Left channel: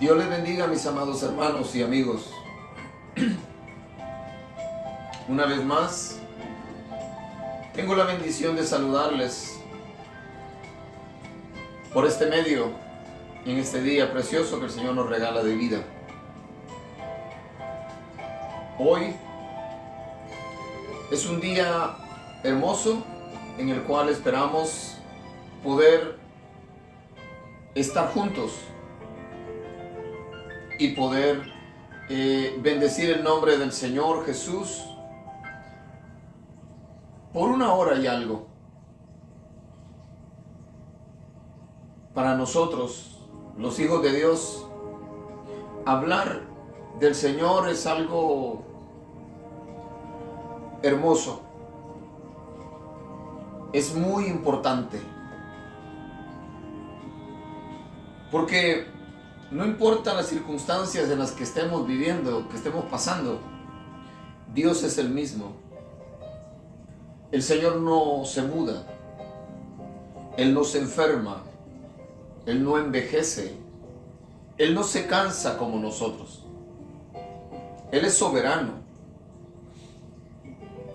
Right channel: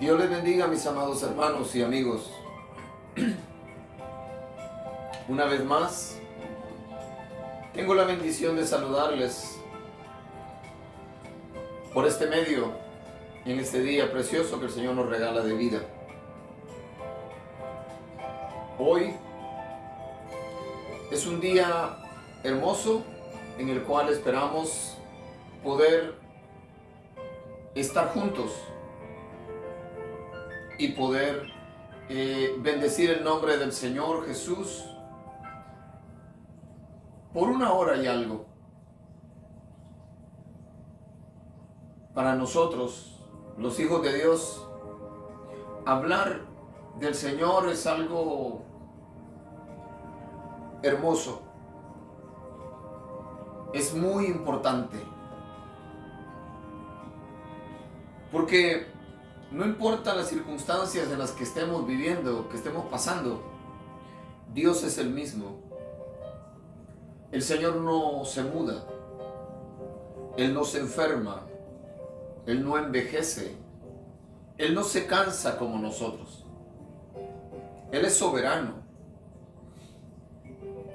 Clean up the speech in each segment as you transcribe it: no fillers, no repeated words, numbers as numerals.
Dios les bendiga, mis amados hermanos y amigos. Una vez más, tengo la bendición de saludarles por este medio, en este día precioso que el Señor nos regala de vida. Hoy es un día hermoso en el cual esperamos poder estar juntos y poder bendecir el nombre del Señor Jesús por una hora y algo. Para nosotros, los hijos de Dios, hablar del Señor es algo hermoso. Es muy importante. Porque no importa las circunstancias en las que estemos viviendo, que estemos pasando, Dios es el mismo. El Señor no se muda. Él no se enferma. Él no envejece. Él no se cansa como nosotros. Él es soberano.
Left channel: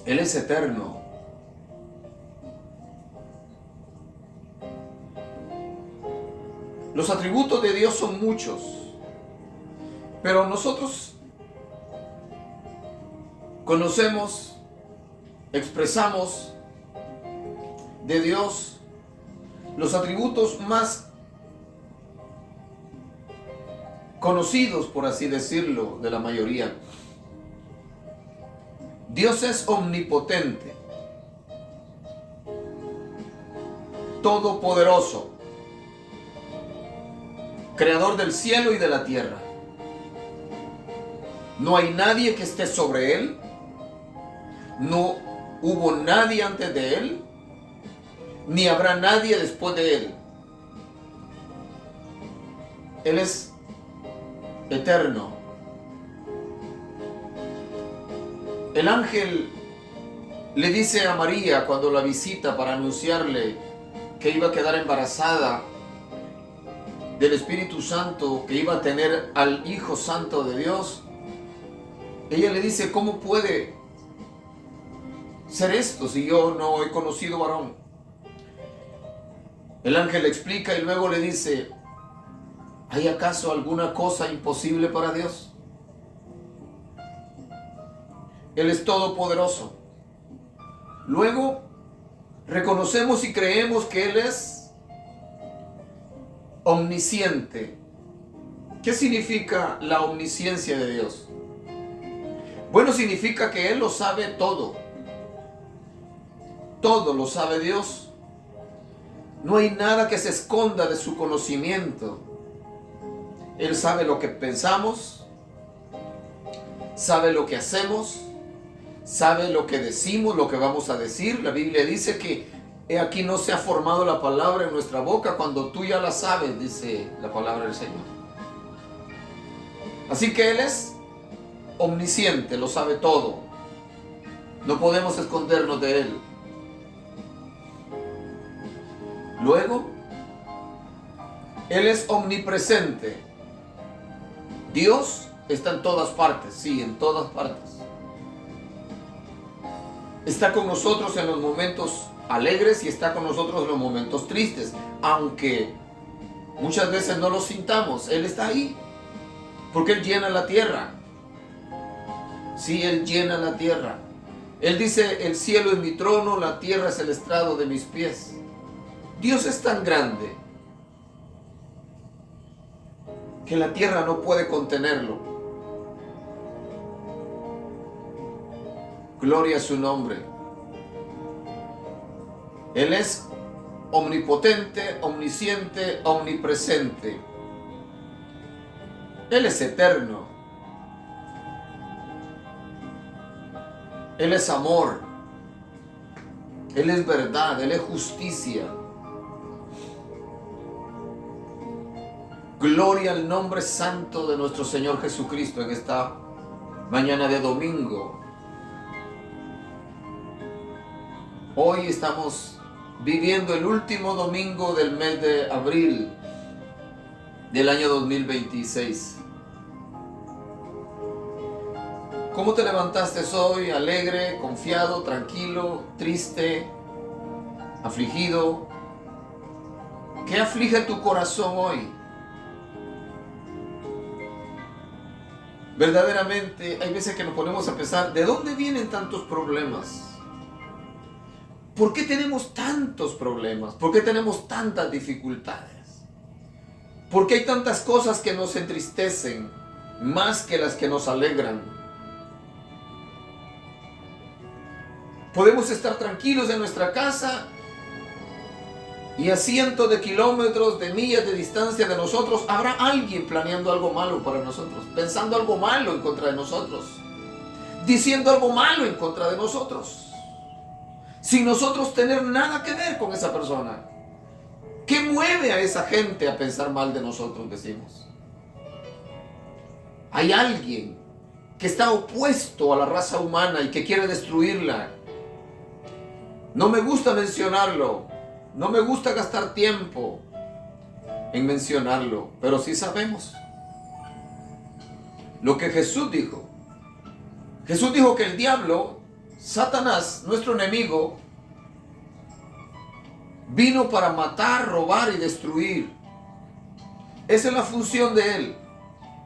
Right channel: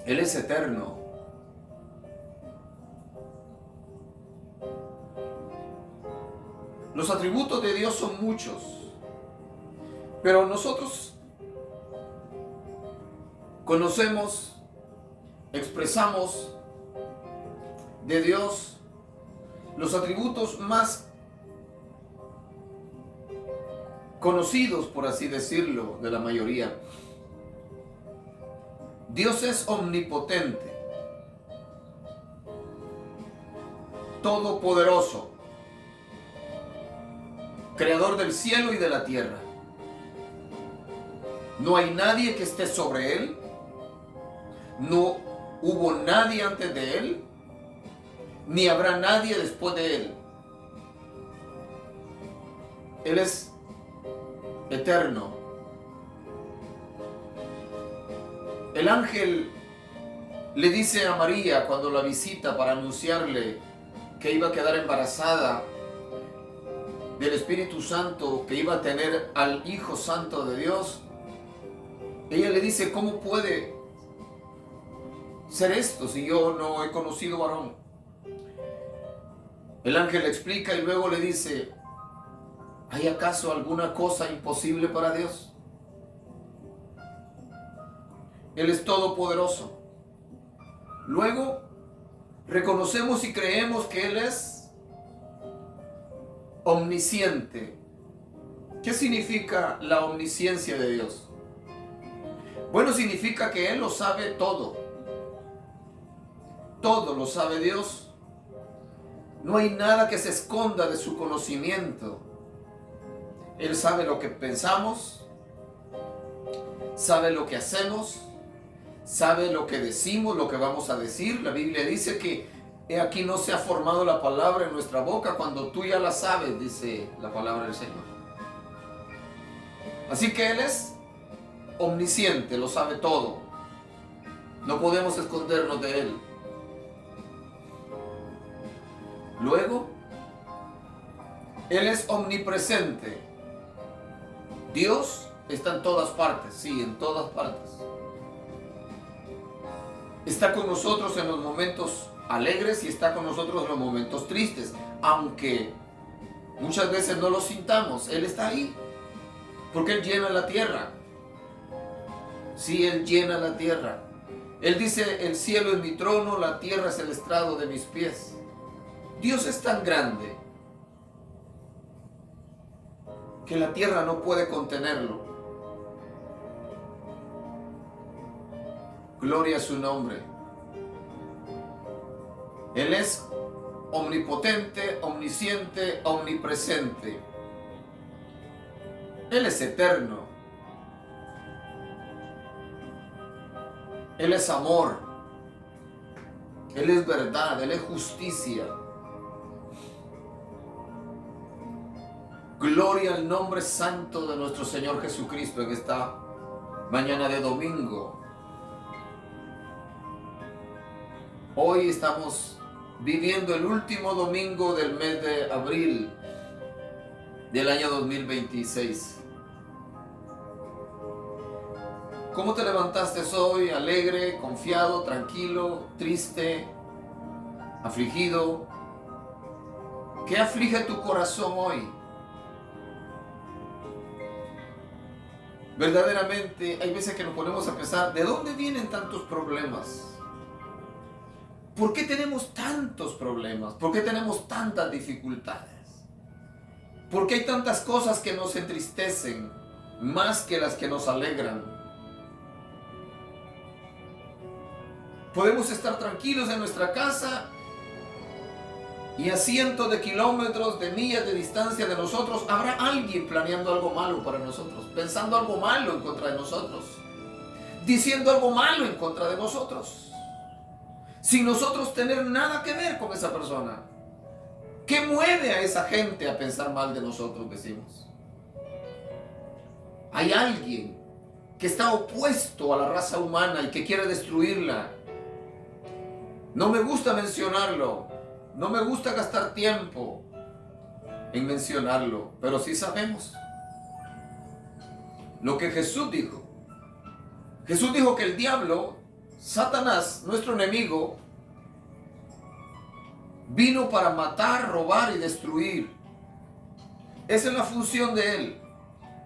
Él es eterno. Los atributos de Dios son muchos, pero nosotros conocemos, expresamos de Dios los atributos más conocidos, por así decirlo, de la mayoría. Dios es omnipotente, todopoderoso, creador del cielo y de la tierra. No hay nadie que esté sobre él. No hubo nadie antes de él, ni habrá nadie después de él. Él es eterno. El ángel le dice a María cuando la visita para anunciarle que iba a quedar embarazada del Espíritu Santo, que iba a tener al Hijo Santo de Dios. Ella le dice: ¿cómo puede ser esto si yo no he conocido varón? El ángel le explica y luego le dice: ¿hay acaso alguna cosa imposible para Dios? Él es todopoderoso. Luego reconocemos y creemos que Él es omnisciente. ¿Qué significa la omnisciencia de Dios? Bueno, significa que Él lo sabe todo. Todo lo sabe Dios. No hay nada que se esconda de su conocimiento. Él sabe lo que pensamos, sabe lo que hacemos, sabe lo que decimos, lo que vamos a decir. La Biblia dice que he aquí no se ha formado la palabra en nuestra boca cuando tú ya la sabes, dice la palabra del Señor. Así que Él es omnisciente, lo sabe todo. No podemos escondernos de Él. Luego, Él es omnipresente. Dios está en todas partes, sí, en todas partes. Está con nosotros en los momentos alegres y está con nosotros en los momentos tristes. Aunque muchas veces no lo sintamos, Él está ahí. Porque Él llena la tierra. Sí, Él llena la tierra. Él dice: el cielo es mi trono, la tierra es el estrado de mis pies. Dios es tan grande que la tierra no puede contenerlo. Gloria a su nombre. Él es omnipotente, omnisciente, omnipresente. Él es eterno. Él es amor. Él es verdad. Él es justicia. Gloria al nombre santo de nuestro Señor Jesucristo en esta mañana de domingo. Hoy estamos viviendo el último domingo del mes de abril. del año 2026. ¿Cómo te levantaste hoy? ¿Alegre, confiado, tranquilo, triste, afligido? ¿Qué aflige tu corazón hoy? Verdaderamente hay veces que nos ponemos a pensar, ¿de dónde vienen tantos problemas? ¿Por qué tenemos tantos problemas? ¿Por qué tenemos tantas dificultades? ¿Por qué hay tantas cosas que nos entristecen más que las que nos alegran? Podemos estar tranquilos en nuestra casa y a cientos de kilómetros, de millas de distancia de nosotros, habrá alguien planeando algo malo para nosotros, pensando algo malo en contra de nosotros, diciendo algo malo en contra de nosotros, sin nosotros tener nada que ver con esa persona. ¿Qué mueve a esa gente a pensar mal de nosotros, decimos? Hay alguien que está opuesto a la raza humana y que quiere destruirla. No me gusta mencionarlo, no me gusta gastar tiempo en mencionarlo, pero sí sabemos lo que Jesús dijo. Jesús dijo que el diablo, Satanás, nuestro enemigo, vino para matar, robar y destruir. Esa es la función de él.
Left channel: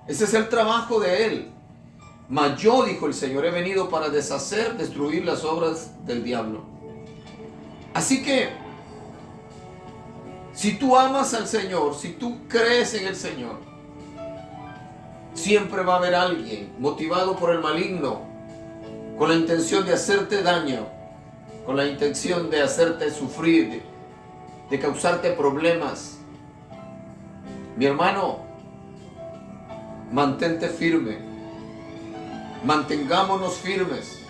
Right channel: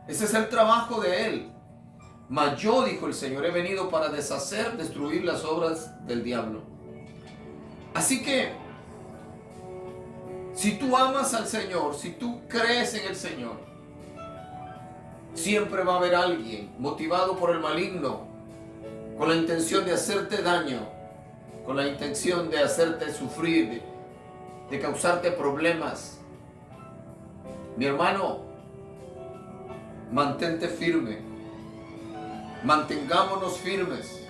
Ese es el trabajo de él. Mas yo, dijo el Señor, he venido para deshacer, destruir las obras del diablo. Así que, si tú amas al Señor, si tú crees en el Señor, siempre va a haber alguien motivado por el maligno, con la intención de hacerte daño, con la intención de hacerte sufrir, de causarte problemas. Mi hermano, mantente firme, mantengámonos firmes,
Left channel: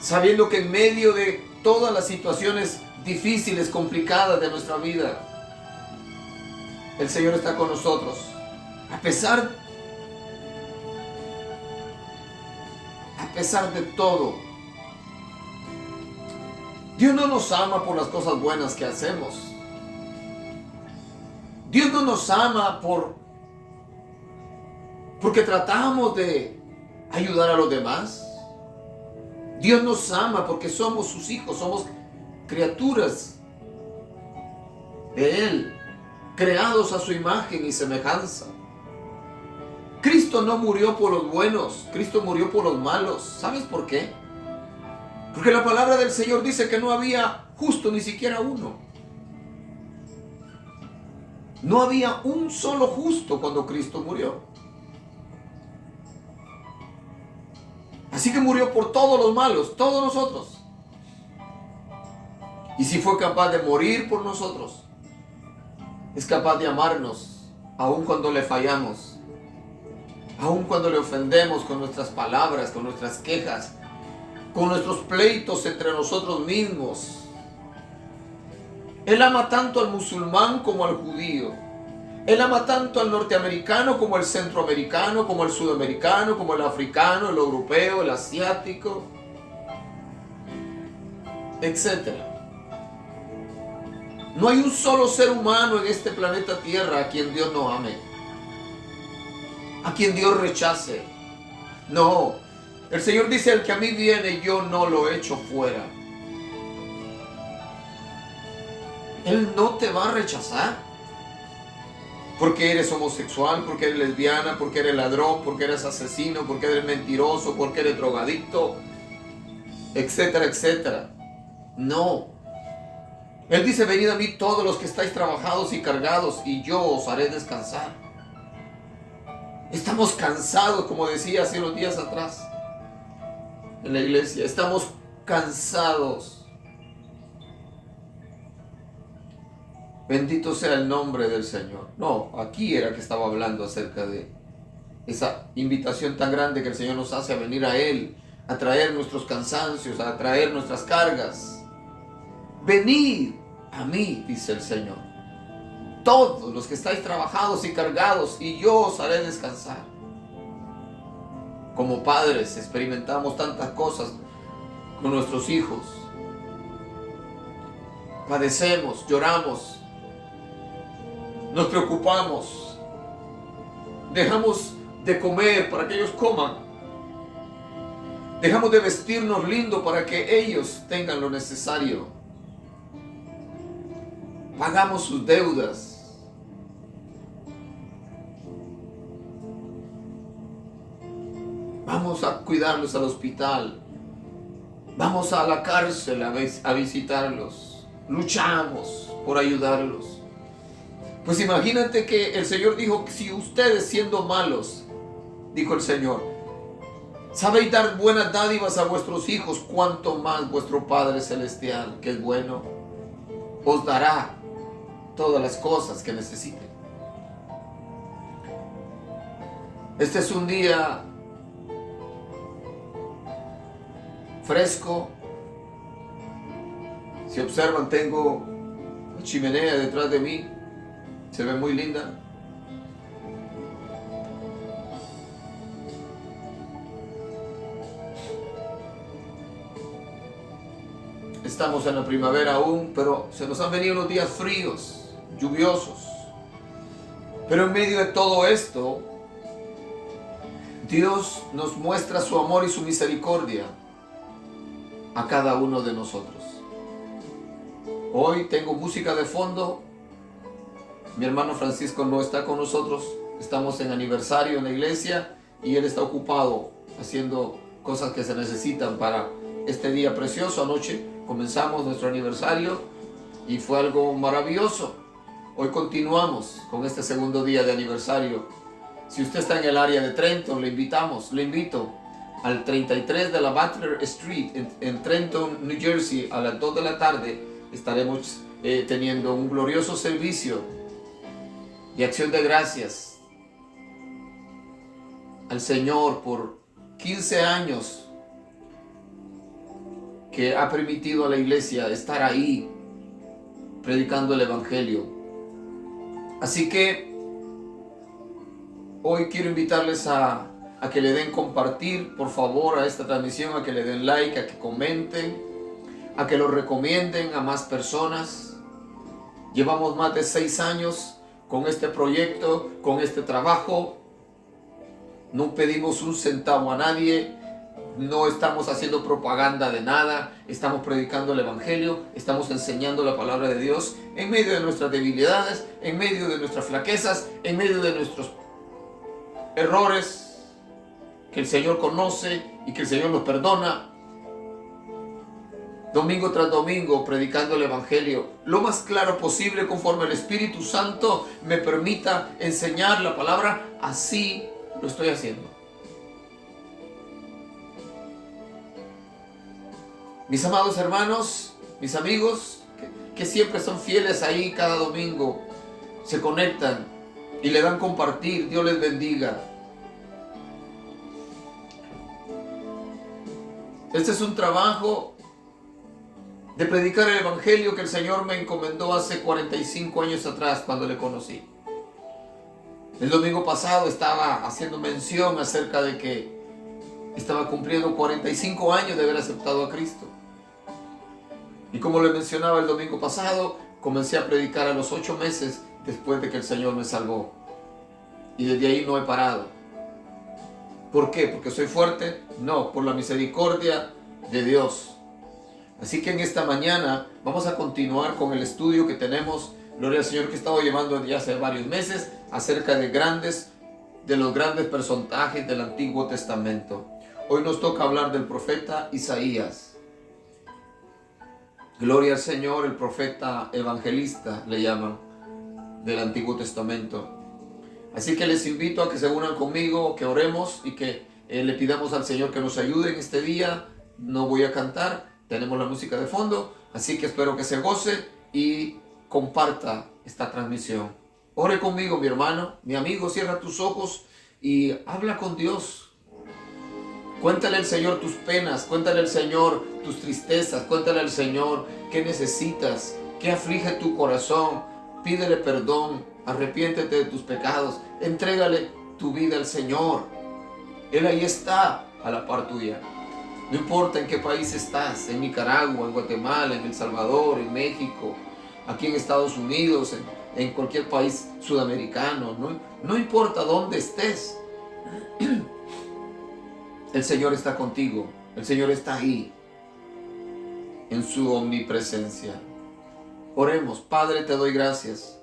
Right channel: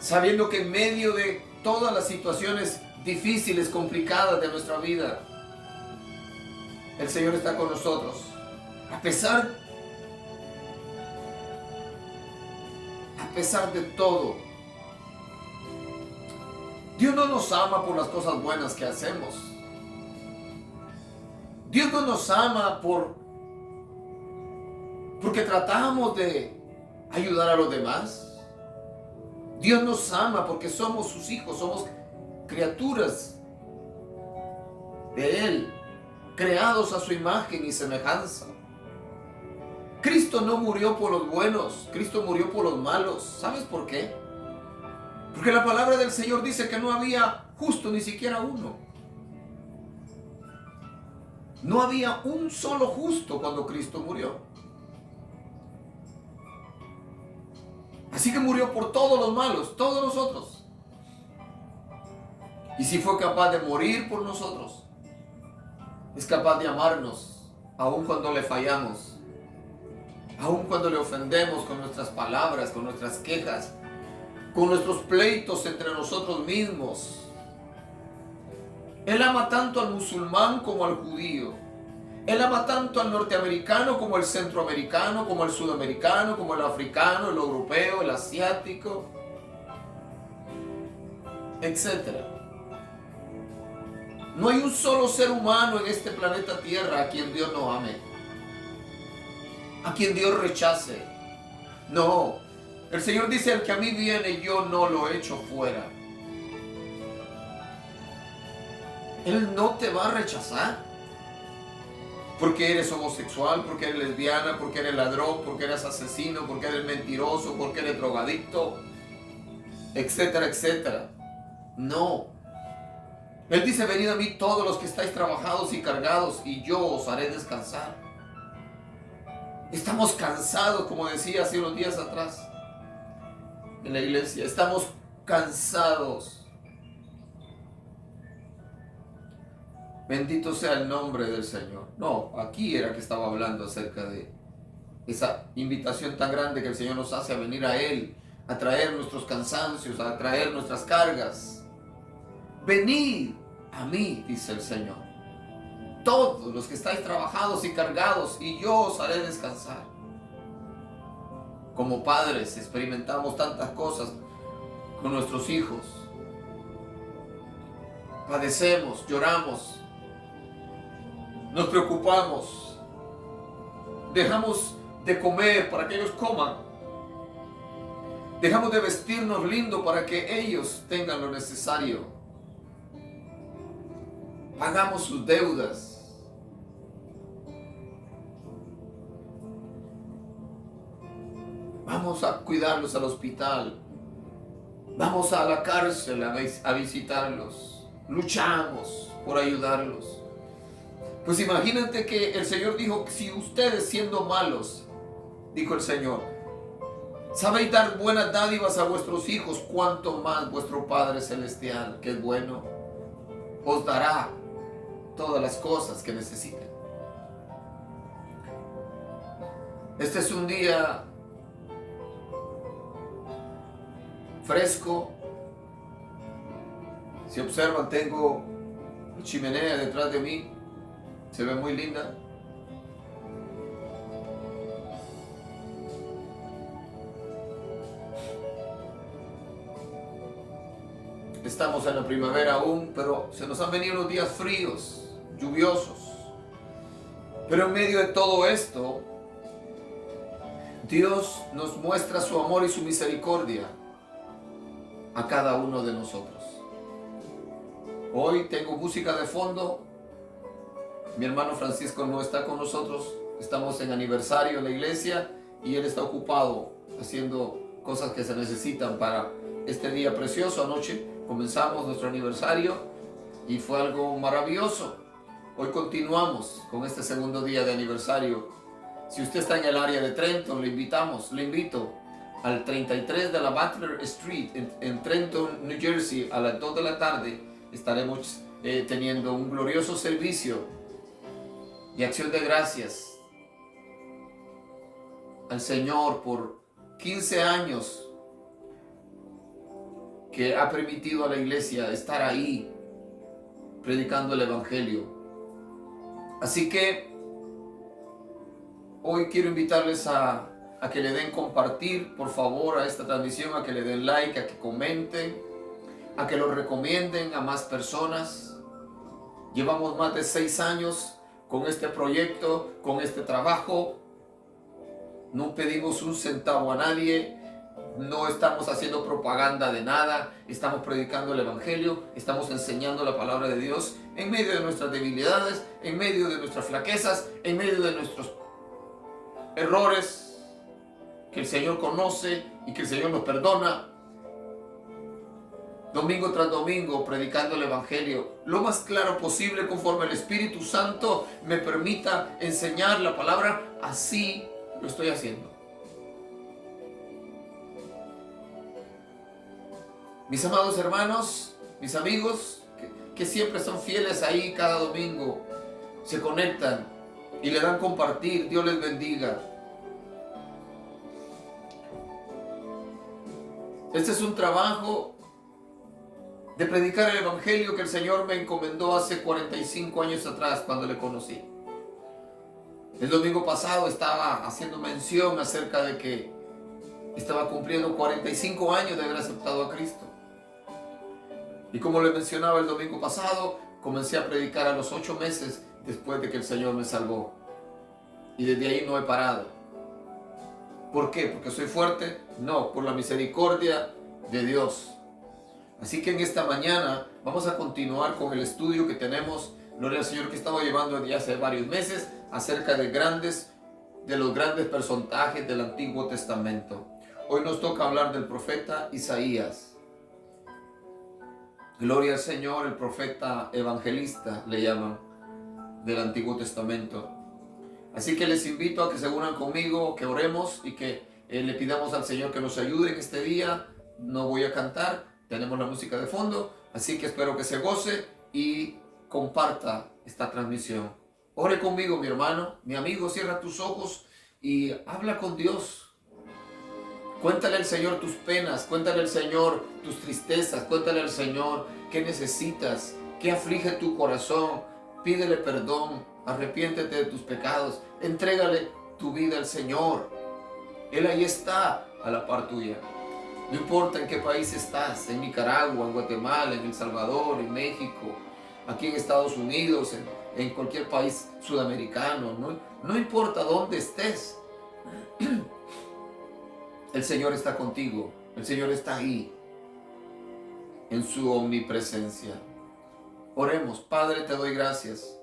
sabiendo que en medio de todas las situaciones difíciles, complicadas de nuestra vida, el Señor está con nosotros. A pesar de todo, Dios no nos ama por las cosas buenas que hacemos. Dios no nos ama porque tratamos de ayudar a los demás. Dios nos ama porque somos sus hijos, somos criaturas de Él, creados a su imagen y semejanza. Cristo no murió por los buenos, Cristo murió por los malos. ¿Sabes por qué? Porque la palabra del Señor dice que no había justo ni siquiera uno. No había un solo justo cuando Cristo murió. Así que murió por todos los malos, todos nosotros. Y si fue capaz de morir por nosotros, es capaz de amarnos, aun cuando le fallamos, aun cuando le ofendemos con nuestras palabras, con nuestras quejas, con nuestros pleitos entre nosotros mismos. Él ama tanto al musulmán como al judío. Él ama tanto al norteamericano como al centroamericano, como al sudamericano, como al africano, el europeo, el asiático, etc. No hay un solo ser humano en este planeta Tierra a quien Dios no ame, a quien Dios rechace. No, el Señor dice: el que a mí viene, yo no lo echo fuera. Él no te va a rechazar. Porque eres homosexual, porque eres lesbiana, porque eres ladrón, porque eres asesino, porque eres mentiroso, porque eres drogadicto, etcétera, etcétera. No. Él dice: venid a mí todos los que estáis trabajados y cargados, y yo os haré descansar. Estamos cansados, como decía hace unos días atrás en la iglesia. Estamos cansados. Bendito sea el nombre del Señor. No, aquí era que estaba hablando acerca de esa invitación tan grande que el Señor nos hace a venir a Él, a traer nuestros cansancios, a traer nuestras cargas. Venid a mí, dice el Señor, todos los que estáis trabajados y cargados, y yo os haré descansar. Como padres experimentamos tantas cosas con nuestros hijos. Padecemos, lloramos. nos preocupamos, dejamos de comer para que ellos coman, dejamos de vestirnos lindo para que ellos tengan lo necesario, pagamos sus deudas, vamos a cuidarlos al hospital, vamos a la cárcel a visitarlos, luchamos por ayudarlos. Pues imagínate que el Señor dijo que si ustedes siendo malos, dijo el Señor, sabéis dar buenas dádivas a vuestros hijos, cuanto más vuestro Padre Celestial, que es bueno, os dará todas las cosas que necesiten. Este es un día fresco. Si observan, tengo una chimenea detrás de mí, se ve muy linda. Estamos en la primavera aún, pero se nos han venido unos días fríos, lluviosos. Pero en medio de todo esto, Dios nos muestra su amor y su misericordia a cada uno de nosotros. Hoy tengo música de fondo. Mi hermano Francisco no está con nosotros. Estamos en aniversario en la iglesia y él está ocupado haciendo cosas que se necesitan para este día precioso. Anoche comenzamos nuestro aniversario y fue algo maravilloso. Hoy continuamos con este segundo día de aniversario. Si usted está en el área de Trenton, le invito al 33 de la Butler Street en Trenton, New Jersey, a las 2 de la tarde. Estaremos teniendo un glorioso servicio de acción de gracias al Señor por 15 años que ha permitido a la iglesia estar ahí predicando el Evangelio. Así que hoy quiero invitarles a que le den compartir, por favor, a esta transmisión, a que le den like, a que comenten, a que lo recomienden a más personas. Llevamos más de 6 años con este proyecto, con este trabajo. No pedimos un centavo a nadie, no estamos haciendo propaganda de nada, estamos predicando el Evangelio, estamos enseñando la palabra de Dios en medio de nuestras debilidades, en medio de nuestras flaquezas, en medio de nuestros errores que el Señor conoce y que el Señor nos perdona. Domingo tras domingo predicando el Evangelio lo más claro posible conforme el Espíritu Santo me permita enseñar la palabra. Así lo estoy haciendo. Mis amados hermanos, mis amigos que siempre son fieles ahí cada domingo, se conectan y le dan compartir, Dios les bendiga. Este es un trabajo de predicar el Evangelio que el Señor me encomendó hace 45 años atrás cuando le conocí. El domingo pasado estaba haciendo mención acerca de que estaba cumpliendo 45 años de haber aceptado a Cristo. Y como le mencionaba el domingo pasado, comencé a predicar a los 8 meses después de que el Señor me salvó. Y desde ahí no he parado. ¿Por qué? ¿Porque soy fuerte? No, por la misericordia de Dios. Así que en esta mañana vamos a continuar con el estudio que tenemos, gloria al Señor, que he estado llevando ya hace varios meses, acerca de los grandes personajes del Antiguo Testamento. Hoy nos toca hablar del profeta Isaías. Gloria al Señor, el profeta evangelista le llaman del Antiguo Testamento. Así que les invito a que se unan conmigo, que oremos y que le pidamos al Señor que nos ayude en este día. No voy a cantar, tenemos la música de fondo, así que espero que se goce y comparta esta transmisión. Ore conmigo, mi hermano, mi amigo, cierra tus ojos y habla con Dios. Cuéntale al Señor tus penas, cuéntale al Señor tus tristezas, cuéntale al Señor qué necesitas, qué aflige tu corazón. Pídele perdón, arrepiéntete de tus pecados, entrégale tu vida al Señor. Él ahí está a la par tuya. No importa en qué país estás, en Nicaragua, en Guatemala, en El Salvador, en México, aquí en Estados Unidos, en cualquier país sudamericano, no importa dónde estés, el Señor está contigo, el Señor está ahí, en su omnipresencia. Oremos. Padre, te doy gracias,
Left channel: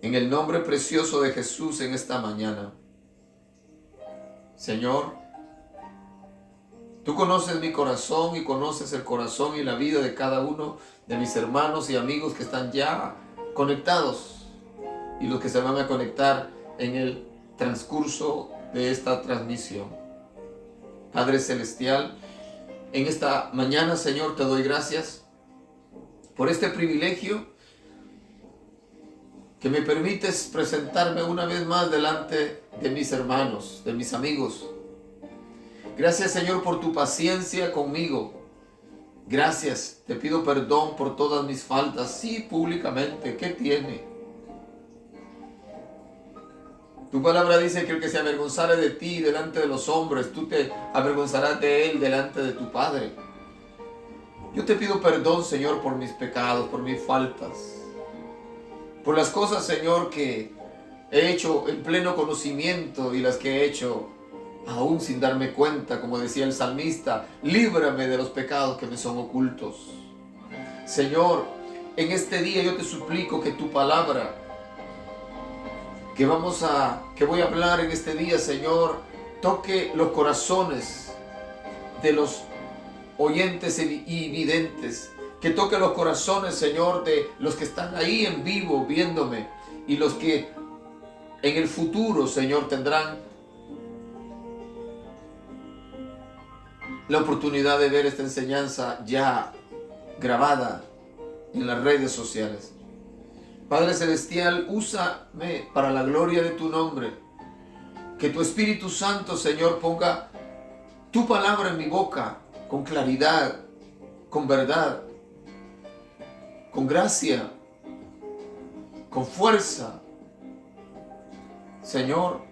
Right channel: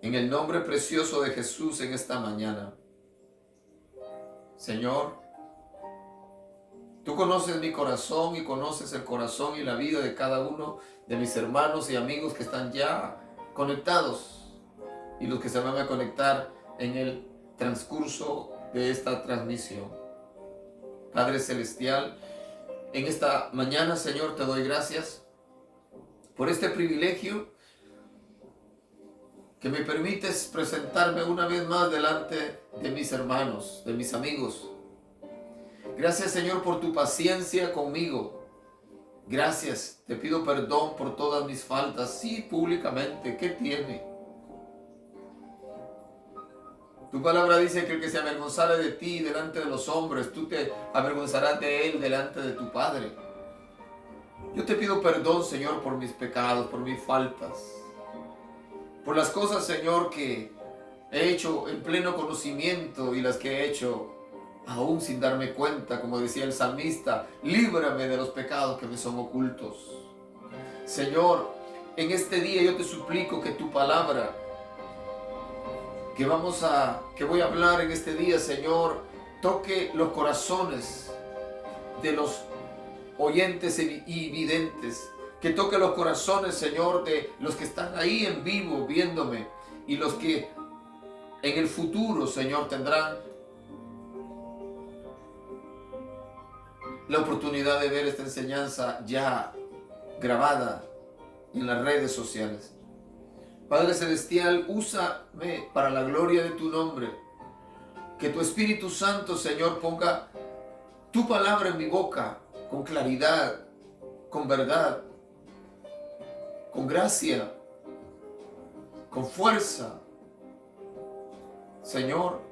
en el nombre precioso de Jesús en esta mañana. Señor, tú conoces mi corazón y conoces el corazón y la vida de cada uno de mis hermanos y amigos que están ya conectados y los que se van a conectar en el transcurso de esta transmisión. Padre Celestial, en esta mañana, Señor, te doy gracias por este privilegio que me permites presentarme una vez más delante de mis hermanos, de mis amigos. Gracias, Señor, por tu paciencia conmigo. Gracias, te pido perdón por todas mis faltas, sí, públicamente. ¿Qué tiene? Tu palabra dice que el que se avergonzara de ti delante de los hombres, tú te avergonzarás de él delante de tu Padre. Yo te pido perdón, Señor, por mis pecados, por mis faltas, por las cosas, Señor, que he hecho en pleno conocimiento y las que he hecho aún sin darme cuenta, como decía el salmista. Líbrame de los pecados que me son ocultos. Señor, en este día yo te suplico que tu palabra que voy a hablar en este día, Señor, toque los corazones de los oyentes y videntes, que toque los corazones, Señor, de los que están ahí en vivo viéndome y los que en el futuro, Señor, tendrán la oportunidad de ver esta enseñanza ya grabada en las redes sociales. Padre Celestial, úsame para la gloria de tu nombre. Que tu Espíritu Santo, Señor, ponga tu palabra en mi boca con claridad, con verdad, con gracia, con fuerza. Señor,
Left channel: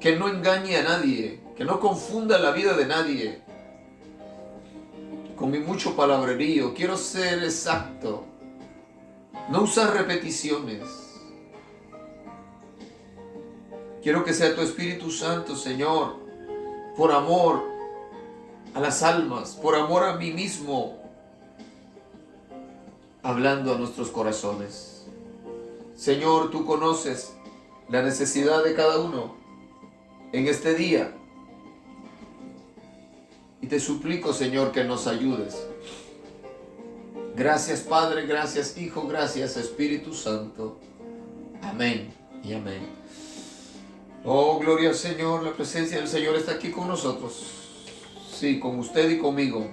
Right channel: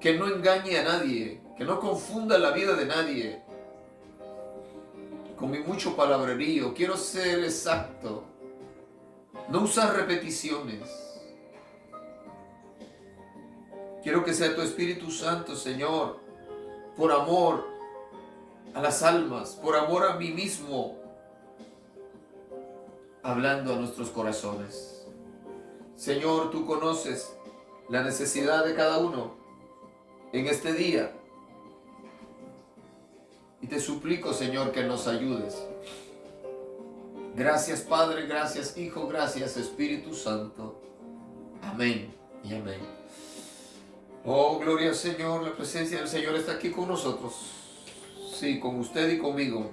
que no engañe a nadie, que no confunda la vida de nadie con mi mucho palabrerío. Quiero ser exacto, no usar repeticiones. Quiero que sea tu Espíritu Santo, Señor, por amor a las almas, por amor a mí mismo, hablando a nuestros corazones. Señor, tú conoces la necesidad de cada uno en este día. Y te suplico, Señor, que nos ayudes. Gracias, Padre, gracias, Hijo, gracias, Espíritu Santo. Amén y amén. Oh, gloria al Señor, la presencia del Señor está aquí con nosotros. Sí, con usted y conmigo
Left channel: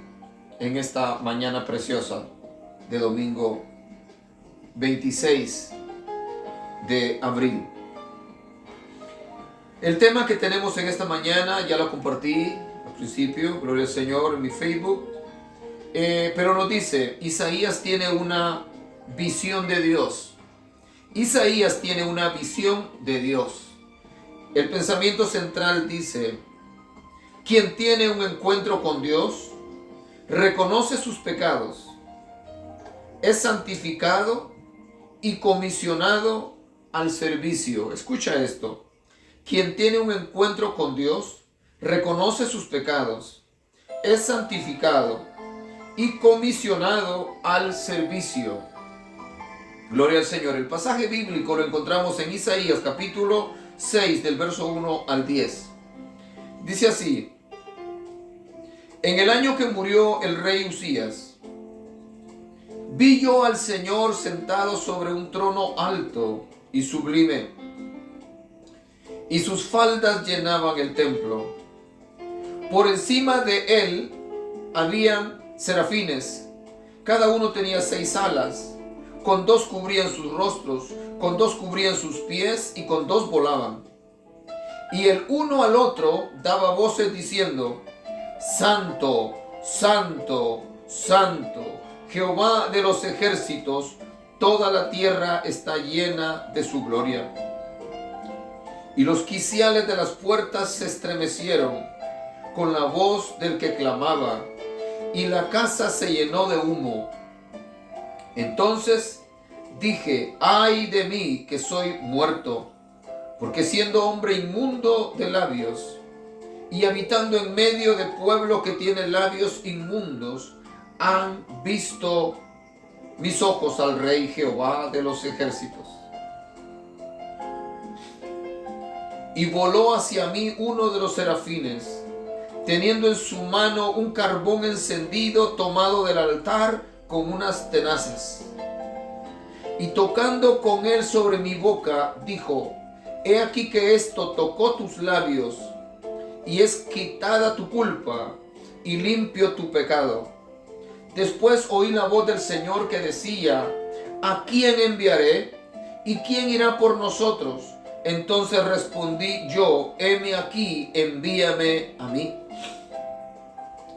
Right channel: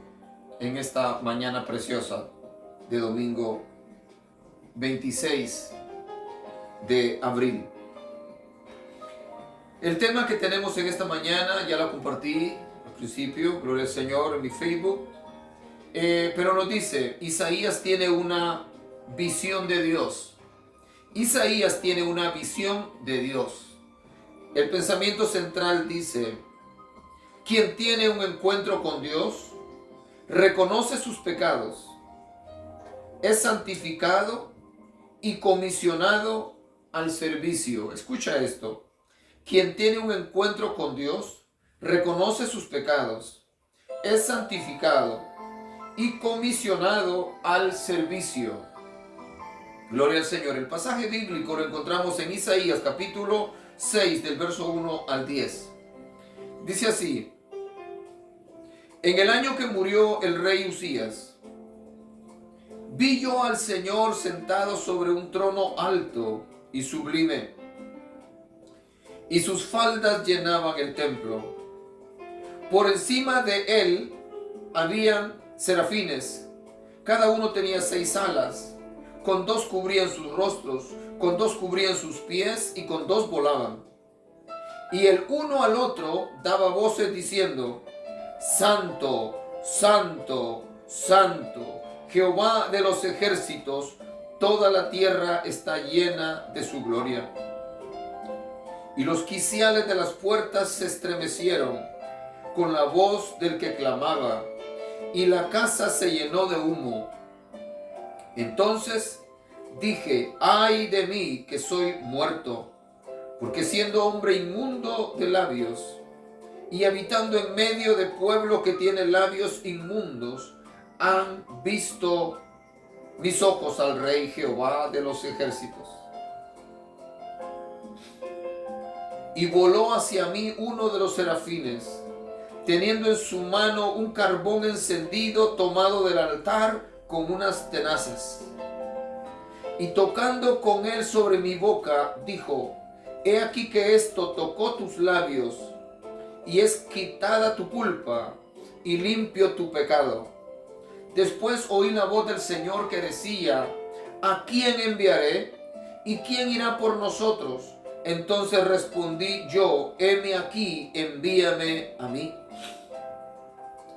en esta mañana preciosa de domingo 26 de abril. El tema que tenemos en esta mañana ya lo compartí al principio, gloria al Señor, en mi Facebook. Pero nos dice, Isaías tiene una visión de Dios. Isaías tiene una visión de Dios. El pensamiento central dice, quien tiene un encuentro con Dios, reconoce sus pecados, es santificado y comisionado al servicio. Escucha esto. Quien tiene un encuentro con Dios, reconoce sus pecados, es santificado y comisionado al servicio. Gloria al Señor. El pasaje bíblico lo encontramos en Isaías capítulo 6 del verso 1 al 10. Dice así: en el año que murió el rey Usías, vi yo al Señor sentado sobre un trono alto y sublime, y sus faldas llenaban el templo. Por encima de él habían serafines, cada uno tenía 6 alas, con 2 cubrían sus rostros, con 2 cubrían sus pies y con 2 volaban. Y el uno al otro daba voces diciendo: Santo, Santo, Santo, Jehová de los ejércitos, toda la tierra está llena de su gloria. Y los quiciales de las puertas se estremecieron con la voz del que clamaba, y la casa se llenó de humo. Entonces dije, ay de mí que soy muerto, porque siendo hombre inmundo de labios y habitando en medio de pueblo que tiene labios inmundos, han visto mis ojos al Rey Jehová de los ejércitos. Y voló hacia mí uno de los serafines, teniendo en su mano un carbón encendido tomado del altar con unas tenazas. Y tocando con él sobre mi boca, dijo, he aquí que esto tocó tus labios, y es quitada tu culpa, y limpio tu pecado. Después oí la voz del Señor que decía, ¿a quién enviaré? ¿Y quién irá por nosotros? Entonces respondí yo, heme aquí, envíame a mí.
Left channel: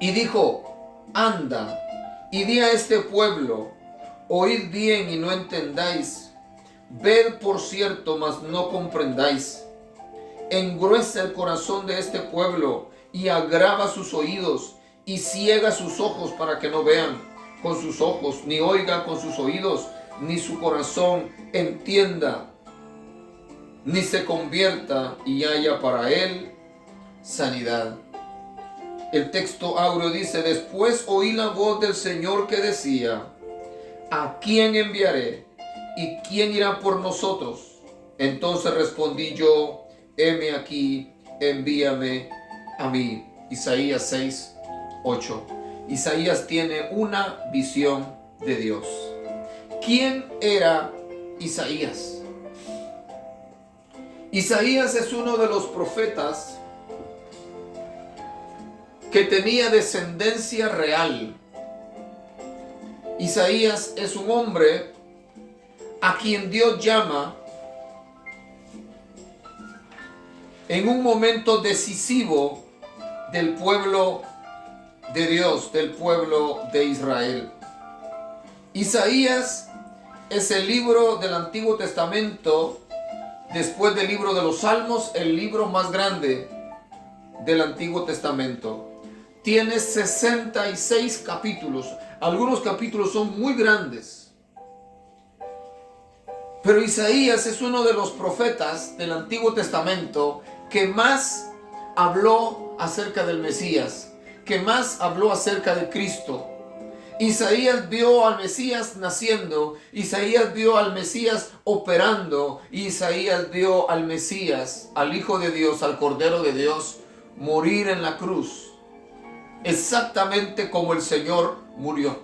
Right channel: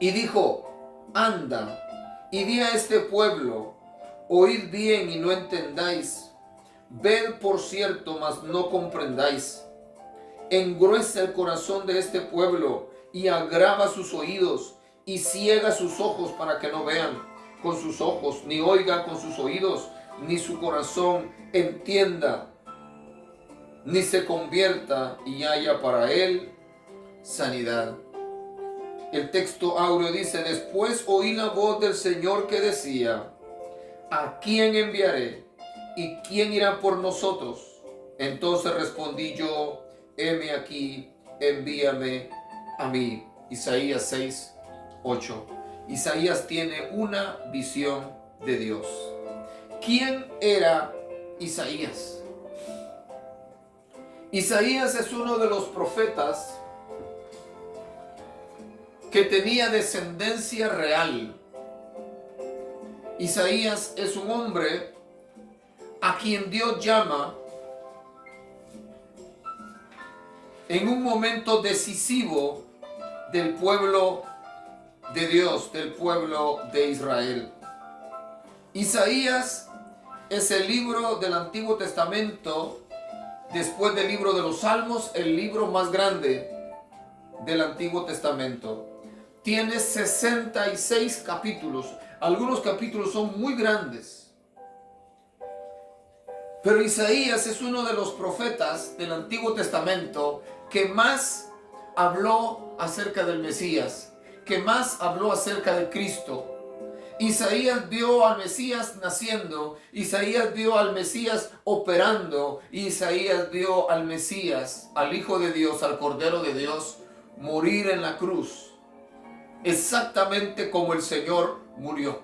Y dijo, anda, y di a este pueblo, oíd bien y no entendáis, ved por cierto, mas no comprendáis. Engruesa el corazón de este pueblo y agrava sus oídos y ciega sus ojos para que no vean con sus ojos, ni oigan con sus oídos, ni su corazón entienda, ni se convierta y haya para él sanidad. El texto áureo dice, después oí la voz del Señor que decía, ¿a quién enviaré? ¿Y quién irá por nosotros? Entonces respondí yo, heme aquí, envíame a mí. Isaías 6, 8. Isaías tiene una visión de Dios. ¿Quién era Isaías? Isaías es uno de los profetas que tenía descendencia real. Isaías es un hombre a quien Dios llama en un momento decisivo del pueblo de Dios, del pueblo de Israel. Isaías es el libro del Antiguo Testamento, después del libro de los Salmos, el libro más grande del Antiguo Testamento. Tiene 66 capítulos. Algunos capítulos son muy grandes. Pero Isaías es uno de los profetas del Antiguo Testamento que más habló acerca del Mesías, que más habló acerca de Cristo. Isaías vio al Mesías naciendo, Isaías vio al Mesías operando, Isaías vio al Mesías, al Hijo de Dios, al Cordero de Dios, morir en la cruz. Exactamente como el Señor murió.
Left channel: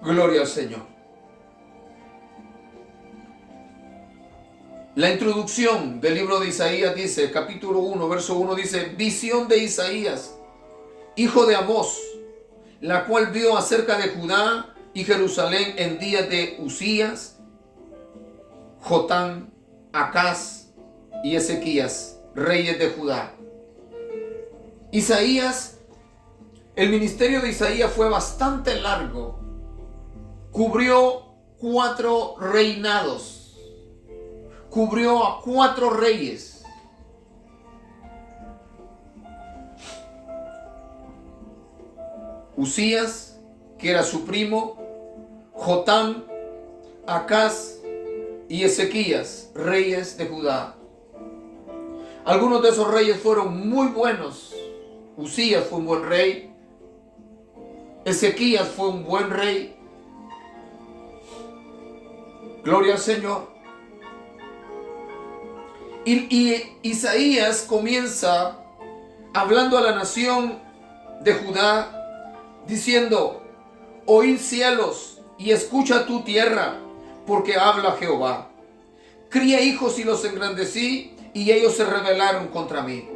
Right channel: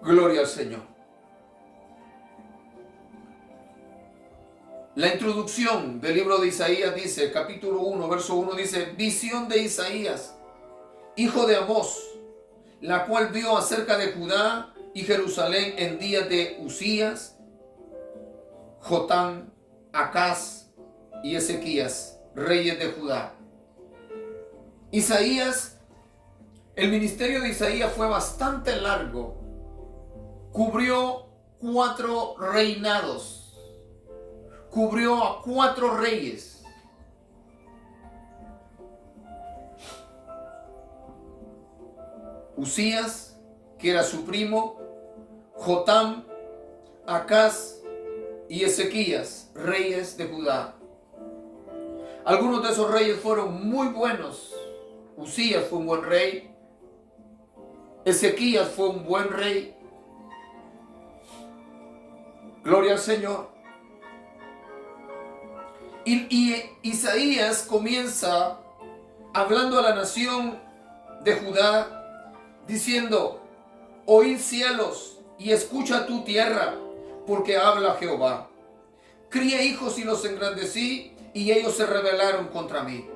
Gloria al Señor. La introducción del libro de Isaías dice, capítulo 1, verso 1 dice, visión de Isaías, hijo de Amós, la cual vio acerca de Judá y Jerusalén en días de Usías, Jotán, Acaz y Ezequías, reyes de Judá. Isaías, el ministerio de Isaías fue bastante largo. Cubrió 4 reinados. Cubrió a 4 reyes. Usías, que era su primo, Jotán, Acaz y Ezequías, reyes de Judá. Algunos de esos reyes fueron muy buenos. Usías fue un buen rey. Ezequías fue un buen rey. Gloria al Señor. Y Isaías comienza hablando a la nación de Judá, diciendo, oíd cielos y escucha tu tierra, porque habla Jehová. Crié hijos y los engrandecí, y ellos se rebelaron contra mí.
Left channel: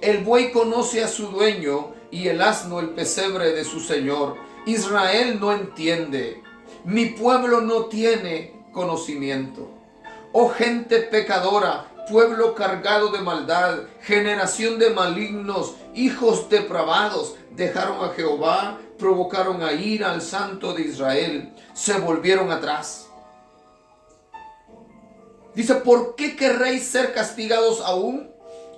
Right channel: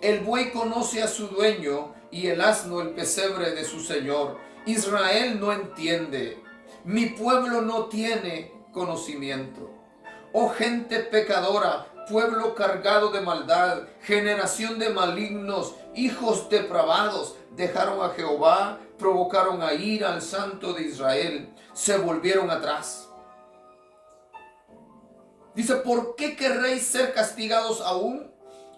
El buey conoce a su dueño, y el asno el pesebre de su señor. Israel no entiende, mi pueblo no tiene conocimiento. Oh gente pecadora, pueblo cargado de maldad, generación de malignos, hijos depravados, dejaron a Jehová, provocaron a ira al Santo de Israel, se volvieron atrás. Dice, ¿por qué querréis ser castigados aún?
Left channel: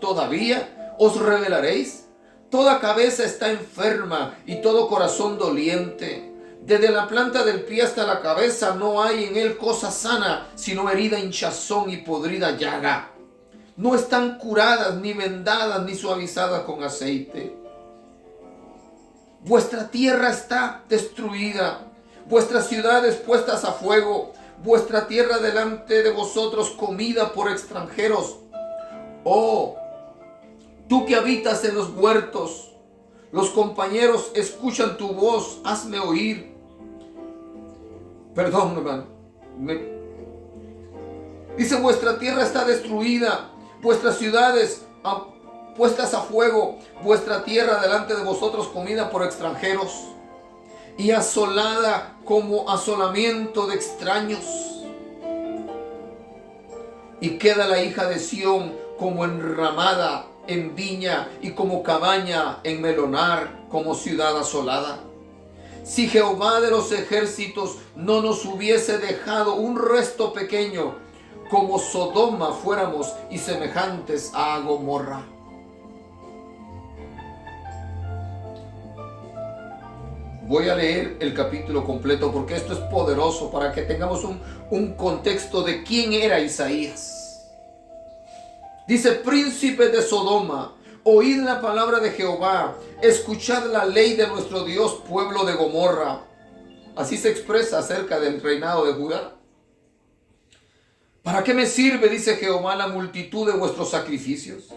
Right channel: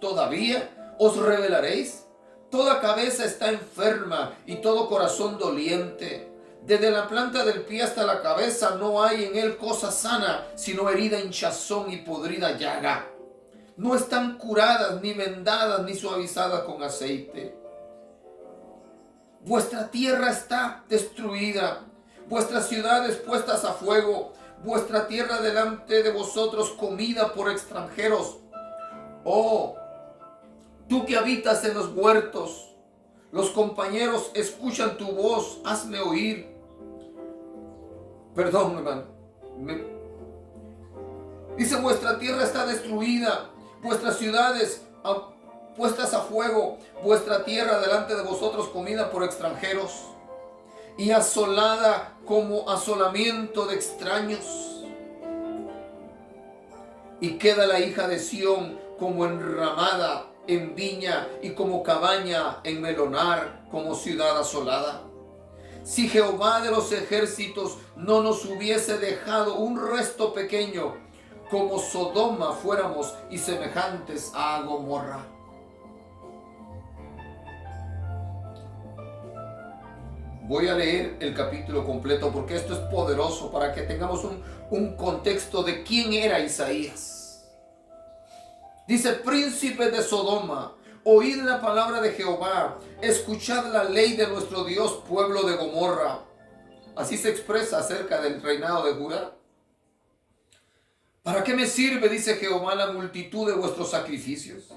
¿Todavía os rebelaréis? Toda cabeza está enferma y todo corazón doliente. Desde la planta del pie hasta la cabeza no hay en él cosa sana, sino herida, hinchazón y podrida llaga. No están curadas, ni vendadas, ni suavizadas con aceite. Vuestra tierra está destruida, vuestras ciudades puestas a fuego, vuestra tierra delante de vosotros comida por extranjeros. Oh, tú que habitas en los huertos, los compañeros escuchan tu voz, hazme oír. Perdón, hermano. Dice, vuestra tierra está destruida, vuestras ciudades puestas a fuego, vuestra tierra delante de vosotros comida por extranjeros y asolada como asolamiento de extraños. Y queda la hija de Sión como enramada en viña y como cabaña en melonar, como ciudad asolada. Si Jehová de los ejércitos no nos hubiese dejado un resto pequeño, como Sodoma fuéramos y semejantes a Gomorra. Voy a leer el capítulo completo porque esto es poderoso para que tengamos un contexto de quién era Isaías. Dice, príncipe de Sodoma, oíd la palabra de Jehová, escuchad la ley de nuestro Dios, pueblo de Gomorra. Así se expresa acerca del reinado de Judá. ¿Para qué me sirve, dice Jehová, la multitud de vuestros sacrificios?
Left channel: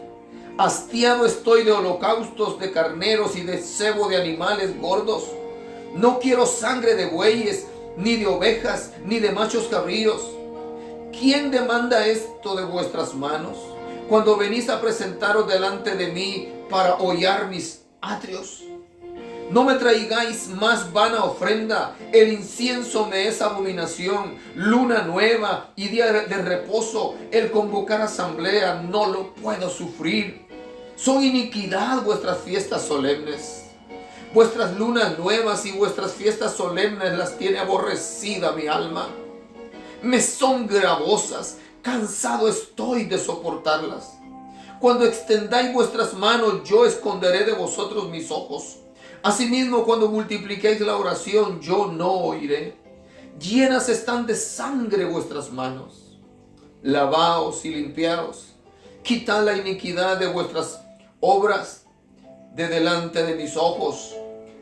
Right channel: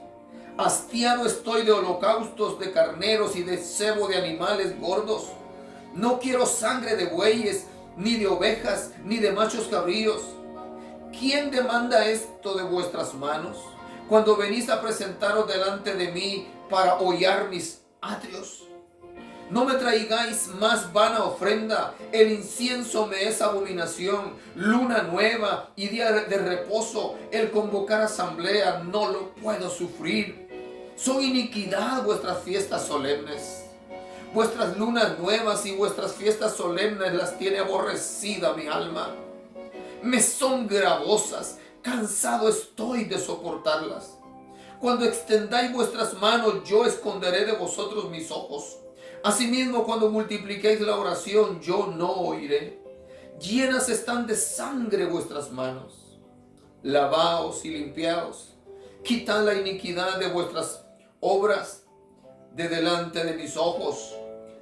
Hastiado estoy de holocaustos, de carneros y de cebo de animales gordos. No quiero sangre de bueyes, ni de ovejas, ni de machos cabríos. ¿Quién demanda esto de vuestras manos? Cuando venís a presentaros delante de mí para hollar mis atrios. No me traigáis más vana ofrenda, el incienso me es abominación, luna nueva y día de reposo, el convocar asamblea, no lo puedo sufrir. Son iniquidad vuestras fiestas solemnes. Vuestras lunas nuevas y vuestras fiestas solemnes las tiene aborrecida mi alma. Me son gravosas, cansado estoy de soportarlas. Cuando extendáis vuestras manos, yo esconderé de vosotros mis ojos. Asimismo, cuando multipliquéis la oración, yo no oiré. Llenas están de sangre vuestras manos. Lavaos y limpiaos. Quitad la iniquidad de vuestras obras de delante de mis ojos.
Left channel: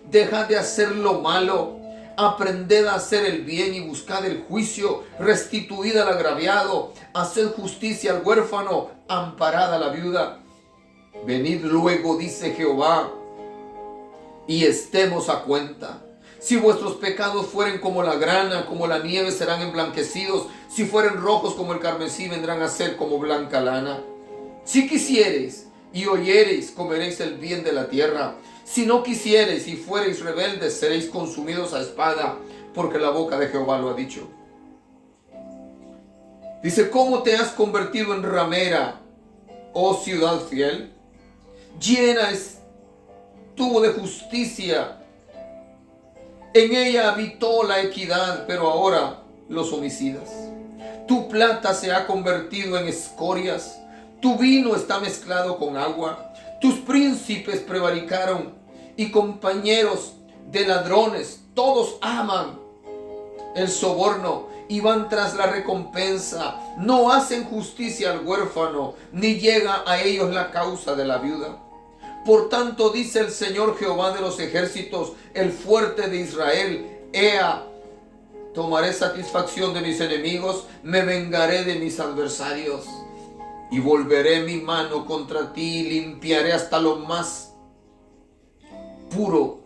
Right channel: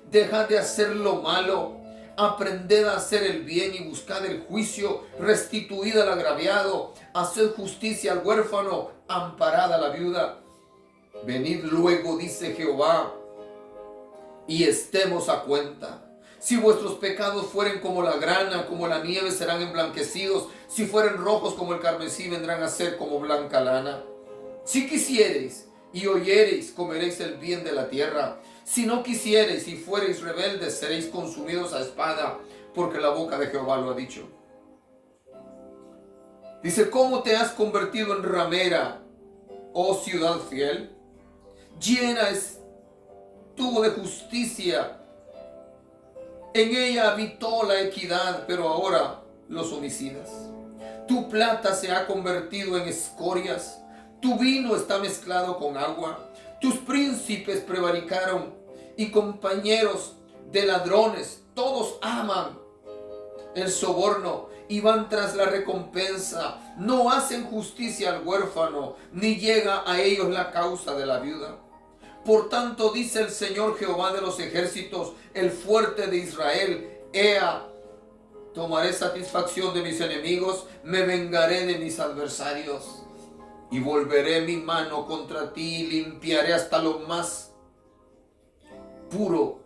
Dejad de hacer lo malo. Aprended a hacer el bien y buscad el juicio. Restituid al agraviado. Haced justicia al huérfano. Amparad a la viuda. Venid luego, dice Jehová, y estemos a cuenta. Si vuestros pecados fueren como la grana, como la nieve, serán emblanquecidos. Si fueren rojos como el carmesí, vendrán a ser como blanca lana. Si quisiereis y oyereis, comeréis el bien de la tierra. Si no quisiereis y fuereis rebeldes, seréis consumidos a espada, porque la boca de Jehová lo ha dicho. Dice, ¿cómo te has convertido en ramera, oh ciudad fiel? Llena estuvo de justicia. En ella habitó la equidad, pero ahora los homicidas. Tu plata se ha convertido en escorias. Tu vino está mezclado con agua. Tus príncipes prevaricaron y compañeros de ladrones. Todos aman el soborno y van tras la recompensa. No hacen justicia al huérfano, ni llega a ellos la causa de la viuda. Por tanto, dice el Señor Jehová de los ejércitos, el fuerte de Israel: Ea, tomaré satisfacción de mis enemigos, me vengaré de mis adversarios, y volveré mi mano contra ti, y limpiaré hasta lo más puro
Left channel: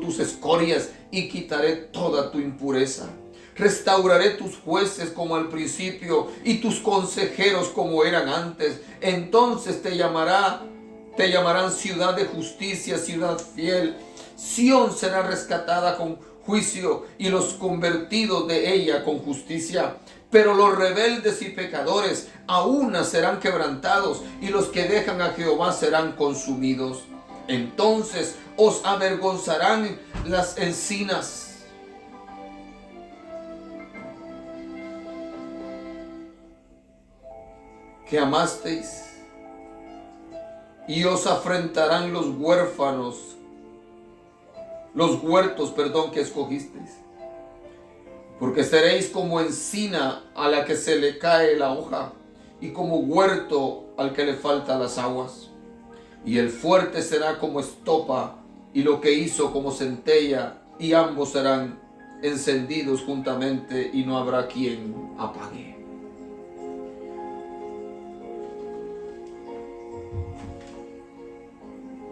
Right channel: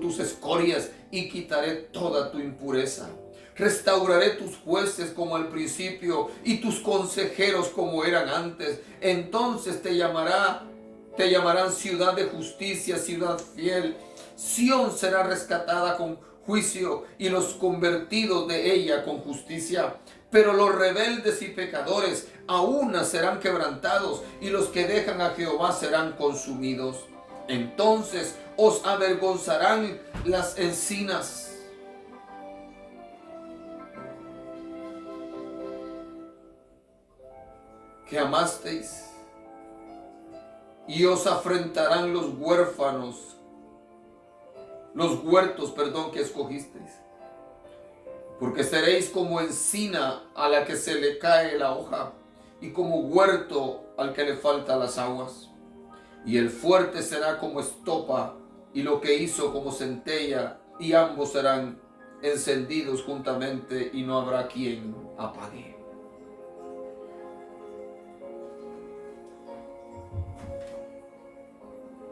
tus escorias, y quitaré toda tu impureza. Restauraré tus jueces como al principio, y tus consejeros como eran antes. Entonces te llamarán ciudad de justicia, ciudad fiel. Sión será rescatada con juicio, y los convertidos de ella con justicia. Pero los rebeldes y pecadores a una serán quebrantados, y los que dejan a Jehová serán consumidos. Entonces os avergonzarán las encinas que amasteis, y os afrentarán los huertos, que escogisteis. Porque seréis como encina a la que se le cae la hoja, y como huerto al que le falta las aguas. Y el fuerte será como estopa, y lo que hizo como centella, y ambos serán encendidos juntamente, y no habrá quien apague.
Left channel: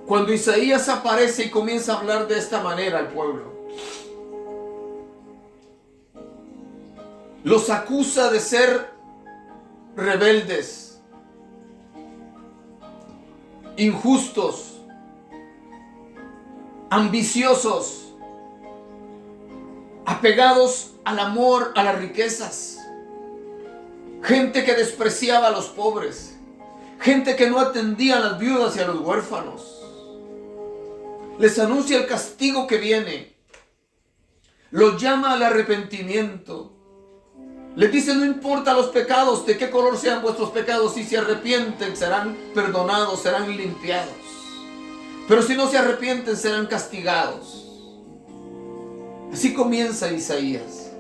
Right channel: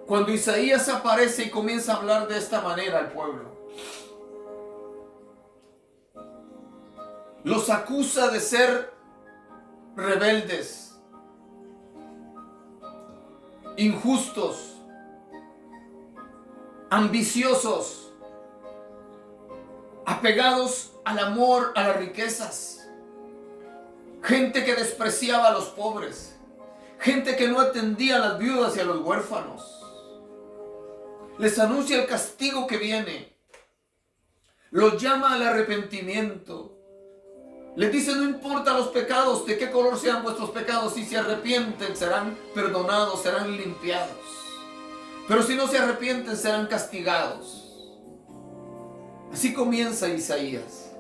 Cuando Isaías aparece y comienza a hablar de esta manera al pueblo, los acusa de ser rebeldes, injustos, ambiciosos, apegados al amor, a las riquezas, gente que despreciaba a los pobres, gente que no atendía a las viudas y a los huérfanos. Les anuncia el castigo que viene, los llama al arrepentimiento. Les dice: no importa los pecados, de qué color sean vuestros pecados, si se arrepienten serán perdonados, serán limpiados. Pero si no se arrepienten serán castigados. Así comienza Isaías.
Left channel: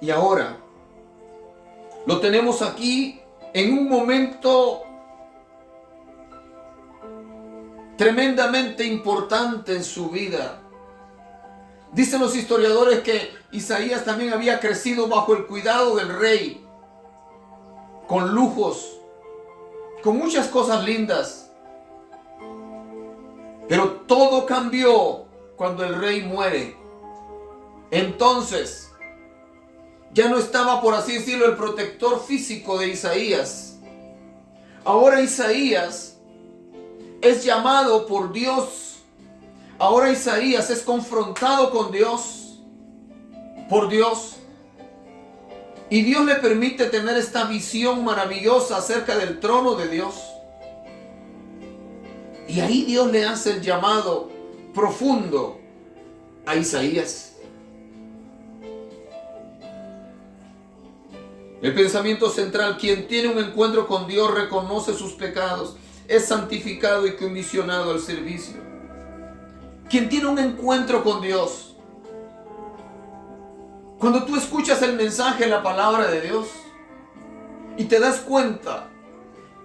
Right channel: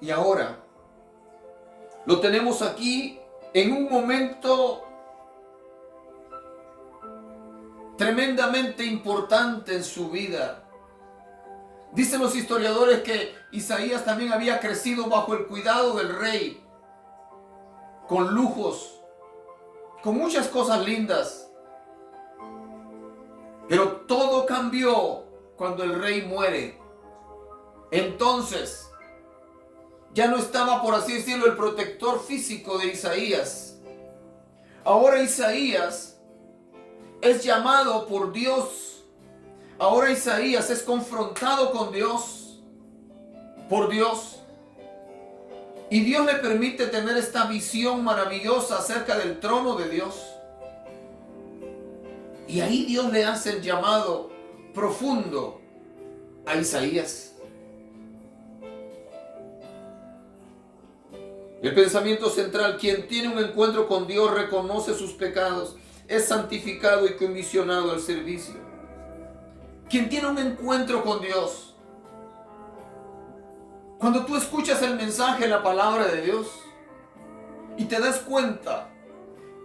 Y ahora lo tenemos aquí en un momento tremendamente importante en su vida. Dicen los historiadores que Isaías también había crecido bajo el cuidado del rey, con lujos, con muchas cosas lindas. Pero todo cambió cuando el rey muere. Entonces, ya no estaba, por así decirlo, el protector físico de Isaías. Ahora Isaías es llamado por Dios. Ahora Isaías es confrontado con Dios, por Dios. Y Dios le permite tener esta visión maravillosa acerca del trono de Dios. Y ahí Dios le hace el llamado profundo a Isaías. El pensamiento central: quien tiene un encuentro con Dios reconoce sus pecados, es santificado y comisionado al servicio. Quien tiene un encuentro con Dios, cuando tú escuchas el mensaje, la palabra de Dios, y te das cuenta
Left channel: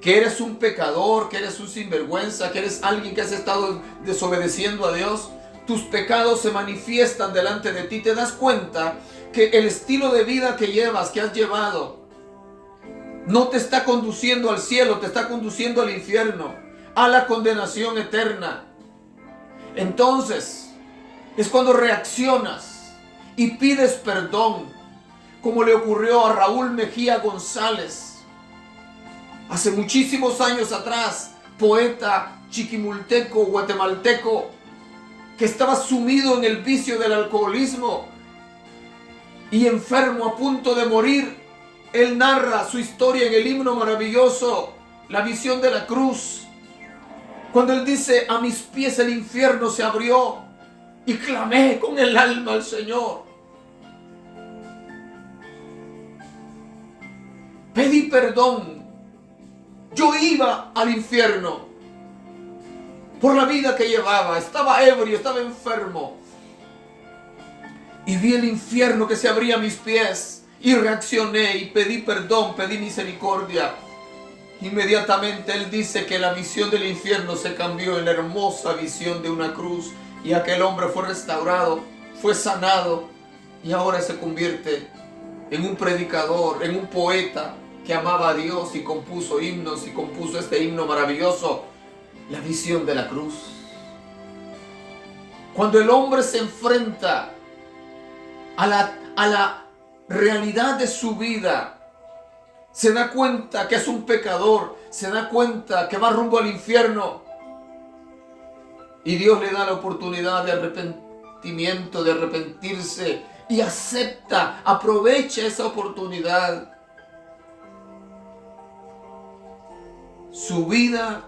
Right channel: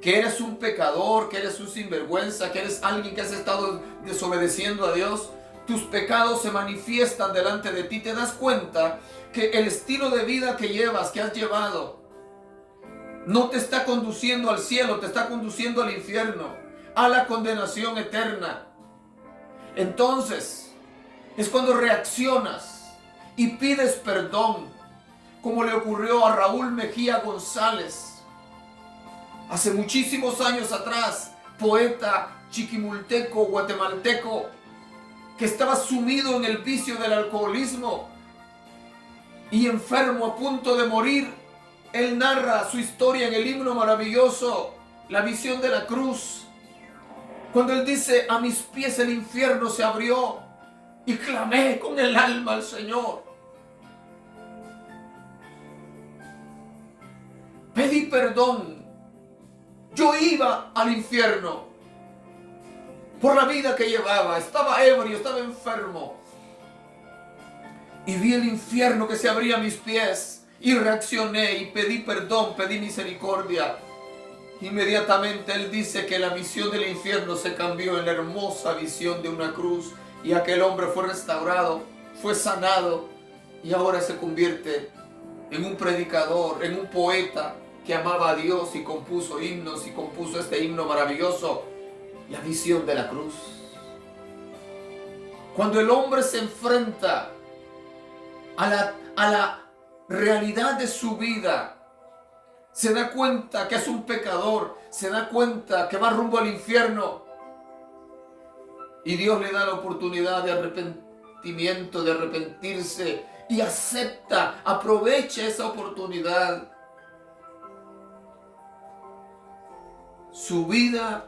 que eres un pecador, que eres un sinvergüenza, que eres alguien que has estado desobedeciendo a Dios, tus pecados se manifiestan delante de ti. Te das cuenta que el estilo de vida que llevas, que has llevado, no te está conduciendo al cielo, te está conduciendo al infierno, a la condenación eterna. Entonces es cuando reaccionas y pides perdón, como le ocurrió a Raúl Mejía González hace muchísimos años atrás, poeta chiquimulteco, guatemalteco, que estaba sumido en el vicio del alcoholismo y enfermo, a punto de morir. Él narra su historia en el himno maravilloso, La visión de la cruz, cuando él dice: a mis pies el infierno se abrió y clamé con el alma al Señor. Pedí perdón. Yo iba al infierno por la vida que llevaba. Estaba ebrio, estaba enfermo. Y vi el infierno que se abría a mis pies. Y reaccioné y pedí perdón, pedí misericordia. Inmediatamente él dice que la visión del infierno se cambió en la hermosa visión de una cruz. Y aquel hombre fue restaurado, fue sanado. Y ahora se convierte en un predicador, en un poeta que amaba a Dios y compuso himnos y compuso este himno maravilloso, La visión de la cruz. Cuando el hombre se enfrenta a la realidad de su vida, se da cuenta que es un pecador, se da cuenta que va rumbo al infierno, y Dios le da la oportunidad de arrepentimiento, de arrepentirse, y acepta, aprovecha esa oportunidad. Su vida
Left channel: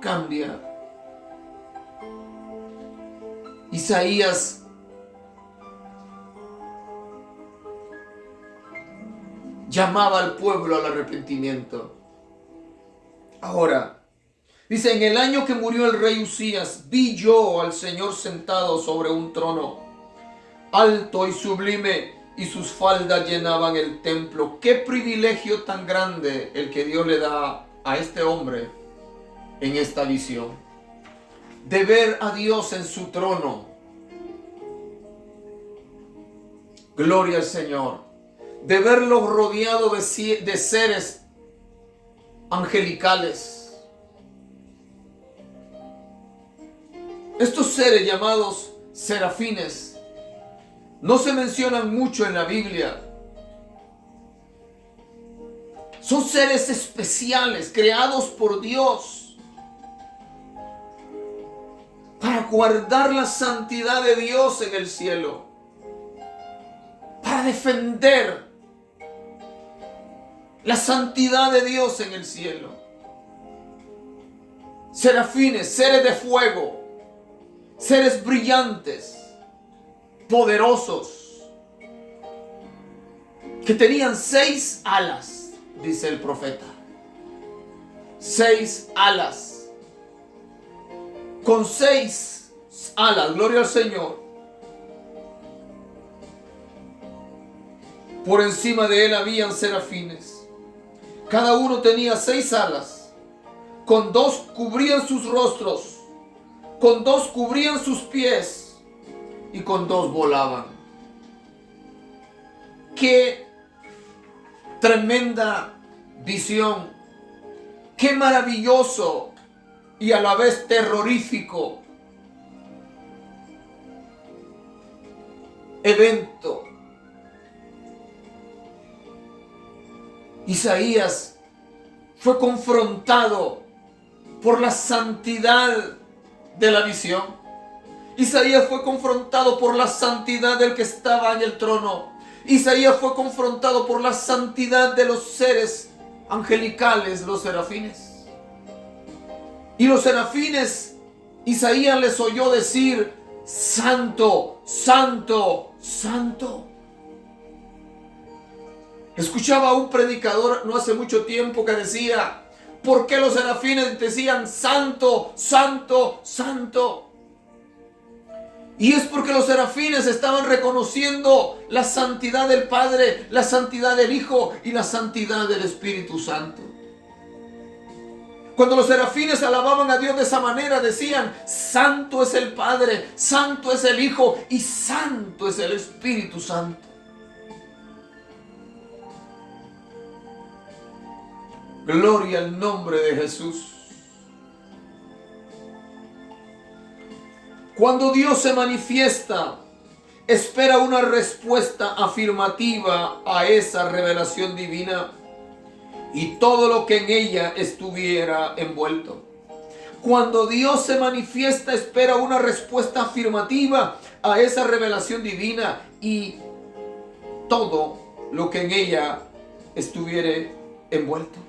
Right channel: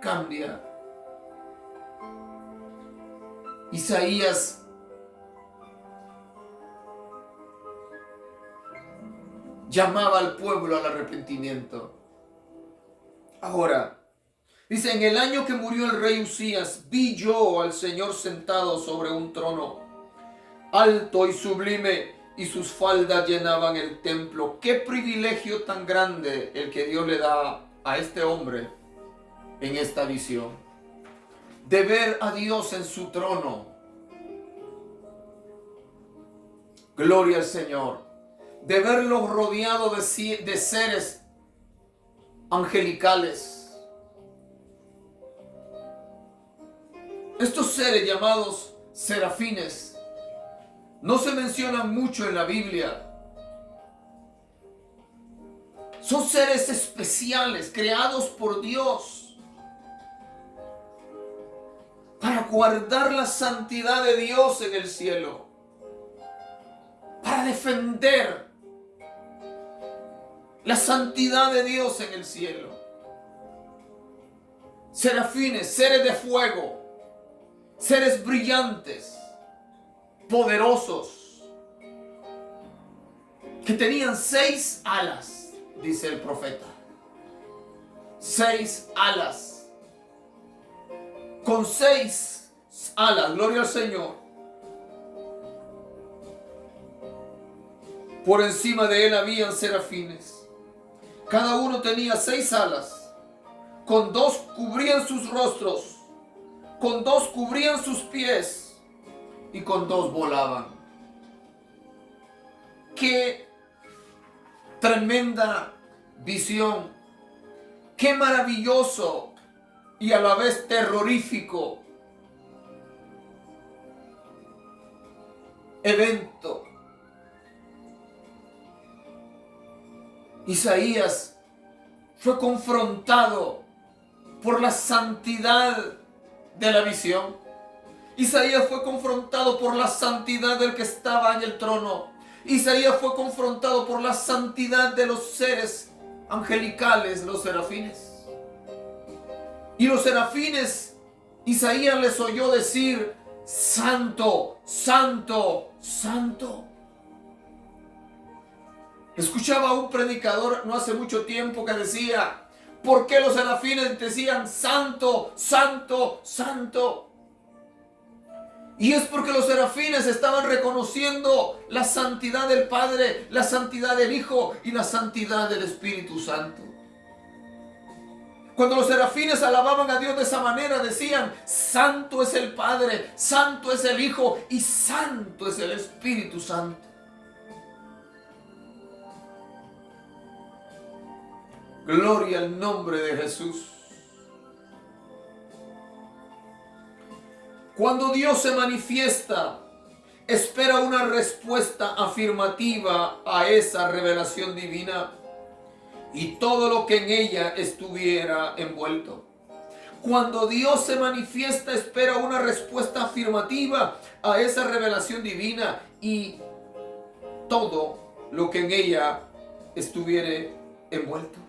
cambia. Isaías llamaba al pueblo al arrepentimiento. Ahora, dice, en el año que murió el rey Usías, vi yo al Señor sentado sobre un trono, alto y sublime, y sus faldas llenaban el templo. Qué privilegio tan grande el que Dios le da a este hombre en esta visión, de ver a Dios en su trono. Gloria al Señor. De verlo rodeado de seres angelicales. Estos seres llamados serafines no se mencionan mucho en la Biblia. Son seres especiales creados por Dios para guardar la santidad de Dios en el cielo, para defender la santidad de Dios en el cielo. Serafines, seres de fuego, seres brillantes, poderosos, que tenían 6 alas, dice el profeta. 6 alas. Con 6 alas, gloria al Señor. Por encima de él habían serafines. Cada uno tenía 6 alas. Con 2 cubrían sus rostros, con 2 cubrían sus pies, y con 2 volaban. Qué tremenda visión, qué maravilloso y a la vez terrorífico evento. Isaías fue confrontado por la santidad de la visión. Isaías fue confrontado por la santidad del que estaba en el trono. Isaías fue confrontado por la santidad de los seres angelicales, los serafines. Y los serafines, Isaías les oyó decir: Santo, Santo, Santo. Escuchaba a un predicador no hace mucho tiempo que decía: ¿por qué los serafines decían Santo, Santo, Santo? Y es porque los serafines estaban reconociendo la santidad del Padre, la santidad del Hijo y la santidad del Espíritu Santo. Cuando los serafines alababan a Dios de esa manera, decían: Santo es el Padre, Santo es el Hijo y Santo es el Espíritu Santo. Gloria al nombre de Jesús. Cuando Dios se manifiesta, espera una respuesta afirmativa a esa revelación divina y todo lo que en ella estuviera envuelto. Cuando Dios se manifiesta, espera una respuesta afirmativa a esa revelación divina y todo lo que en ella estuviera envuelto.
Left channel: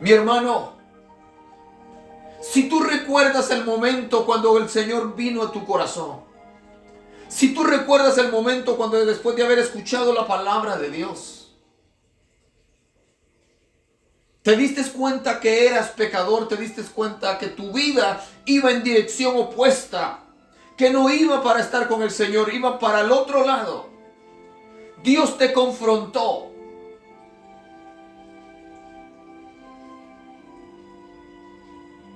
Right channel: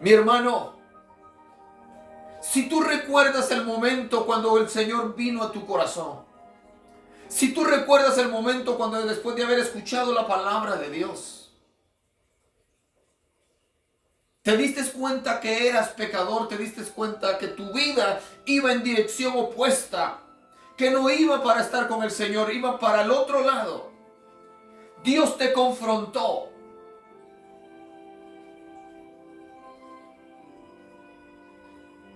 Mi hermano, si tú recuerdas el momento cuando el Señor vino a tu corazón, si tú recuerdas el momento cuando después de haber escuchado la palabra de Dios, te diste cuenta que eras pecador, te diste cuenta que tu vida iba en dirección opuesta, que no iba para estar con el Señor, iba para el otro lado. Dios te confrontó.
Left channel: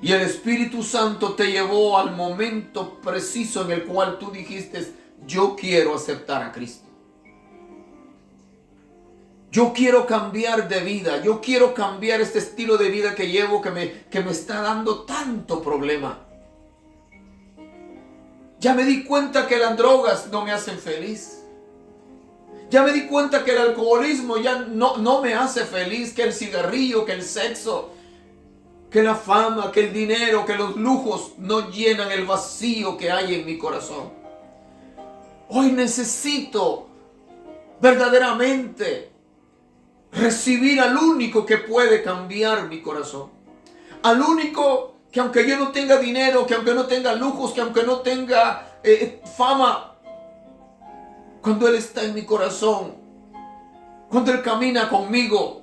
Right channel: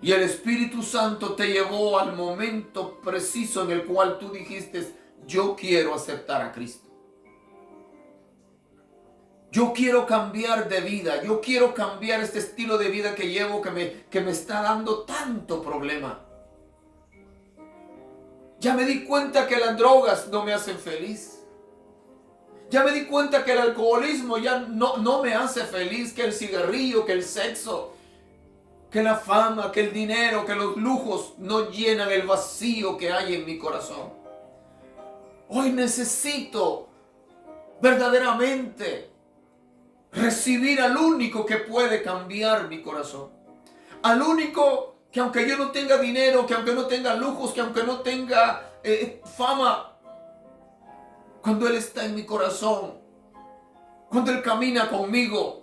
Y el Espíritu Santo te llevó al momento preciso en el cual tú dijiste: yo quiero aceptar a Cristo. Yo quiero cambiar de vida. Yo quiero cambiar este estilo de vida que llevo que me está dando tanto problema. Ya me di cuenta que las drogas no me hacen feliz. Ya me di cuenta que el alcoholismo ya no me hace feliz, que el cigarrillo, que el sexo, que la fama, que el dinero, que los lujos no llenan el vacío que hay en mi corazón. Hoy necesito verdaderamente recibir al único que puede cambiar mi corazón. Al único que, aunque yo no tenga dinero, que aunque no tenga lujos, que aunque no tenga fama, cuando Él está en mi corazón, cuando Él camina conmigo,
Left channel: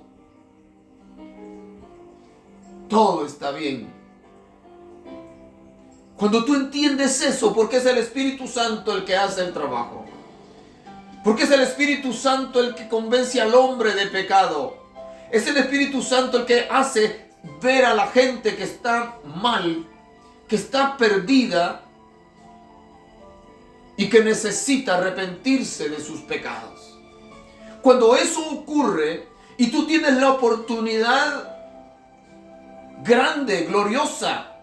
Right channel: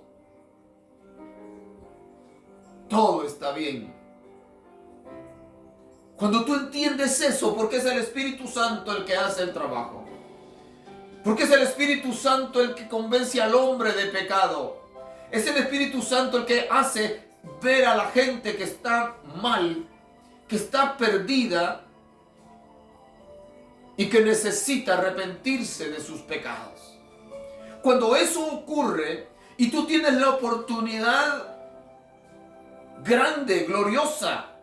todo está bien. Cuando tú entiendes eso, porque es el Espíritu Santo el que hace el trabajo, porque es el Espíritu Santo el que convence al hombre de pecado, es el Espíritu Santo el que hace ver a la gente que está mal, que está perdida y que necesita arrepentirse de sus pecados. Cuando eso ocurre y tú tienes la oportunidad grande, gloriosa,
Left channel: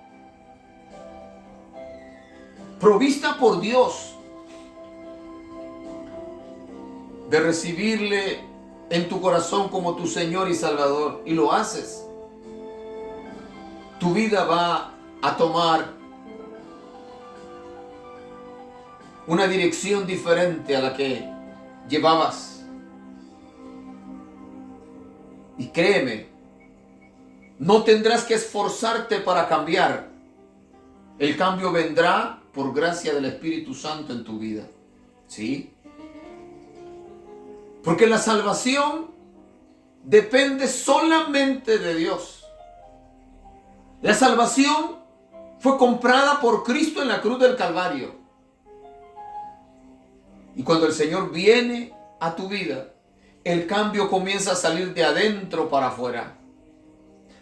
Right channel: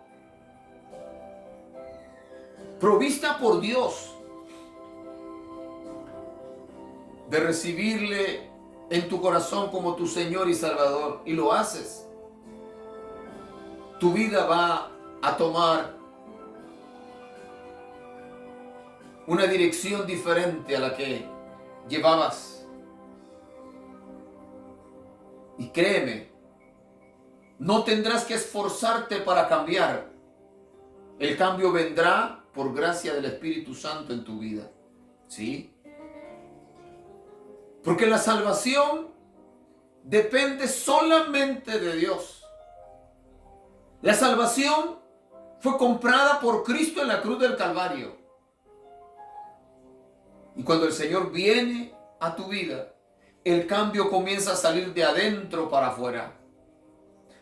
provista por Dios, de recibirle en tu corazón como tu Señor y Salvador, y lo haces, tu vida va a tomar una dirección diferente a la que llevabas. Y créeme, no tendrás que esforzarte para cambiar. El cambio vendrá por gracia del Espíritu Santo en tu vida. ¿Sí? Porque la salvación depende solamente de Dios. La salvación fue comprada por Cristo en la cruz del Calvario. Y cuando el Señor viene a tu vida, el cambio comienza a salir de adentro para afuera.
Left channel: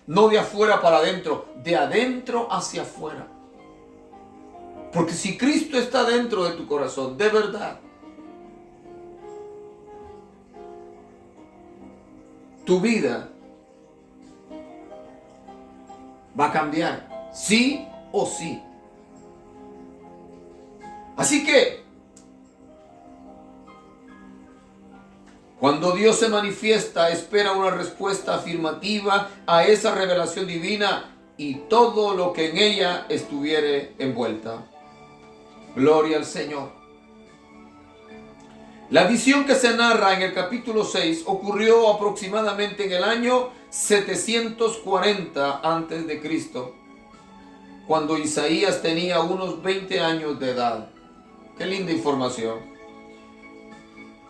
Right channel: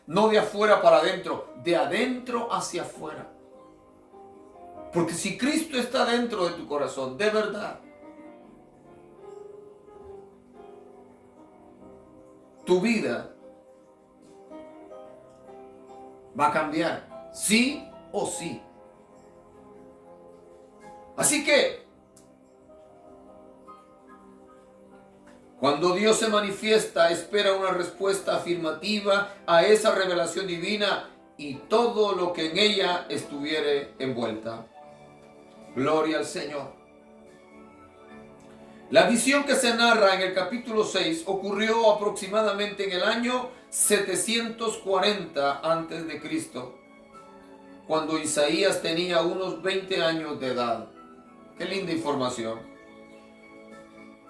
No de afuera para adentro, de adentro hacia afuera. Porque si Cristo está dentro de tu corazón, de verdad, tu vida va a cambiar, sí o sí. Así que, cuando Dios se manifiesta, espera una respuesta afirmativa a esa revelación divina y todo lo que en ella estuviere envuelta. Gloria al Señor. La visión que se narra en el capítulo 6 ocurrió aproximadamente en el año 740 a.C., cuando Isaías tenía unos 20 años de edad. Qué linda información.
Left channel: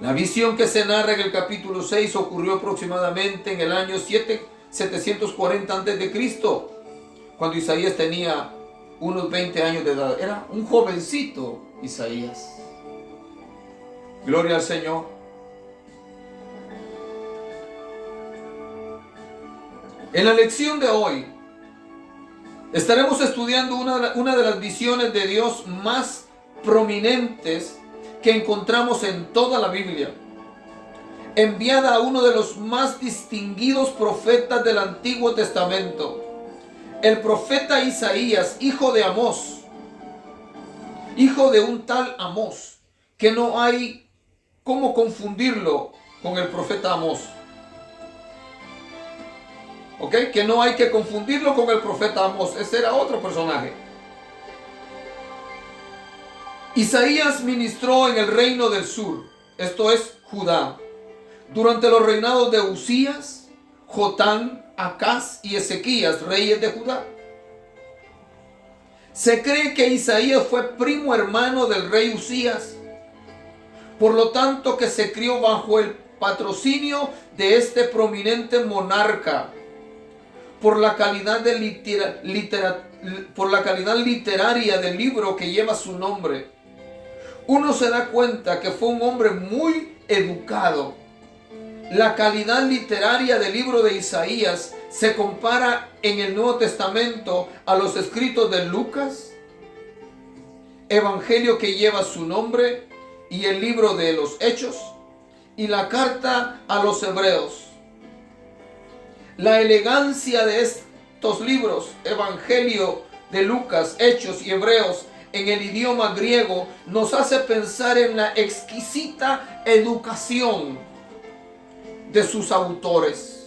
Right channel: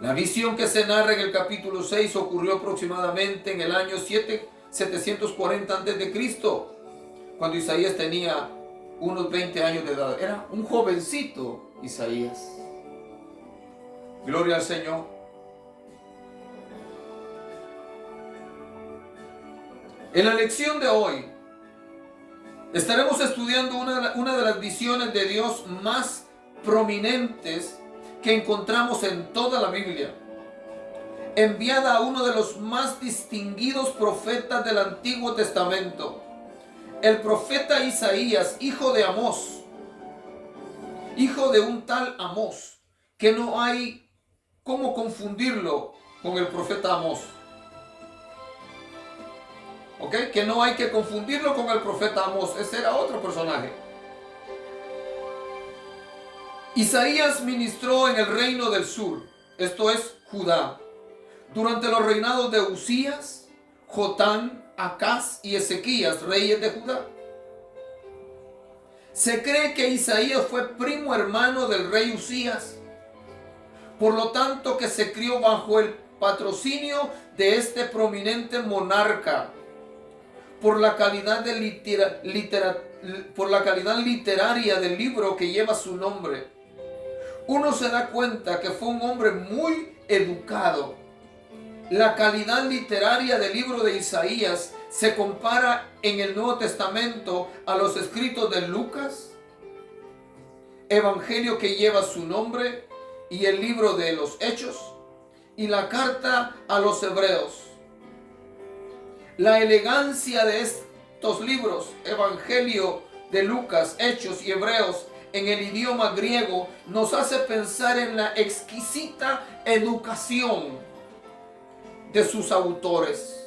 La visión que se narra en el capítulo 6 ocurrió aproximadamente en el año 740 a.C., cuando Isaías tenía unos 20 años de edad. Era un jovencito Isaías. Gloria al Señor. En la lección de hoy estaremos estudiando una de las visiones de Dios más prominentes que encontramos en toda la Biblia, enviada a uno de los más distinguidos profetas del Antiguo Testamento, el profeta Isaías, hijo de Amós, hijo de un tal Amós, que no hay cómo confundirlo con el profeta Amós. ¿Ok? Que no hay que confundirlo con el profeta Amós. Ese era otro personaje. Isaías ministró en el reino del sur, esto es Judá, durante los reinados de Uzías, Jotán, Acaz y Ezequías, reyes de Judá. Se cree que Isaías fue primo hermano del rey Uzías, por lo tanto que se crió bajo el patrocinio de este prominente monarca, por la calidad literaria del libro que lleva su nombre. Uno se da cuenta que fue un hombre muy educado. La calidad literaria del libro de Isaías se compara en el Nuevo Testamento a los escritos de Lucas, evangelio que lleva su nombre, y el libro de los Hechos, y la carta a los Hebreos. La elegancia de estos libros, evangelio de Lucas, Hechos y Hebreos, en el idioma griego, nos hace pensar en la exquisita educación de sus autores.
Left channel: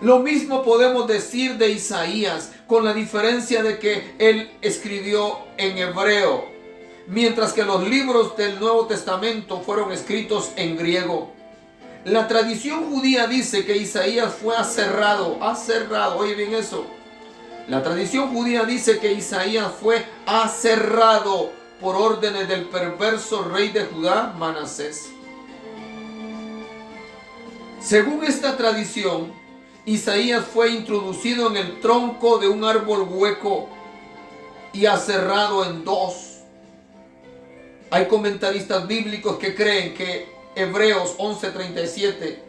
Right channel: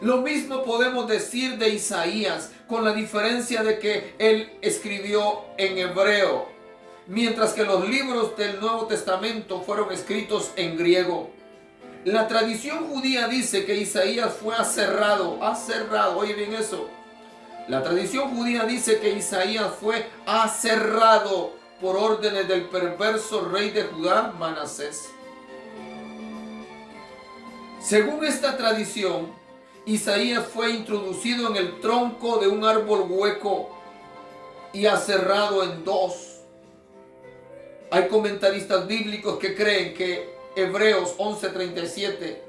Lo mismo podemos decir de Isaías, con la diferencia de que él escribió en hebreo, mientras que los libros del Nuevo Testamento fueron escritos en griego. La tradición judía dice que Isaías fue aserrado, oye bien eso. La tradición judía dice que Isaías fue aserrado por órdenes del perverso rey de Judá, Manasés. Según esta tradición, Isaías fue introducido en el tronco de un árbol hueco y aserrado en dos. Hay comentaristas bíblicos que creen que Hebreos 11:37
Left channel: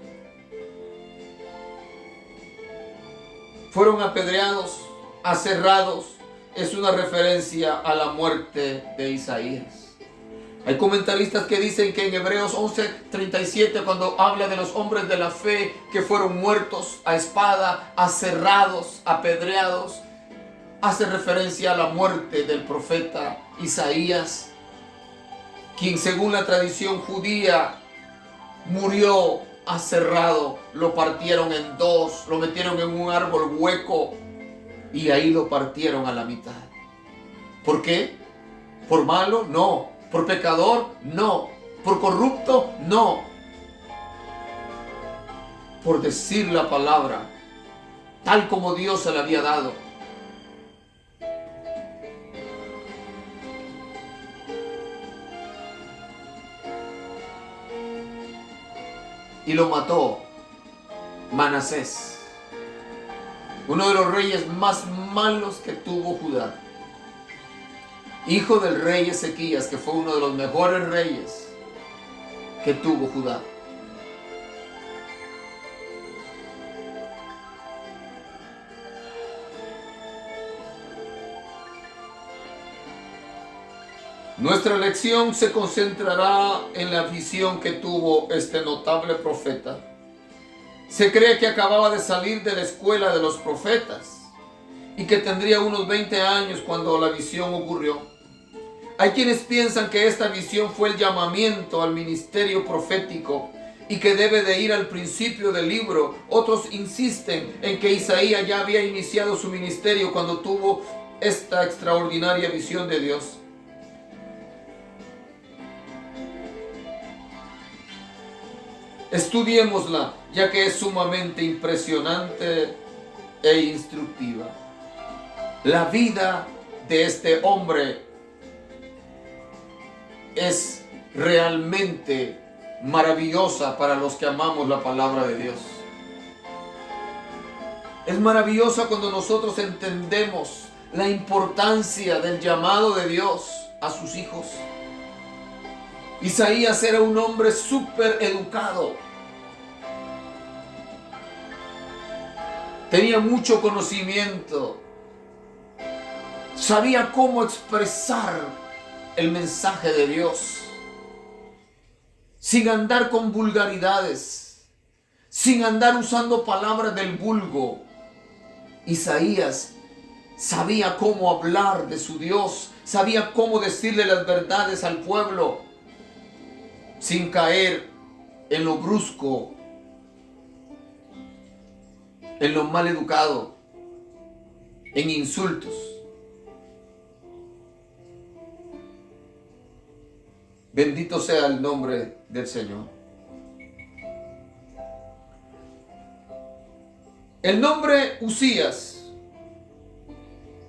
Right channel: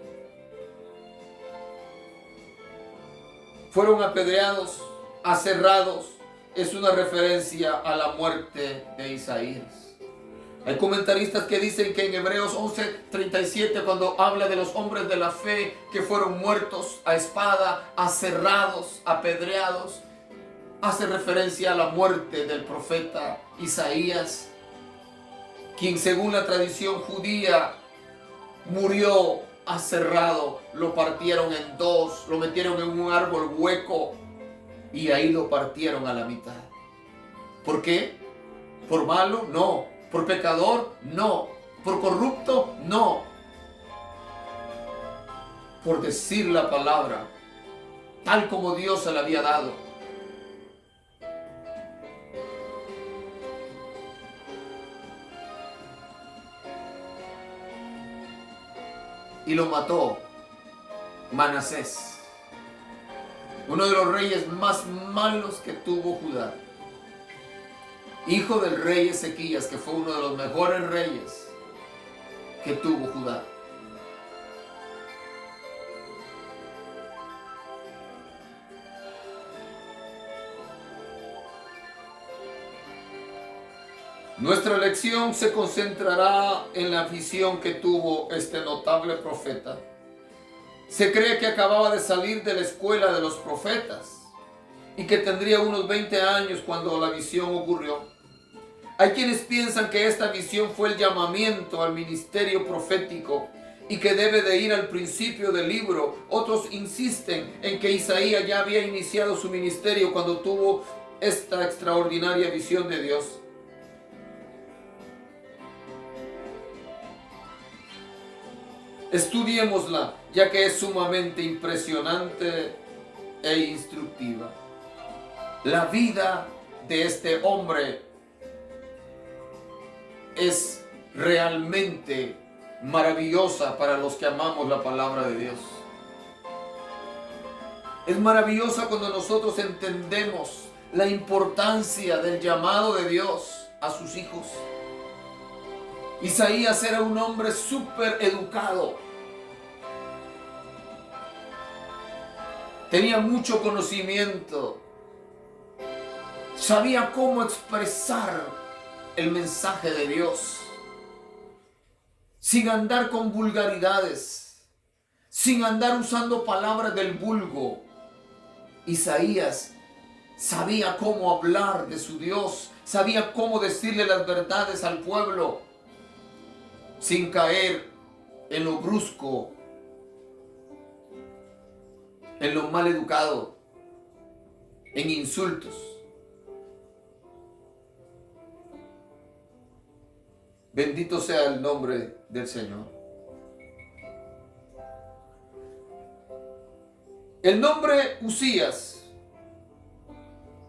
fueron apedreados, aserrados, es una referencia a la muerte de Isaías. Hay comentaristas que dicen que en Hebreos 11:37, cuando habla de los hombres de la fe que fueron muertos a espada, aserrados, apedreados, hace referencia a la muerte del profeta Isaías, quien según la tradición judía murió aserrado, lo partieron en dos, lo metieron en un árbol hueco y ahí lo partieron a la mitad. ¿Por qué? ¿Por malo? No. ¿Por pecador? No. ¿Por corrupto? No. Por decir la palabra tal como Dios se la había dado. Y lo mató Manasés, uno de los reyes más malos que tuvo Judá, hijo del rey Ezequías, que fue uno de los mejores reyes que tuvo Judá. Nuestra lección se concentrará en la visión que tuvo este notable profeta. Se cree que acababa de salir de la escuela de los profetas y que tendría unos 20 años cuando la visión ocurrió. Hay quienes piensan que esta visión fue el llamamiento al ministerio profético y que debe de ir al principio del libro. Otros insisten en que Isaías ya había iniciado su ministerio cuando tuvo esta extraordinaria visión de Dios. Estudiémosla, ya que es sumamente impresionante e instructiva. La vida de este hombre es realmente maravillosa para los que amamos la palabra de Dios. Es maravillosa cuando nosotros entendemos la importancia del llamado de Dios a sus hijos. Isaías era un hombre súper educado. Tenía mucho conocimiento. Sabía cómo expresar el mensaje de Dios sin andar con vulgaridades, sin andar usando palabras del vulgo. Isaías sabía cómo hablar de su Dios, sabía cómo decirle las verdades al pueblo, sin caer en lo brusco, en lo mal educado, en insultos. Bendito sea el nombre del Señor. El nombre Usías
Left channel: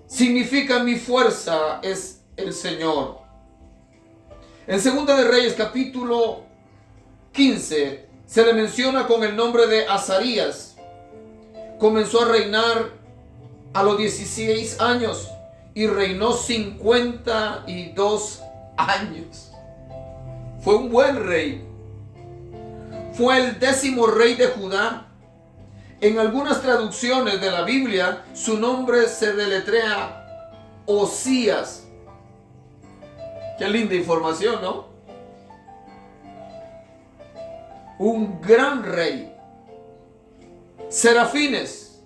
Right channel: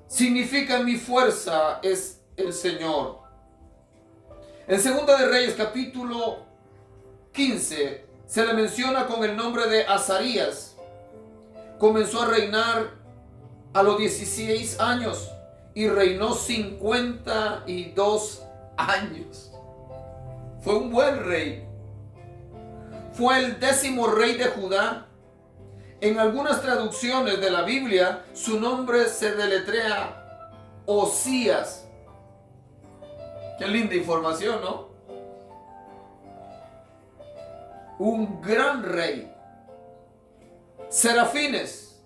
significa mi fuerza es el Señor. En Segunda de Reyes, capítulo 15, se le menciona con el nombre de Azarías. Comenzó a reinar a los 16 años y reinó 52 años. Fue un buen rey. Fue el 10º rey de Judá. En algunas traducciones de la Biblia, su nombre se deletrea Osías. Qué linda información, ¿no? Un gran rey. Serafines.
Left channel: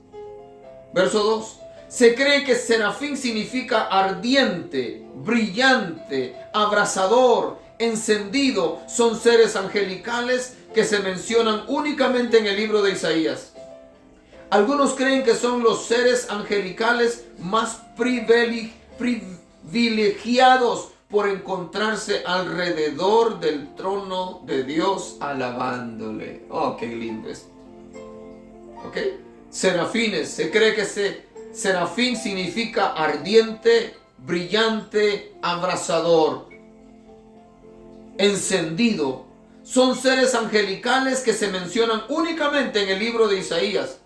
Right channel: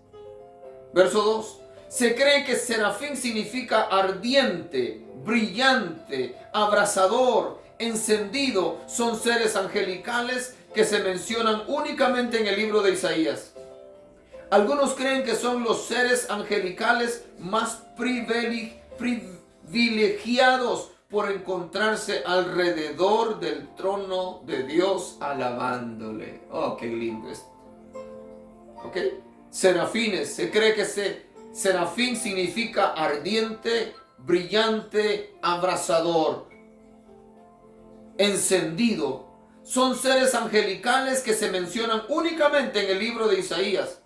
Verso 2. Se cree que serafín significa ardiente, brillante, abrasador, encendido. Son seres angelicales que se mencionan únicamente en el libro de Isaías. Algunos creen que son los seres angelicales más privilegiados por encontrarse alrededor del trono de Dios alabándole. Oh, qué lindo esto. ¿Ok? Serafines. Se cree que serafín significa ardiente, brillante, abrasador, encendido. Son seres angelicales que se mencionan únicamente en el libro de Isaías.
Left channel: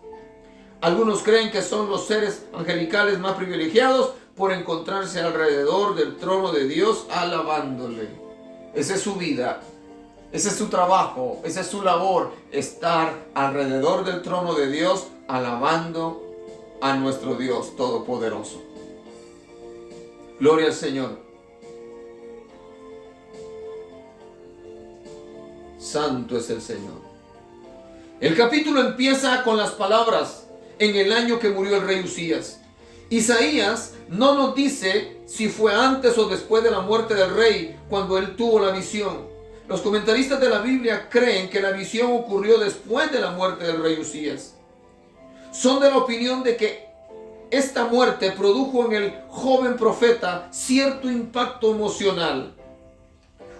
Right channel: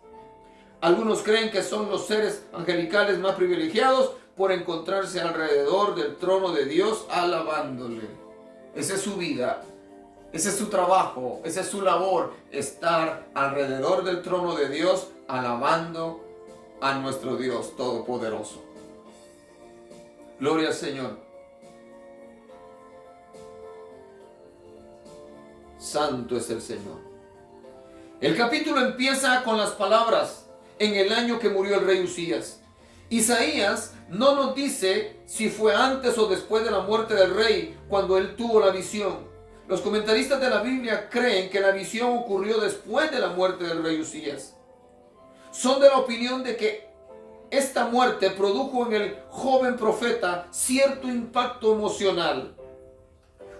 Algunos creen que son los seres angelicales más privilegiados por encontrarse alrededor del trono de Dios alabándole. Esa es su vida, ese es su trabajo, esa es su labor, estar alrededor del trono de Dios alabando a nuestro Dios Todopoderoso. Gloria al Señor. Santo es el Señor. El capítulo empieza con las palabras: en el año que murió el rey Usías. Isaías no nos dice si fue antes o después de la muerte del rey cuando él tuvo la visión. Los comentaristas de la Biblia creen que la visión ocurrió después de la muerte del rey Usías. Son de la opinión de que esta muerte produjo en el joven profeta cierto impacto emocional.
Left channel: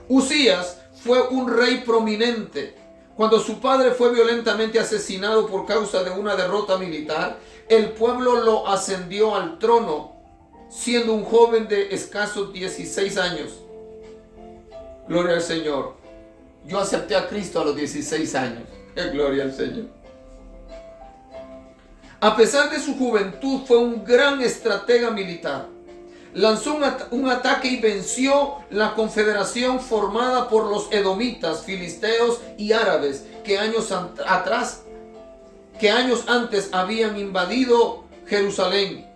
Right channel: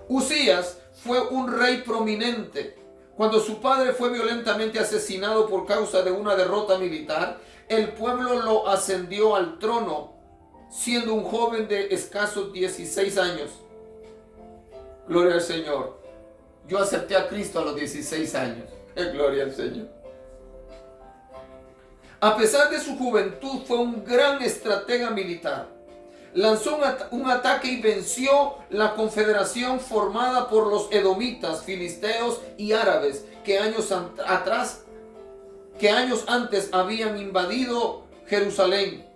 Usías fue un rey prominente. Cuando su padre fue violentamente asesinado por causa de una derrota militar, el pueblo lo ascendió al trono, siendo un joven de escasos 16 años. Gloria al Señor. Yo acepté a Cristo a los 16 años. Gloria al Señor. A pesar de su juventud, fue un gran estratega militar. Lanzó un ataque y venció la confederación formada por los edomitas, filisteos y árabes que años antes habían invadido Jerusalén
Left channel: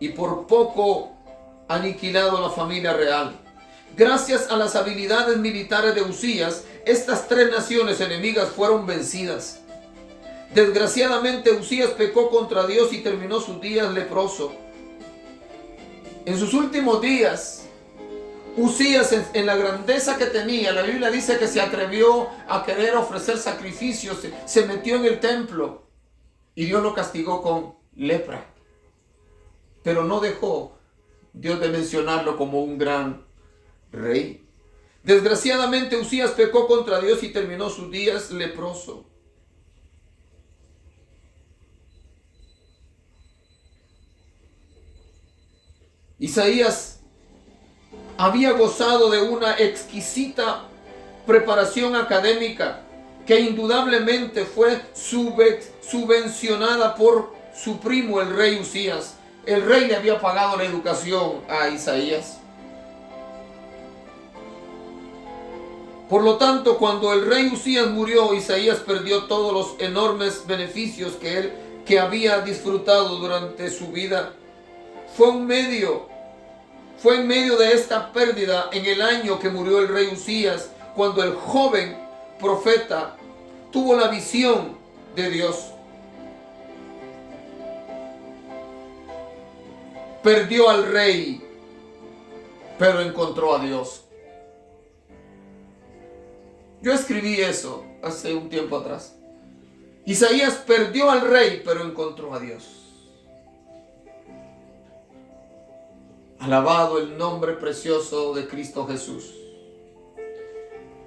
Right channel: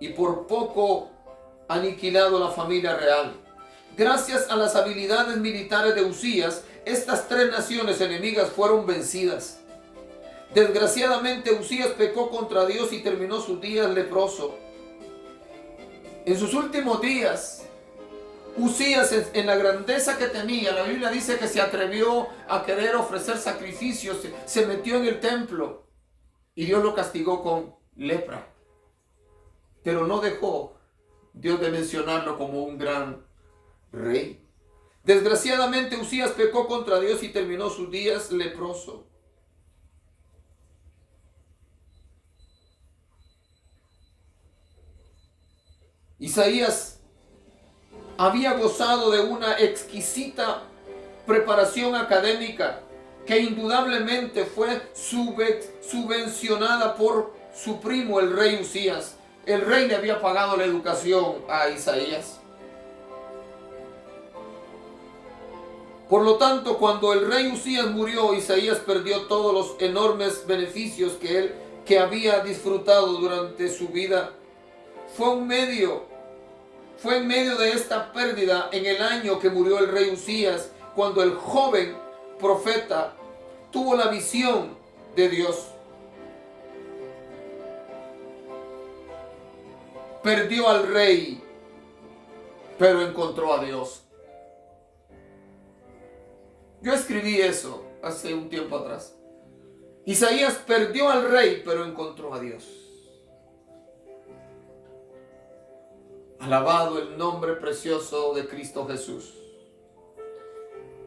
y por poco aniquilado a la familia real. Gracias a las habilidades militares de Usías, estas tres naciones enemigas fueron vencidas. Desgraciadamente, Usías pecó contra Dios y terminó sus días leproso. En sus últimos días, Usías, en la grandeza que tenía, la Biblia dice que se atrevió a querer ofrecer sacrificios, se metió en el templo y Dios lo castigó con lepra. Pero no dejó Dios de mencionarlo como un gran rey. Desgraciadamente, Usías pecó contra Dios y terminó sus días leproso. Isaías había gozado de una exquisita preparación académica que indudablemente fue subvencionada por su primo, el rey Usías. El rey le había pagado la educación a Isaías. Por lo tanto, cuando el rey Usías murió, Isaías perdió todos los enormes beneficios que había disfrutado durante su vida. Fue en medio de esta pérdida, en el año que murió el rey Usías, cuando el joven profeta tuvo la visión de Dios. Perdió al rey, pero encontró a Dios. Yo escribí eso hace un tiempo atrás. Isaías perdió al rey, pero encontró a Dios. Alabado el nombre precioso de Cristo Jesús.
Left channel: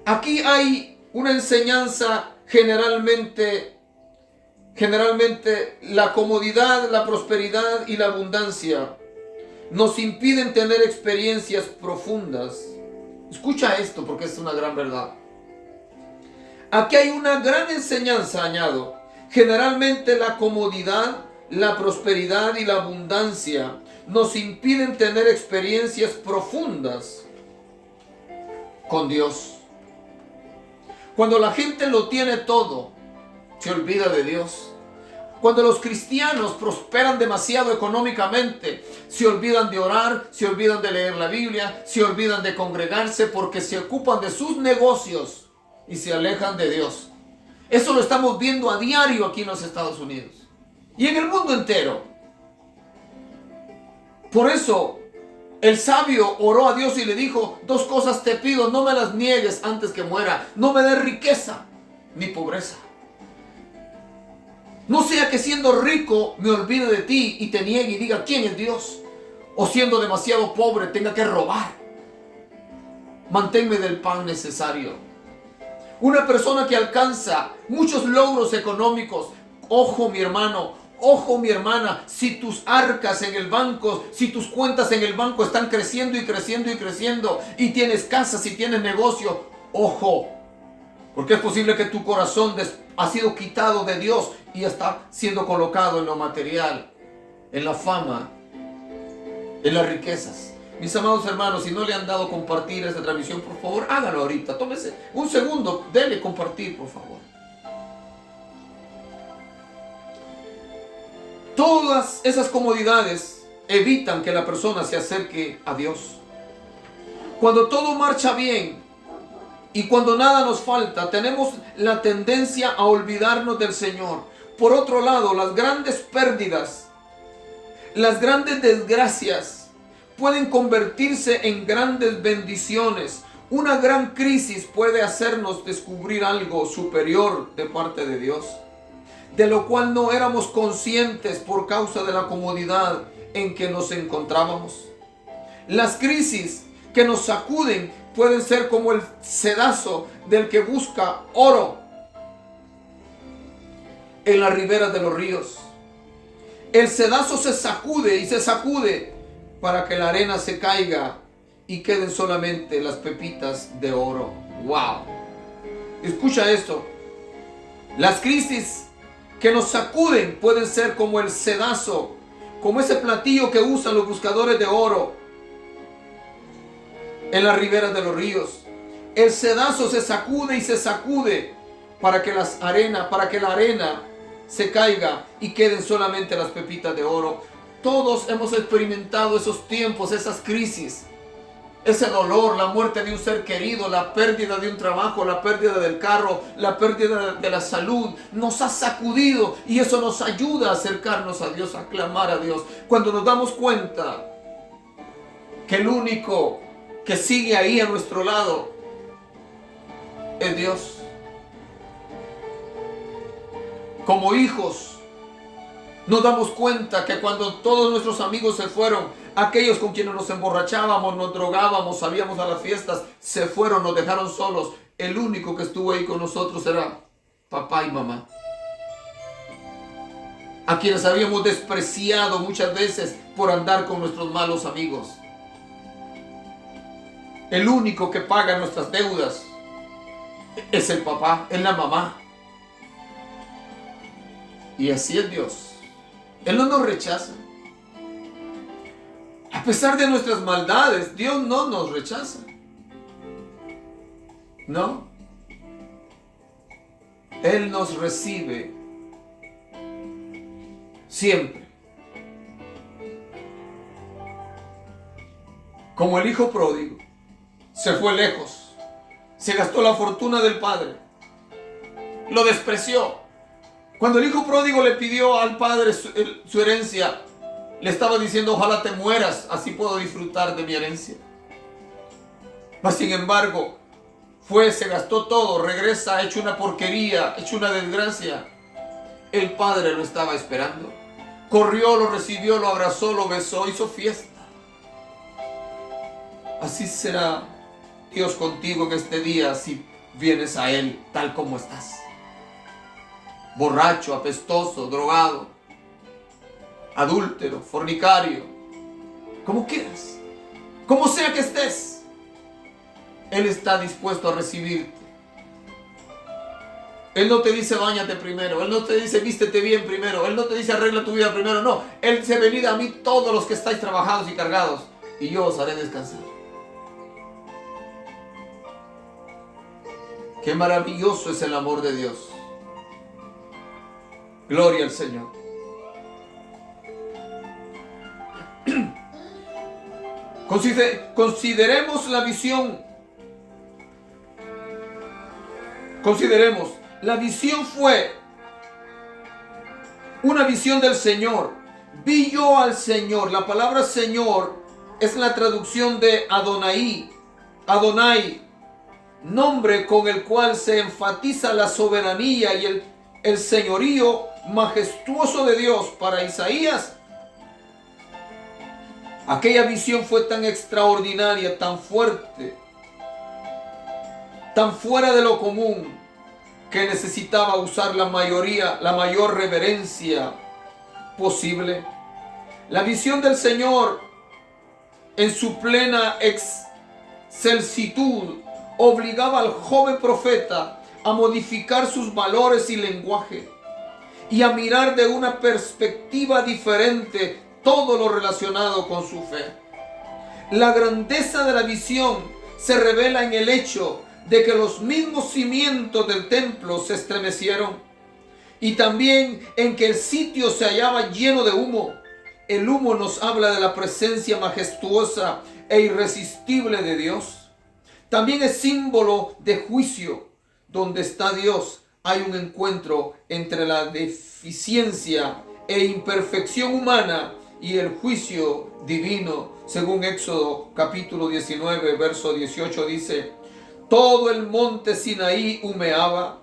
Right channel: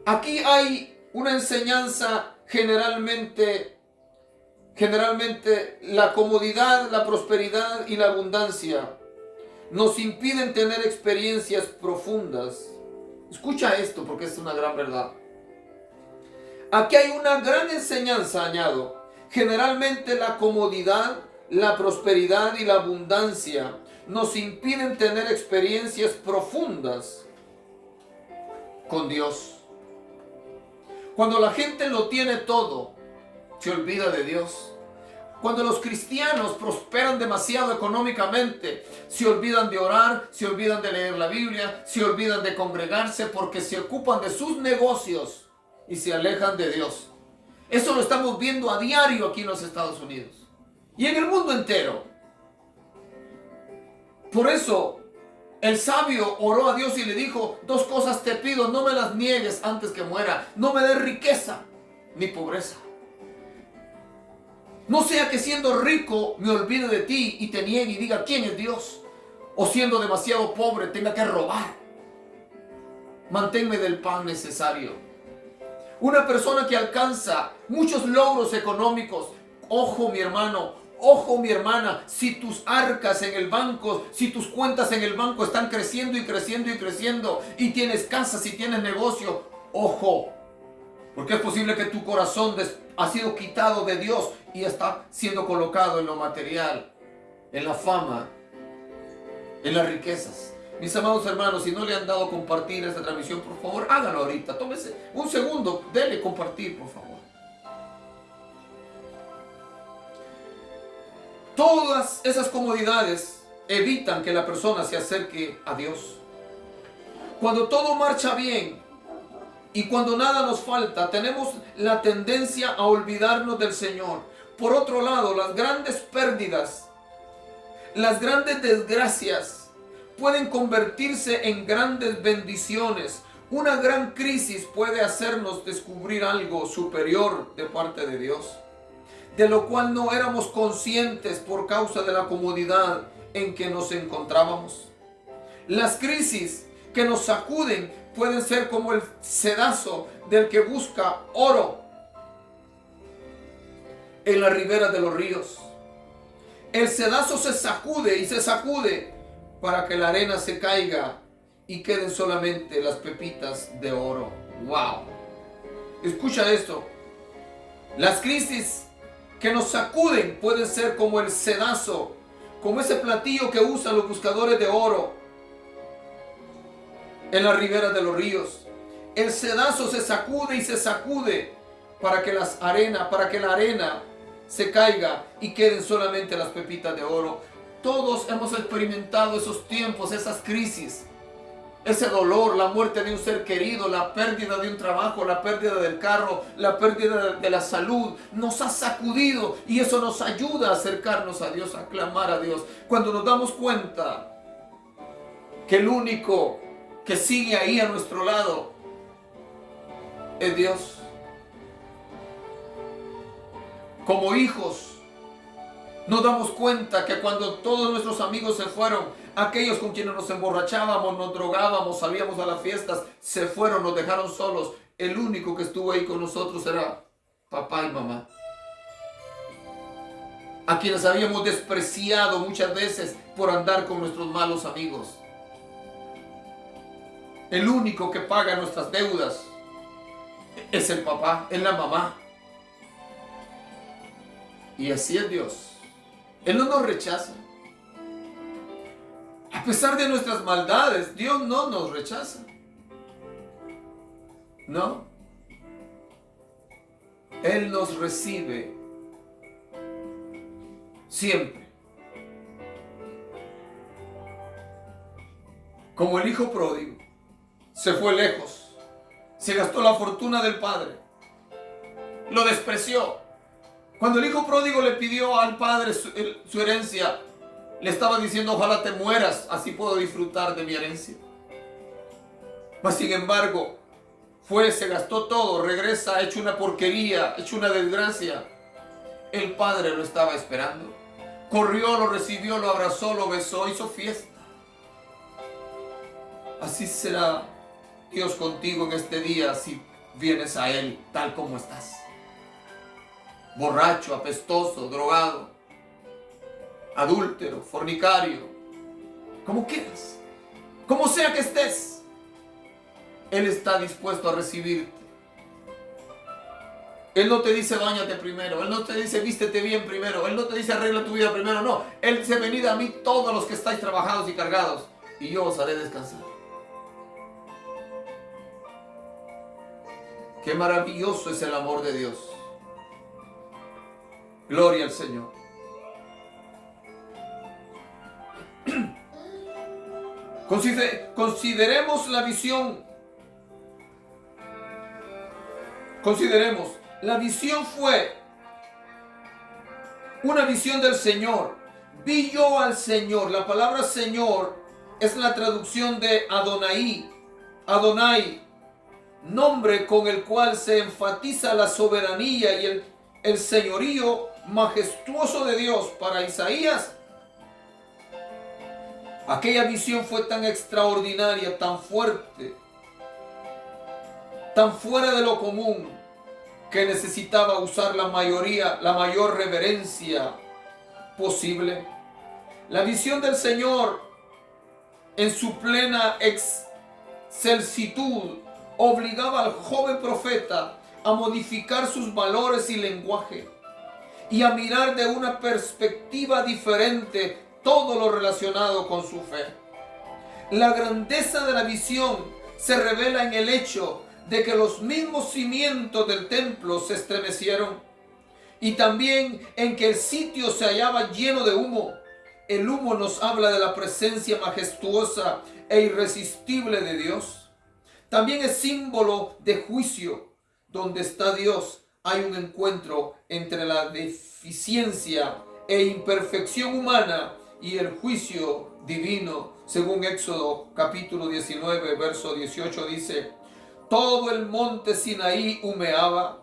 Aquí hay una enseñanza generalmente la comodidad, la prosperidad y la abundancia nos impiden tener experiencias profundas. Escucha esto porque es una gran verdad. Aquí hay una gran enseñanza, añado. Generalmente la comodidad, la prosperidad y la abundancia nos impiden tener experiencias profundas con Dios. Cuando la gente lo tiene todo, se olvida de Dios. Cuando los cristianos prosperan demasiado económicamente, se olvidan de orar, se olvidan de leer la Biblia, se olvidan de congregarse porque se ocupan de sus negocios y se alejan de Dios. Eso lo estamos viendo a diario aquí en los Estados Unidos y en el mundo entero. Por eso el sabio oró a Dios y le dijo: dos cosas te pido, no me las niegues antes que muera. No me des riqueza ni pobreza. No sea que siendo rico me olvide de ti y te niegue y diga quién es Dios. O siendo demasiado pobre tenga que robar. Manténme del pan necesario. Una persona que alcanza muchos logros económicos, ojo mi hermano, Ojo, mi hermana, si tus arcas en el banco, si tus cuentas en el banco están creciendo y creciendo y creciendo, y tienes casas y tienes negocio, ojo, porque es posible que tu corazón ha sido quitado de Dios y está siendo colocado en lo material, en la fama, en las riquezas. Mis amados hermanos, si no le han dado compartir esta transmisión, por favor, hágalo ahorita. Tómese un segundo, dele compartir, por favor. Todas esas comodidades evitan que la persona se acerque a Dios. Cuando todo marcha bien y cuando nada nos falta, tenemos la tendencia a olvidarnos del Señor. Por otro lado, las grandes pérdidas, las grandes desgracias, pueden convertirse en grandes bendiciones. Una gran crisis puede hacernos descubrir algo superior de parte de Dios, de lo cual no éramos conscientes por causa de la comodidad en que nos encontrábamos. Las crisis que nos sacuden pueden ser como el sedazo del que busca oro en las riberas de los ríos. El sedazo se sacude y se sacude para que la arena se caiga y queden solamente las pepitas de oro. ¡Wow! Escucha esto. Las crisis que nos sacuden pueden ser como el sedazo, como ese platillo que usan los buscadores de oro en las riberas de los ríos. El sedazo se sacude y se sacude para que la arena se caiga y queden solamente las pepitas de oro. Todos hemos experimentado esos tiempos, esas crisis, ese dolor, la muerte de un ser querido, la pérdida de un trabajo, la pérdida del carro, la pérdida de la salud. Nos ha sacudido y eso nos ayuda a acercarnos a Dios, a clamar a Dios. Cuando nos damos cuenta que el único que sigue ahí a nuestro lado es Dios. Como hijos, nos damos cuenta que cuando todos nuestros amigos se fueron, aquellos con quienes nos emborrachábamos, nos drogábamos, salíamos a las fiestas, se fueron, nos dejaron solos. El único que estuvo ahí con nosotros era papá y mamá, a quienes habíamos despreciado muchas veces por andar con nuestros malos amigos. El único que paga nuestras deudas es el papá, es la mamá. Y así es Dios. Él no nos rechaza. A pesar de nuestras maldades, Dios no nos rechaza. No. Él nos recibe siempre. Como el hijo pródigo, se fue lejos, se gastó la fortuna del padre, lo despreció. Cuando el hijo pródigo le pidió al padre su herencia, le estaba diciendo: ojalá te mueras, así puedo disfrutar de mi herencia. Mas sin embargo, se gastó todo, regresa hecho una porquería, hecho una desgracia. El padre lo estaba esperando. Corrió, lo recibió, lo abrazó, lo besó, hizo fiesta. Así será Dios contigo en este día si vienes a Él tal como estás. Borracho, apestoso, drogado, adúltero, fornicario, como quieras, como sea que estés, Él está dispuesto a recibirte. Él no te dice báñate primero, Él no te dice vístete bien primero, Él no te dice arregla tu vida primero, no. Él dice: venid a mí todos los que estáis trabajados y cargados, y yo os haré descansar. Qué maravilloso es el amor de Dios. Gloria al Señor. Consideremos la visión. Consideremos. La visión fue una visión del Señor. Vi yo al Señor. La palabra Señor es la traducción de Adonai. Adonai, nombre con el cual se enfatiza la soberanía y el señorío majestuoso de Dios. Para Isaías, aquella visión fue tan extraordinaria, tan fuerte, tan fuera de lo común, que necesitaba usar la mayor reverencia posible. La visión del Señor en su plena excelsitud obligaba al joven profeta a modificar sus valores y lenguaje y a mirar de una perspectiva diferente todo lo relacionado con su fe. La grandeza de la visión se revela en el hecho de que los mismos cimientos del templo se estremecieron y también en que el sitio se hallaba lleno de humo. El humo nos habla de la presencia majestuosa e irresistible de Dios. También es símbolo de juicio. Donde está Dios, hay un encuentro entre la deficiencia e imperfección humana y el juicio divino. Según Éxodo capítulo 19, verso 18 dice: todo el monte Sinaí humeaba,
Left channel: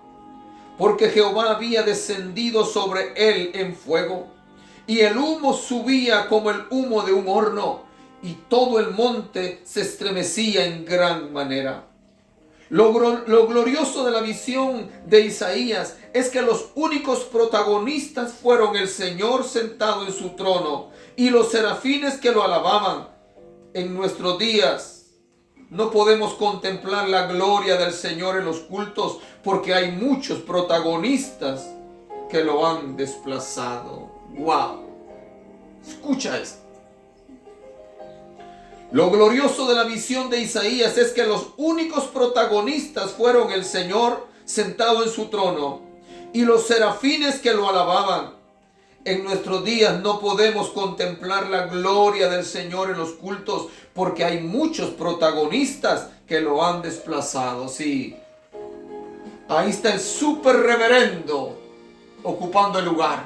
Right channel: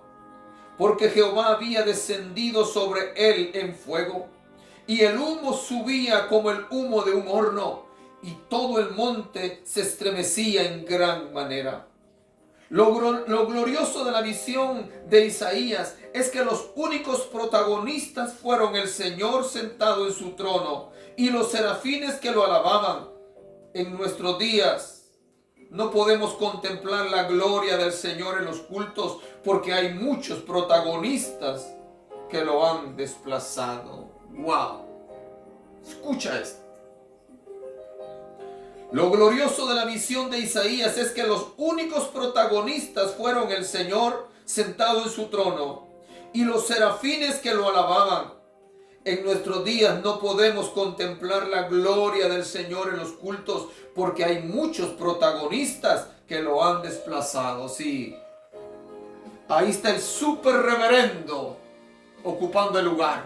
porque Jehová había descendido sobre él en fuego, y el humo subía como el humo de un horno, y todo el monte se estremecía en gran manera. Lo glorioso de la visión de Isaías es que los únicos protagonistas fueron el Señor sentado en su trono y los serafines que lo alababan. En nuestros días no podemos contemplar la gloria del Señor en los cultos porque hay muchos protagonistas que lo han desplazado. ¡Wow! Escucha esto. Lo glorioso de la visión de Isaías es que los únicos protagonistas fueron el Señor sentado en su trono y los serafines que lo alababan. En nuestros días no podemos contemplar la gloria del Señor en los cultos porque hay muchos protagonistas que lo han desplazado. Sí, ahí está el super reverendo ocupando el lugar.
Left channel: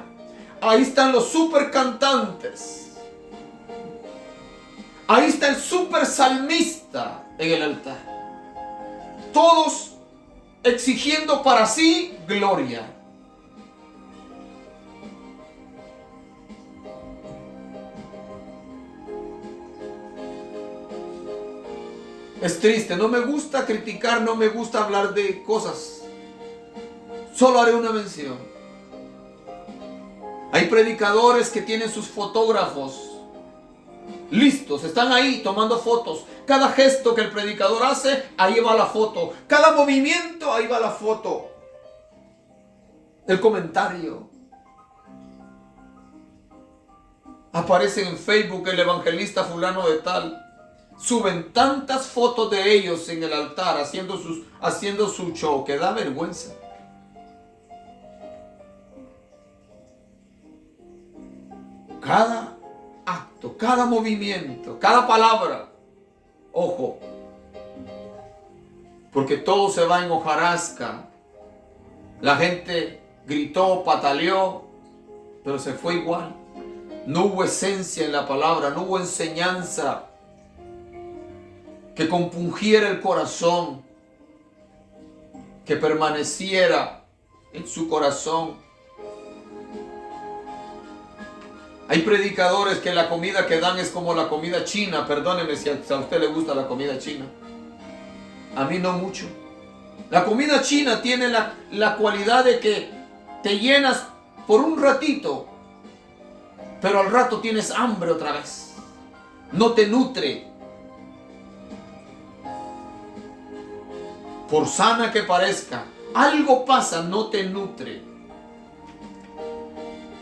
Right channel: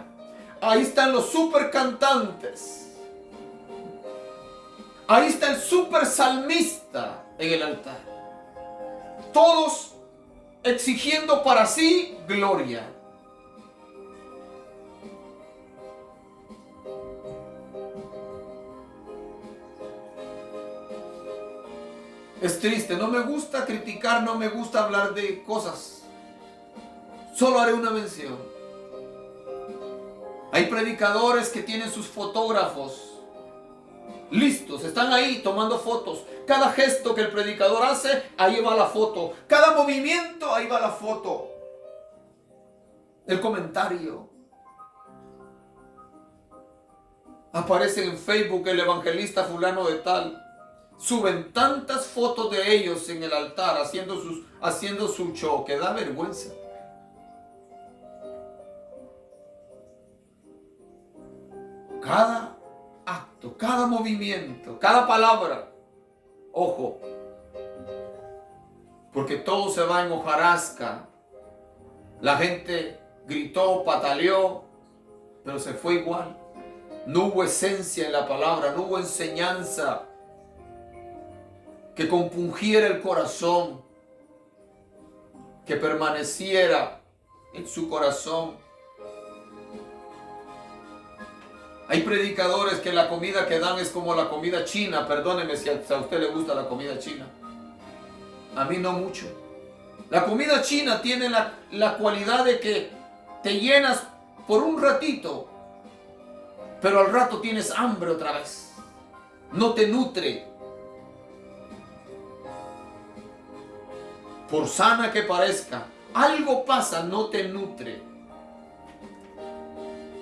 Ahí están los super cantantes. Ahí está el super salmista en el altar. Todos exigiendo para sí gloria. Es triste, no me gusta criticar, no me gusta hablar de cosas. Solo haré una mención. Hay predicadores que tienen sus fotógrafos listos, están ahí tomando fotos. Cada gesto que el predicador hace, ahí va la foto. Cada movimiento, ahí va la foto. El comentario. Aparece en Facebook el evangelista fulano de tal. Suben tantas fotos de ellos en el altar haciendo su show que da vergüenza. Cada acto, cada movimiento, cada palabra. Ojo, porque todo se va en hojarasca. La gente gritó, pataleó, pero se fue igual. No hubo esencia en la palabra, no hubo enseñanza que compungiera el corazón, que permaneciera en su corazón. Hay predicadores que la comida que dan es como la comida china. Perdóneme si a usted le gusta la comida china. A mí no mucho. La comida china tiene la cualidad de que te llenas por un ratito, pero al rato tienes hambre otra vez. No te nutre. Por sana que parezca, algo pasa, no te nutre.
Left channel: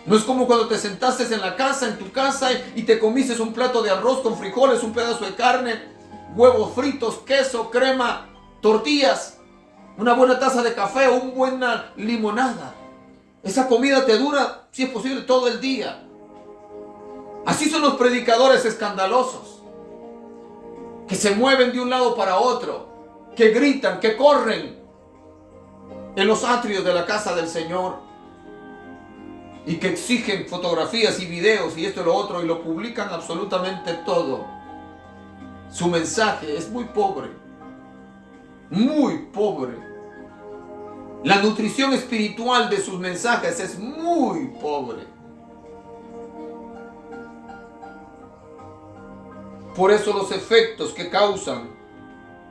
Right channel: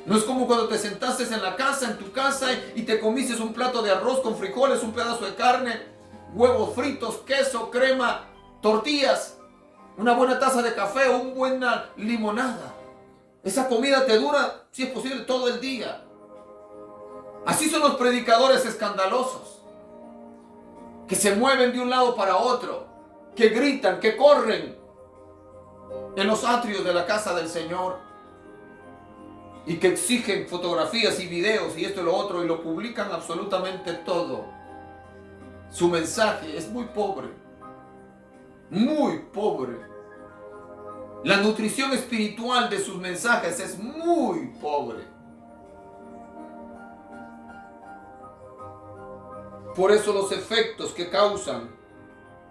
No es como cuando te sentaste en tu casa, y te comiste un plato de arroz con frijoles, un pedazo de carne, huevos fritos, queso, crema, tortillas, una buena taza de café o una buena limonada. Esa comida te dura, si es posible, todo el día. Así son los predicadores escandalosos, que se mueven de un lado para otro, que gritan, que corren en los atrios de la casa del Señor, y que exigen fotografías y videos y esto y lo otro y lo publican absolutamente todo. Su mensaje es muy pobre, muy pobre. La nutrición espiritual de sus mensajes es muy pobre. Por eso los efectos que causan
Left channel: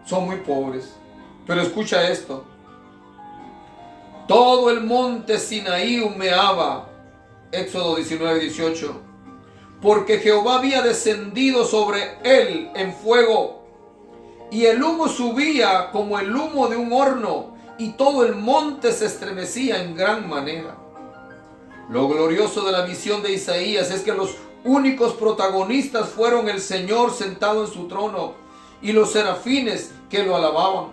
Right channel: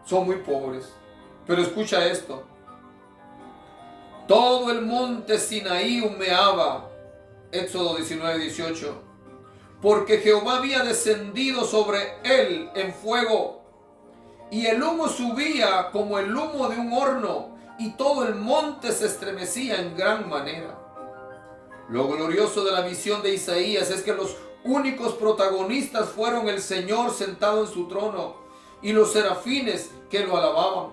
son muy pobres. Pero escucha esto. Todo el monte Sinaí humeaba, Éxodo 19:18. Porque Jehová había descendido sobre él en fuego, y el humo subía como el humo de un horno, y todo el monte se estremecía en gran manera. Lo glorioso de la visión de Isaías es que los únicos protagonistas fueron el Señor sentado en su trono y los serafines que lo alababan.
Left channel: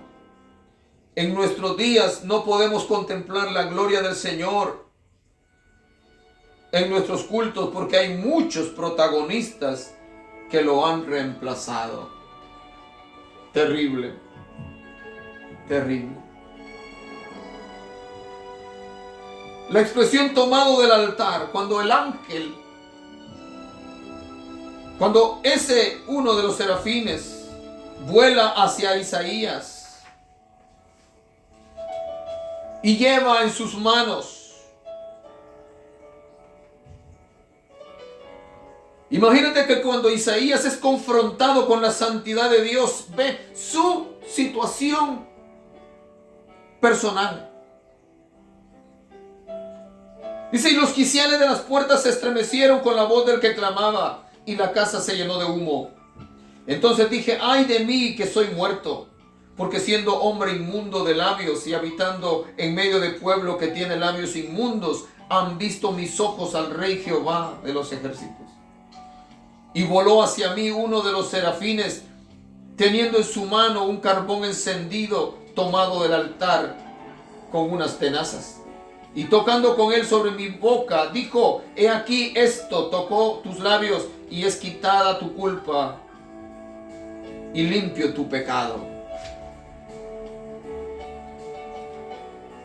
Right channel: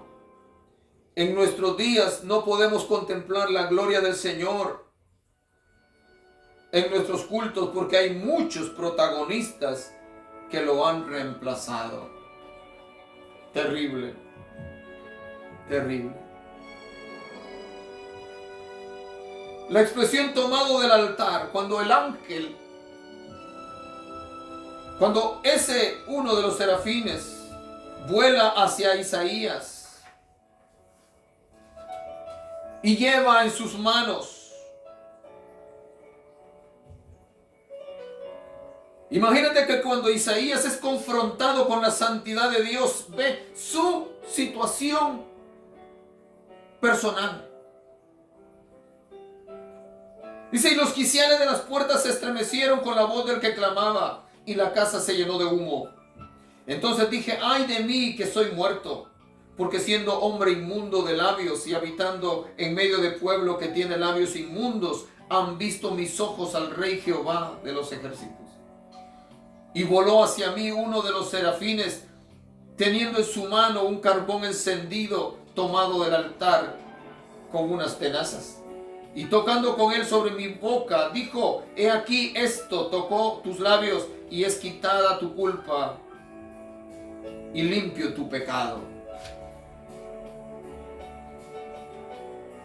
En nuestros días no podemos contemplar la gloria del Señor en nuestros cultos porque hay muchos protagonistas que lo han reemplazado. Terrible, terrible. La expresión tomado del altar, cuando el ángel, cuando ese uno de los serafines vuela hacia Isaías y lleva en sus manos, imagínate que cuando Isaías es confrontado con la santidad de Dios, ve su situación personal. Dice, y los quiciales de las puertas se estremecieron con la voz del que clamaba, y la casa se llenó de humo. Entonces dije, ay de mí que soy muerto, porque siendo hombre inmundo de labios y habitando en medio de pueblo que tiene labios inmundos, han visto mis ojos al Rey Jehová de los ejércitos. Y voló hacia mí uno de los serafines, teniendo en su mano un carbón encendido tomado del altar con unas tenazas. Y tocando con él sobre mi boca, dijo, he aquí esto tocó tus labios y es quitada tu culpa y limpio tu pecado.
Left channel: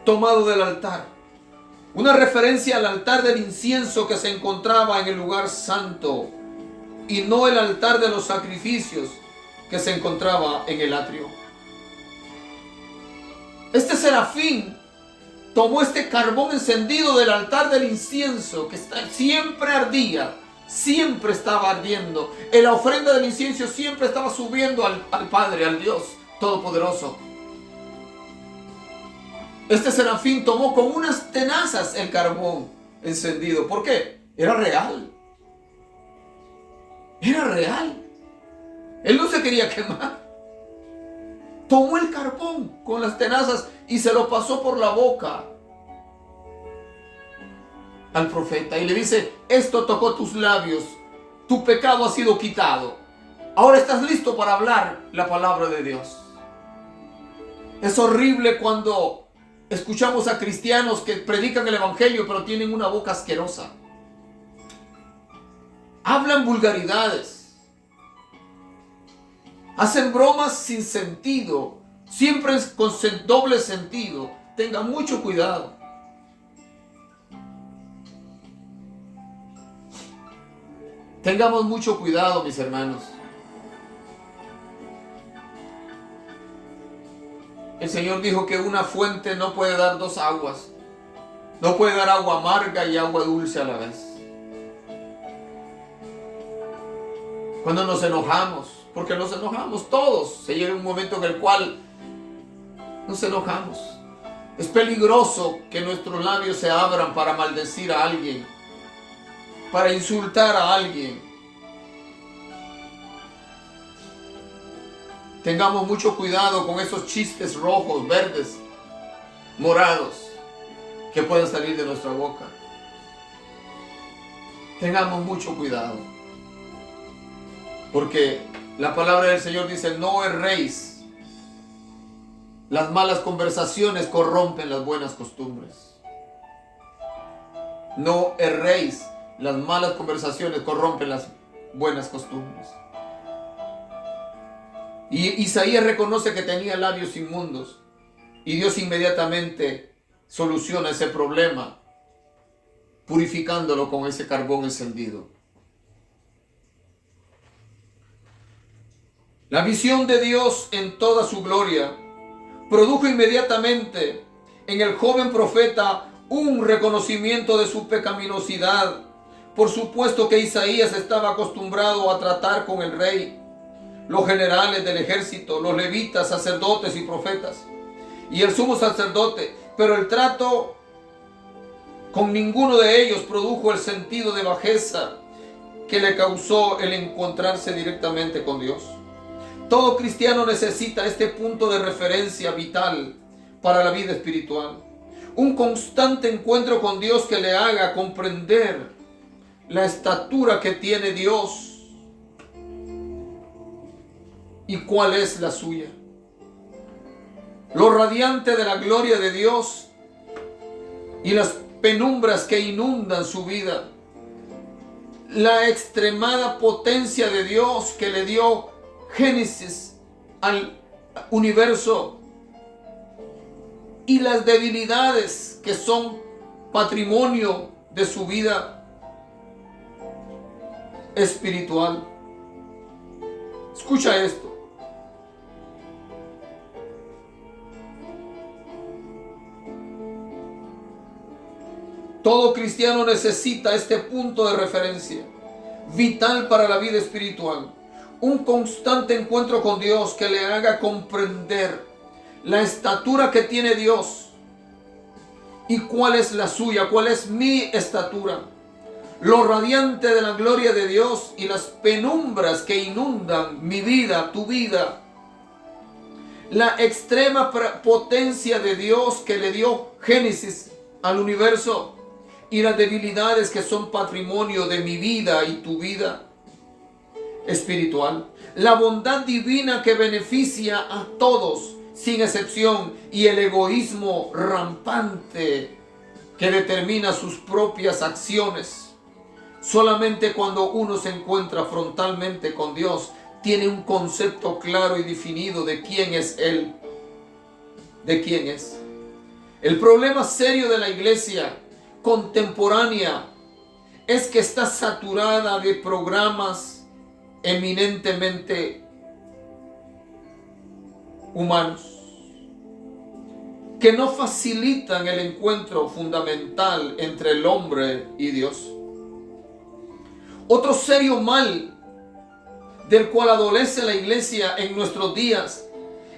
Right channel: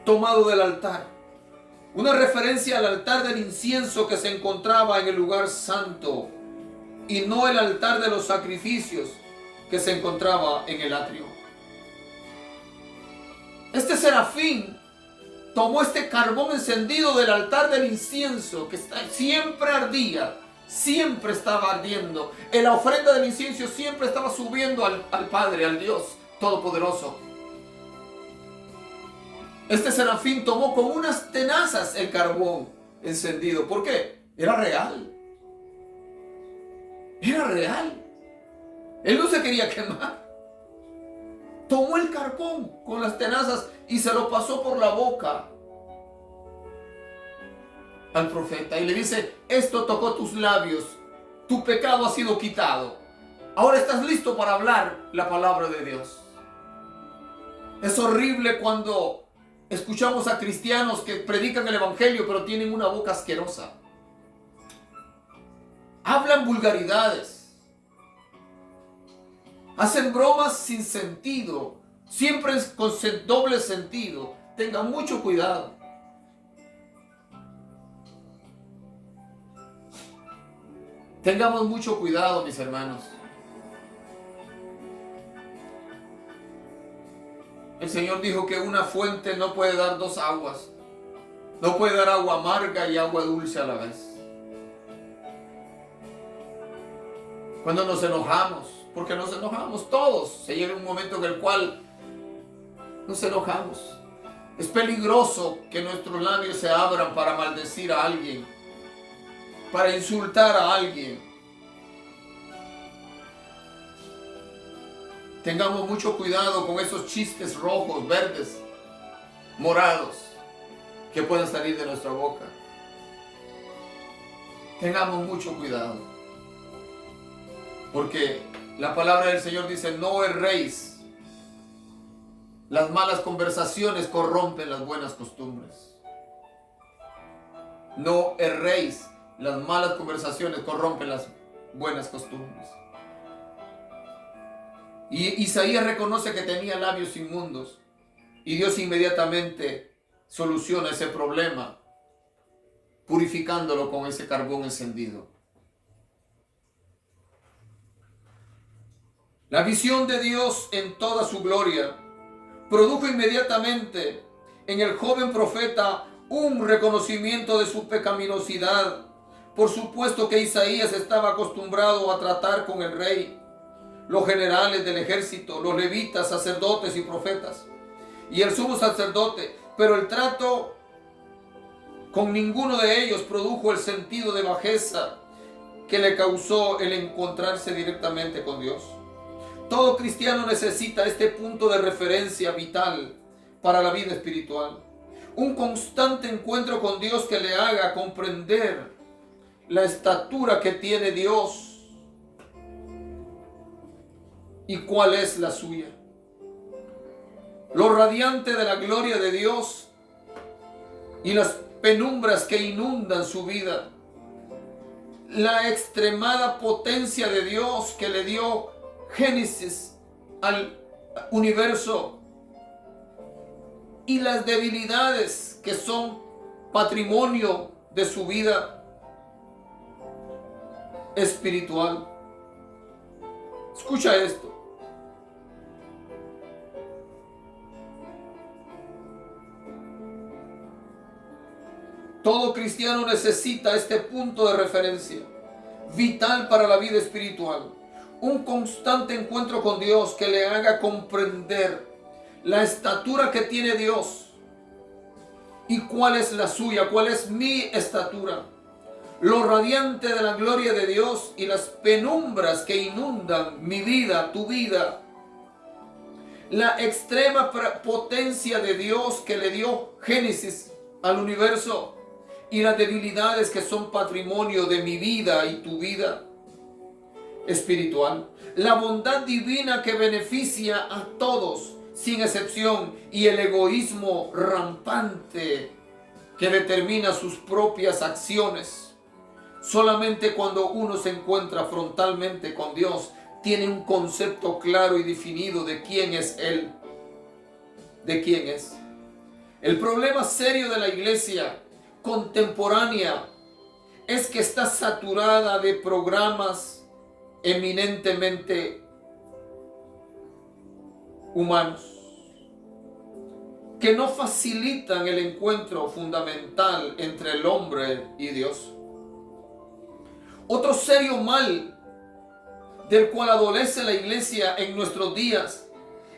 Tomado del altar. Una referencia al altar del incienso que se encontraba en el lugar santo y no el altar de los sacrificios que se encontraba en el atrio. Este serafín tomó este carbón encendido del altar del incienso que siempre ardía, siempre estaba ardiendo. En la ofrenda del incienso siempre estaba subiendo al Padre, al Dios Todopoderoso. Este serafín tomó con unas tenazas el carbón encendido. ¿Por qué? Era real. Era real. Él no se quería quemar. Tomó el carbón con las tenazas y se lo pasó por la boca al profeta y le dice, esto tocó tus labios, tu pecado ha sido quitado. Ahora estás listo para hablar la palabra de Dios. Es horrible cuando escuchamos a cristianos que predican el evangelio pero tienen una boca asquerosa. Hablan vulgaridades. Hacen bromas sin sentido. Siempre es con doble sentido. Tengan mucho cuidado. Tengamos mucho cuidado, mis hermanos. El Señor dijo que una fuente no puede dar dos aguas. No puede dar agua amarga y agua dulce a la vez. Cuando nos enojamos, porque nos enojamos todos, se llega un momento en el cual nos enojamos. Es peligroso que nuestros labios se abran para maldecir a alguien, para insultar a alguien. Tengamos mucho cuidado con esos chistes rojos, verdes, morados que pueden salir de nuestra boca. Tengamos mucho cuidado. Porque la palabra del Señor dice, no erréis. Las malas conversaciones corrompen las buenas costumbres. No erréis. Las malas conversaciones corrompen las buenas costumbres. Y Isaías reconoce que tenía labios inmundos. Y Dios inmediatamente soluciona ese problema, purificándolo con ese carbón encendido. La visión de Dios en toda su gloria produjo inmediatamente en el joven profeta un reconocimiento de su pecaminosidad. Por supuesto que Isaías estaba acostumbrado a tratar con el rey, los generales del ejército, los levitas, sacerdotes y profetas, y el sumo sacerdote, pero el trato Con ninguno de ellos produjo el sentido de bajeza que le causó el encontrarse directamente con Dios. Todo cristiano necesita este punto de referencia vital para la vida espiritual. Un constante encuentro con Dios que le haga comprender la estatura que tiene Dios y cuál es la suya. Lo radiante de la gloria de Dios y las penumbras que inundan su vida. La extremada potencia de Dios que le dio Génesis al universo y las debilidades que son patrimonio de su vida espiritual. Escucha esto. Todo cristiano necesita este punto de referencia vital para la vida espiritual. Un constante encuentro con Dios que le haga comprender la estatura que tiene Dios y cuál es la suya, cuál es mi estatura. Lo radiante de la gloria de Dios y las penumbras que inundan mi vida, tu vida. La extrema potencia de Dios que le dio Génesis al universo y las debilidades que son patrimonio de mi vida y tu vida espiritual. La bondad divina que beneficia a todos sin excepción y el egoísmo rampante que determina sus propias acciones. Solamente cuando uno se encuentra frontalmente con Dios, tiene un concepto claro y definido de quién es Él, de quién es. El problema serio de la iglesia contemporánea es que está saturada de programas eminentemente humanos que no facilitan el encuentro fundamental entre el hombre y Dios. Otro serio mal del cual adolece la iglesia en nuestros días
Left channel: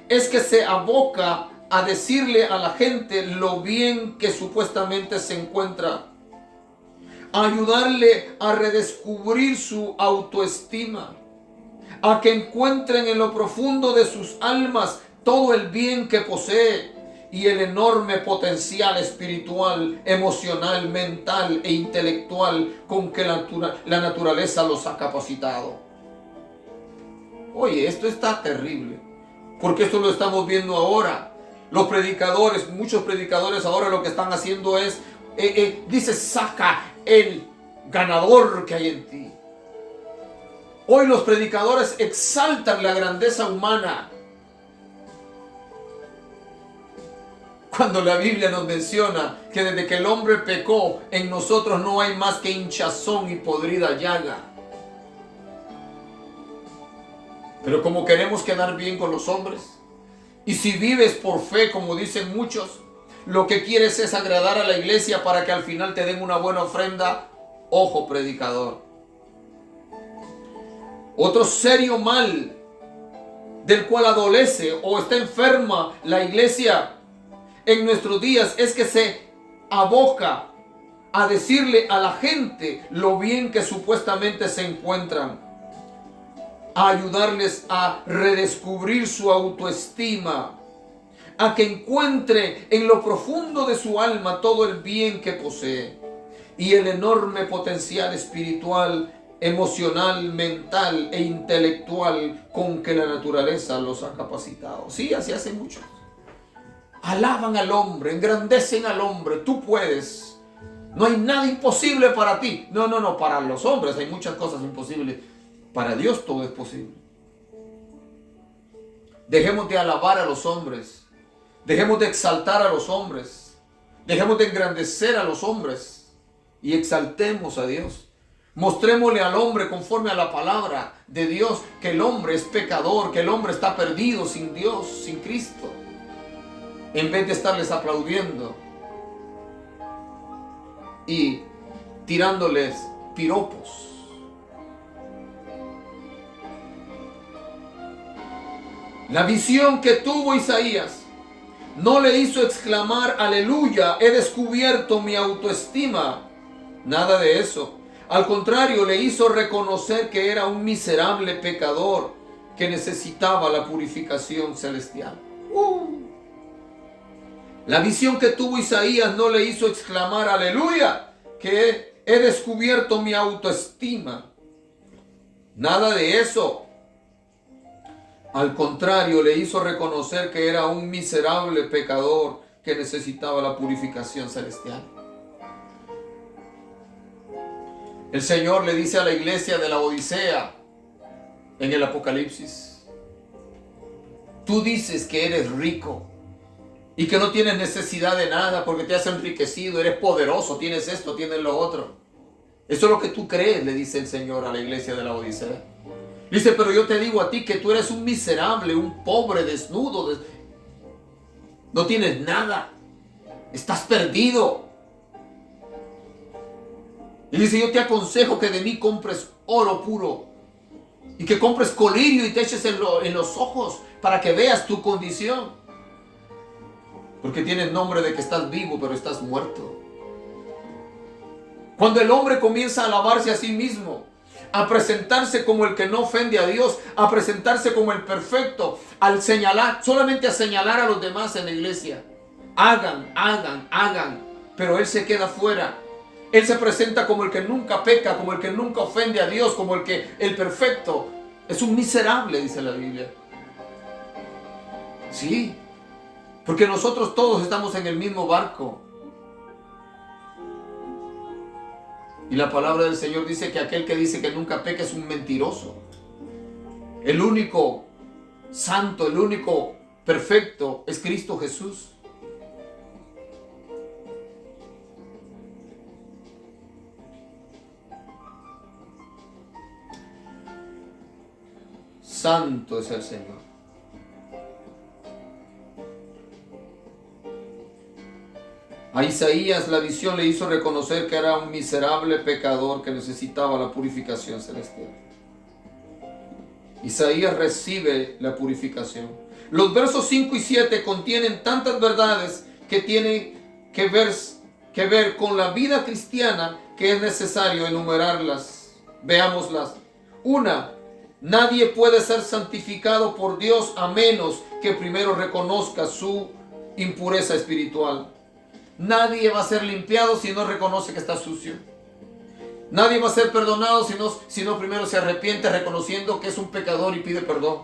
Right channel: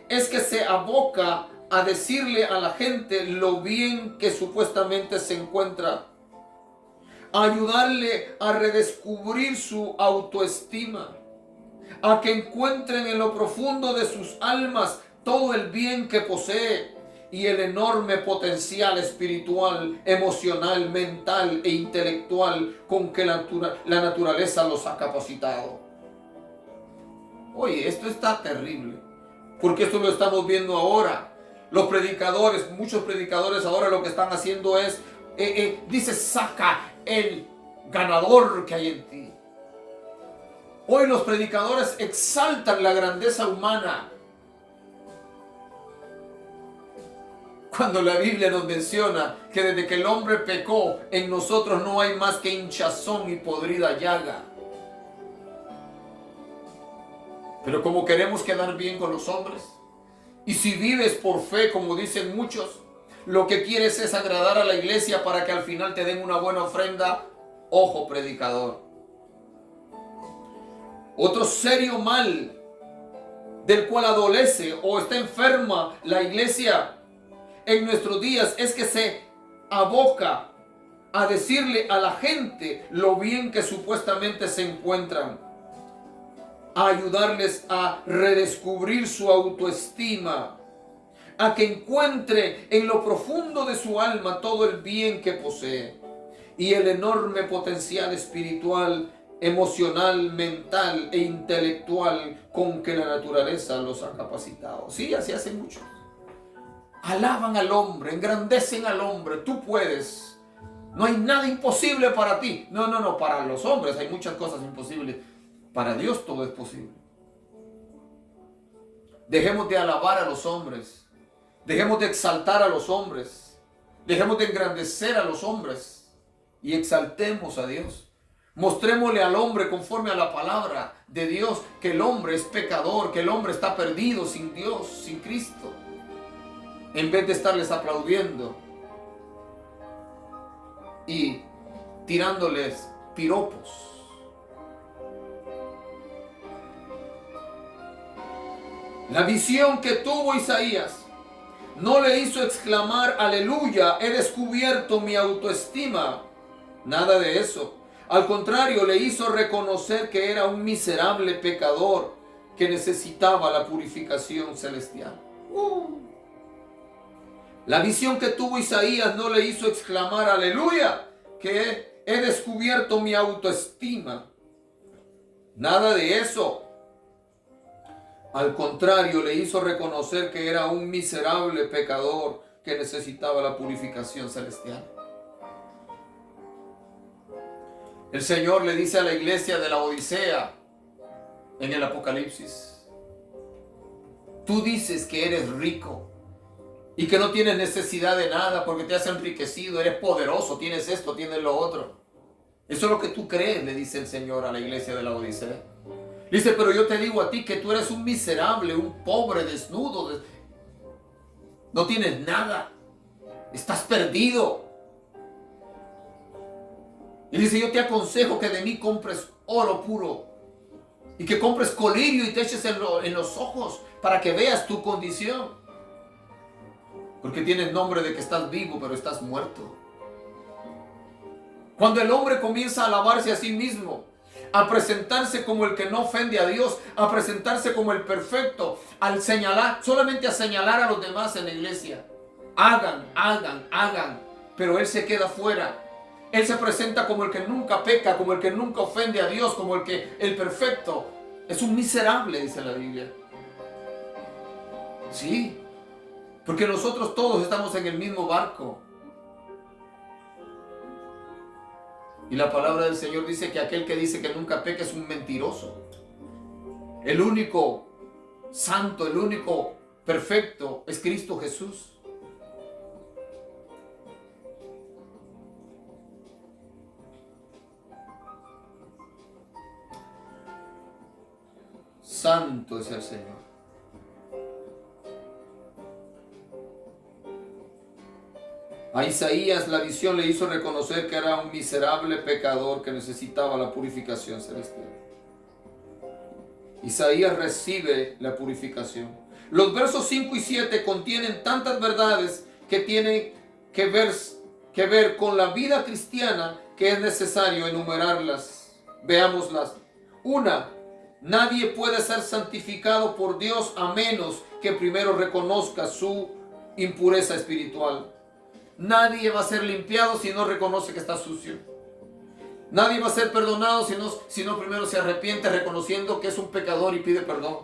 es que se aboca a decirle a la gente lo bien que supuestamente se encuentra, a ayudarle a redescubrir su autoestima, a que encuentren en lo profundo de sus almas todo el bien que posee y el enorme potencial espiritual, emocional, mental e intelectual con que la naturaleza los ha capacitado. Oye, esto está terrible, porque esto lo estamos viendo ahora. Los predicadores, muchos predicadores ahora lo que están haciendo es, dice, saca el ganador que hay en ti. Hoy los predicadores exaltan la grandeza humana, cuando la Biblia nos menciona que desde que el hombre pecó, en nosotros no hay más que hinchazón y podrida llaga. Pero como queremos quedar bien con los hombres, y si vives por fe, como dicen muchos, lo que quieres es agradar a la iglesia para que al final te den una buena ofrenda, ojo predicador. Otro serio mal del cual adolece o está enferma la iglesia en nuestros días es que se aboca a decirle a la gente lo bien que supuestamente se encuentran, a ayudarles a redescubrir su autoestima, a que encuentre en lo profundo de su alma todo el bien que posee y el enorme potencial espiritual, emocional, mental e intelectual con que la naturaleza los ha capacitado. Sí, así hace mucho. Alaban al hombre, engrandecen al hombre. Tú puedes. No hay nada imposible para ti. No, para los hombres hay muchas cosas imposibles. Para Dios todo es posible. Dejemos de alabar a los hombres. Dejemos de exaltar a los hombres. Dejemos de engrandecer a los hombres. Y exaltemos a Dios. Mostrémosle al hombre conforme a la palabra de Dios que el hombre es pecador, que el hombre está perdido sin Dios, sin Cristo. En vez de estarles aplaudiendo y tirándoles piropos. La visión que tuvo Isaías No le hizo exclamar, aleluya, he descubierto mi autoestima. Nada de eso. Al contrario, le hizo reconocer que era un miserable pecador que necesitaba la purificación celestial. La visión que tuvo Isaías no le hizo exclamar, aleluya, que he descubierto mi autoestima. Nada de eso. Al contrario, le hizo reconocer que era un miserable pecador que necesitaba la purificación celestial. El Señor le dice a la iglesia de la Odisea en el Apocalipsis: tú dices que eres rico y que no tienes necesidad de nada porque te has enriquecido, eres poderoso, tienes esto, tienes lo otro. Eso es lo que tú crees, le dice el Señor a la iglesia de la Odisea. Dice, pero yo te digo a ti que tú eres un miserable, un pobre, desnudo, no tienes nada, estás perdido. Y dice, yo te aconsejo que de mí compres oro puro y que compres colirio y te eches en los ojos para que veas tu condición. Porque tienes nombre de que estás vivo, pero estás muerto. Cuando el hombre comienza a alabarse a sí mismo, a presentarse como el que no ofende a Dios, a presentarse como el perfecto, al señalar, solamente a señalar a los demás en la iglesia. Hagan, pero él se queda fuera. Él se presenta como el que nunca peca, como el que nunca ofende a Dios, como el perfecto. Es un miserable, dice la Biblia. Sí, porque nosotros todos estamos en el mismo barco. Y la palabra del Señor dice que aquel que dice que nunca peca es un mentiroso. El único santo, el único perfecto es Cristo Jesús. Santo es el Señor. A Isaías la visión le hizo reconocer que era un miserable pecador que necesitaba la purificación celestial. Isaías recibe la purificación. Los versos 5 y 7 contienen tantas verdades que tienen que ver con la vida cristiana que es necesario enumerarlas. Veámoslas. 1. Nadie puede ser santificado por Dios a menos que primero reconozca su impureza espiritual. Nadie va a ser limpiado si no reconoce que está sucio. Nadie va a ser perdonado si no primero se arrepiente reconociendo que es un pecador y pide perdón.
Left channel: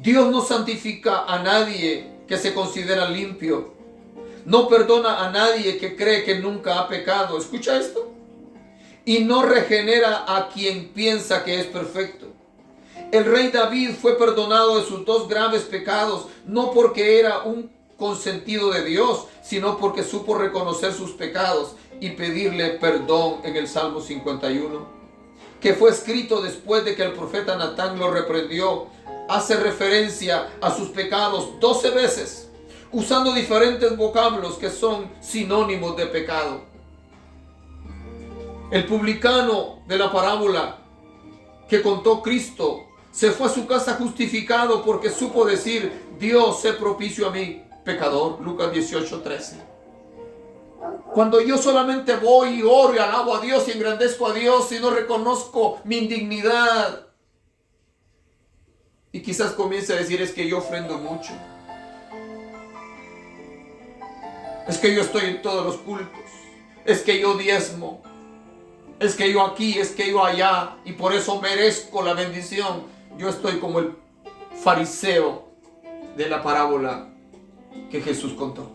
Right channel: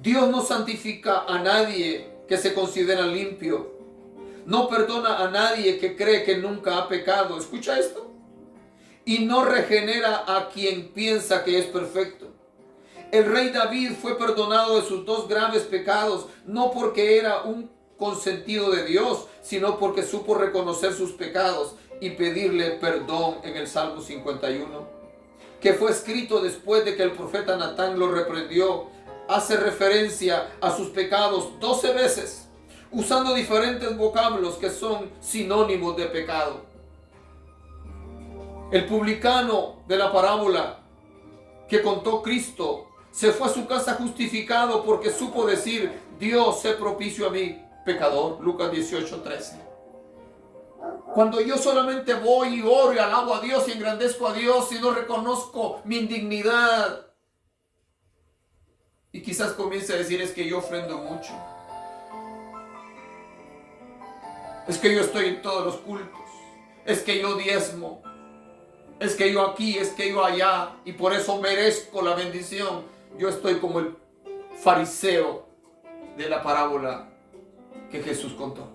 Dios no santifica a nadie que se considera limpio. No perdona a nadie que cree que nunca ha pecado. ¿Escucha esto? Y no regenera a quien piensa que es perfecto. El rey David fue perdonado de sus 2 graves pecados, no porque era un consentido de Dios, sino porque supo reconocer sus pecados y pedirle perdón en el Salmo 51, que fue escrito después de que el profeta Natán lo reprendió. Hace referencia a sus pecados 12 veces, usando diferentes vocablos que son sinónimos de pecado. El publicano de la parábola que contó Cristo se fue a su casa justificado porque supo decir, Dios, sé propicio a mí, pecador. Lucas 18:13. Cuando yo solamente voy y oro y alabo a Dios y engrandezco a Dios y no reconozco mi indignidad, y quizás comience a decir, es que yo ofrendo mucho, es que yo estoy en todos los cultos, es que yo diezmo, es que yo aquí, es que yo allá, y por eso merezco la bendición. Yo estoy como el fariseo de la parábola que Jesús contó.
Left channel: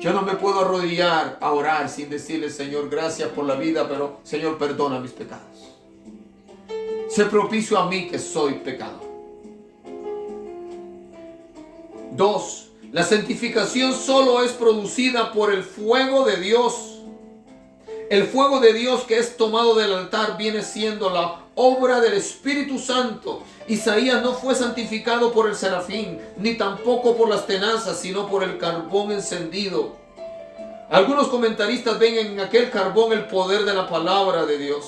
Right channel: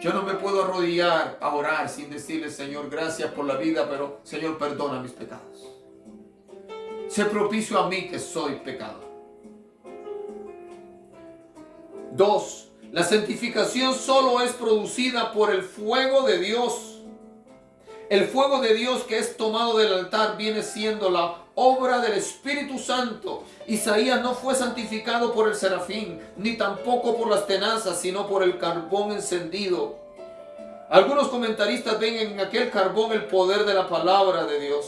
Yo no me puedo arrodillar a orar sin decirle, Señor, gracias por la vida, pero Señor, perdona mis pecados. Sé propicio a mí que soy pecador. 2. La santificación solo es producida por el fuego de Dios. El fuego de Dios que es tomado del altar viene siendo la obra del Espíritu Santo. Isaías no fue santificado por el serafín, ni tampoco por las tenazas, sino por el carbón encendido. Algunos comentaristas ven en aquel carbón el poder de la palabra de Dios.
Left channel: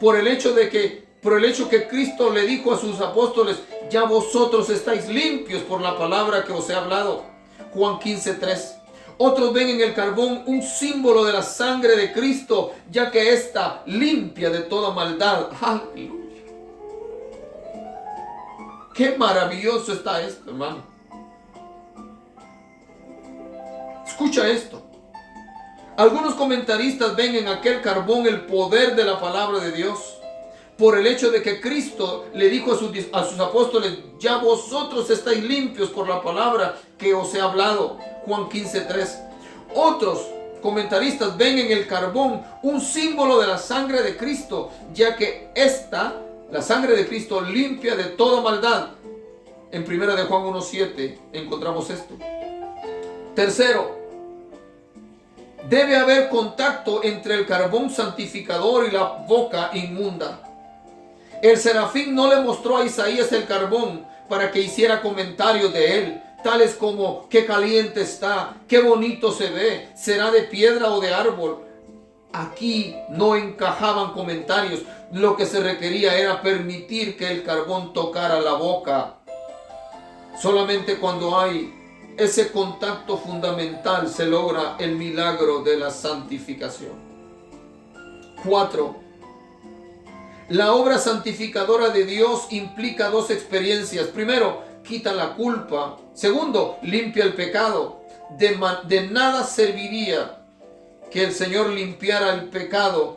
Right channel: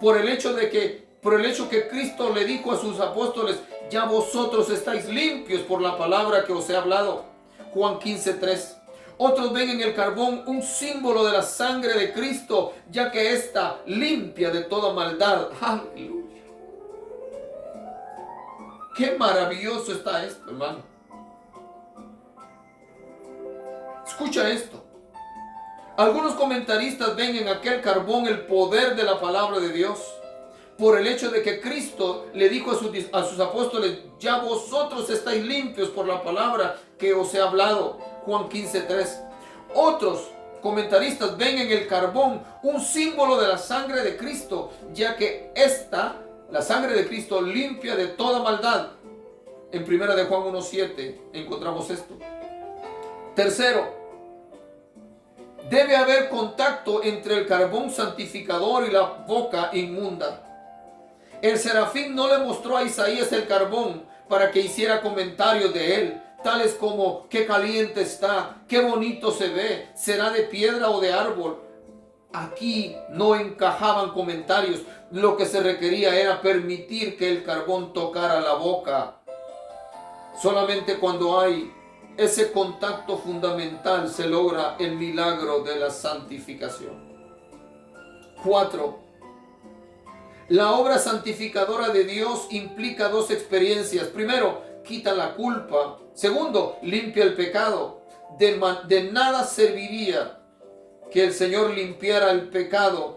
Por el hecho de que por el hecho que Cristo le dijo a sus apóstoles, ya vosotros estáis limpios por la palabra que os he hablado. Juan 15:3. Otros ven en el carbón un símbolo de la sangre de Cristo, ya que ésta limpia de toda maldad. Aleluya. Qué maravilloso está esto, hermano. Escucha esto. Algunos comentaristas ven en aquel carbón el poder de la palabra de Dios, por el hecho de que Cristo le dijo a sus apóstoles, ya vosotros estáis limpios por la palabra que os he hablado. Juan 15:3. Otros comentaristas ven en el carbón un símbolo de la sangre de Cristo, ya que la sangre de Cristo, limpia de toda maldad. En 1 de Juan 1:7 encontramos esto. Tercero, debe haber contacto entre el carbón santificador y la boca inmunda. El serafín no le mostró a Isaías el carbón para que hiciera comentarios de él, tales como qué caliente está, qué bonito se ve, será de piedra o de árbol. Aquí no encajaban comentarios. Lo que se requería era permitir que el carbón tocara la boca. Solamente cuando hay ese contacto fundamental se logra el milagro de la santificación. 4. La obra santificadora de Dios implica dos experiencias. Primero, quita la culpa. Segundo, limpia el pecado. De nada serviría que el Señor limpiara el pecado,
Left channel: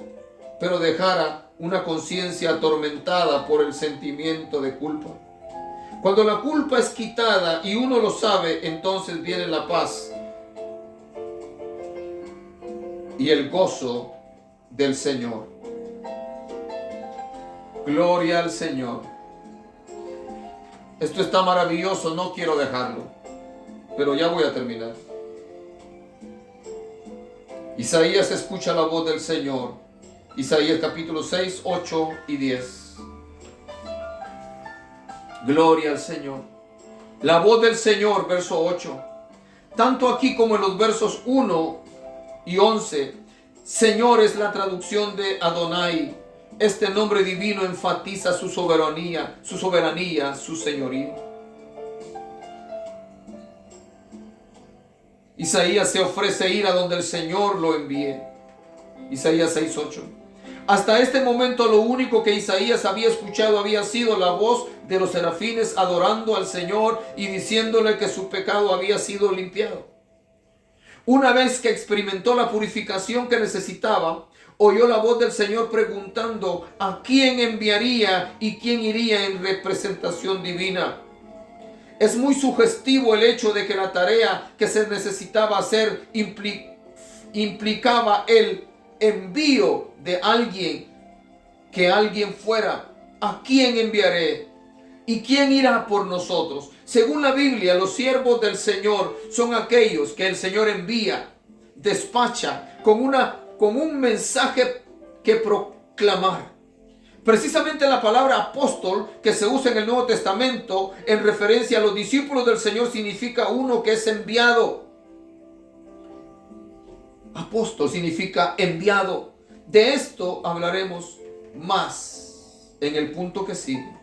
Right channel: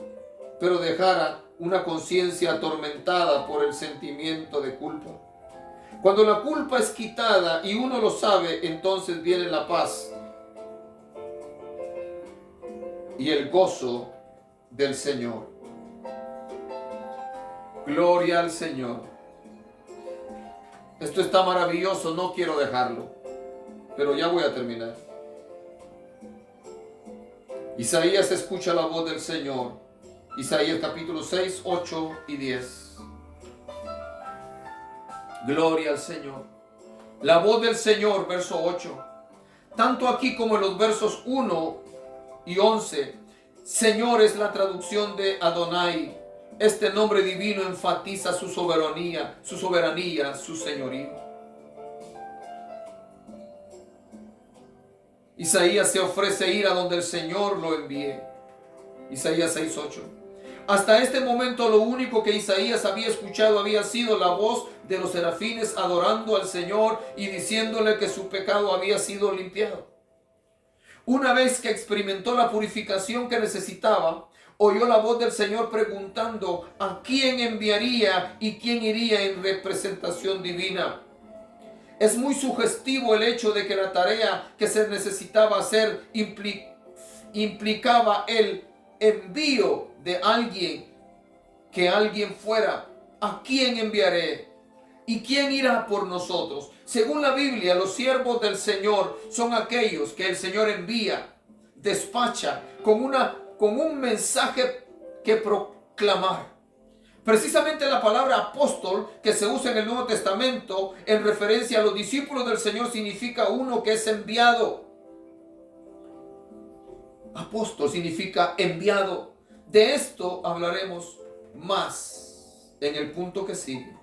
pero dejara una conciencia atormentada por el sentimiento de culpa. Cuando la culpa es quitada y uno lo sabe, entonces viene la paz y el gozo del Señor. Gloria al Señor. Esto está maravilloso, no quiero dejarlo, pero ya voy a terminar. Isaías escucha la voz del Señor. Isaías capítulo 6, 8 y 10. Gloria al Señor. La voz del Señor, verso 8. Tanto aquí como en los versos 1 y 11. Señor es la traducción de Adonai. Este nombre divino enfatiza su soberanía, su señorío. Isaías se ofrece ir a donde el Señor lo envíe. Isaías 6:8. Hasta este momento lo único que Isaías había escuchado había sido la voz de los serafines adorando al Señor y diciéndole que su pecado había sido limpiado. Una vez que experimentó la purificación que necesitaba, oyó la voz del Señor preguntando a quién enviaría y quién iría en representación divina. Es muy sugestivo el hecho de que la tarea que se necesitaba hacer implicaba el envío de alguien, que alguien fuera. ¿A quién enviaré? ¿Y quién irá por nosotros? Según la Biblia, los siervos del Señor son aquellos que el Señor envía, despacha con un mensaje que proclamar. Precisamente la palabra apóstol que se usa en el Nuevo Testamento en referencia a los discípulos del Señor significa uno que es enviado. Apóstol significa enviado. De esto hablaremos más en el punto que sigue.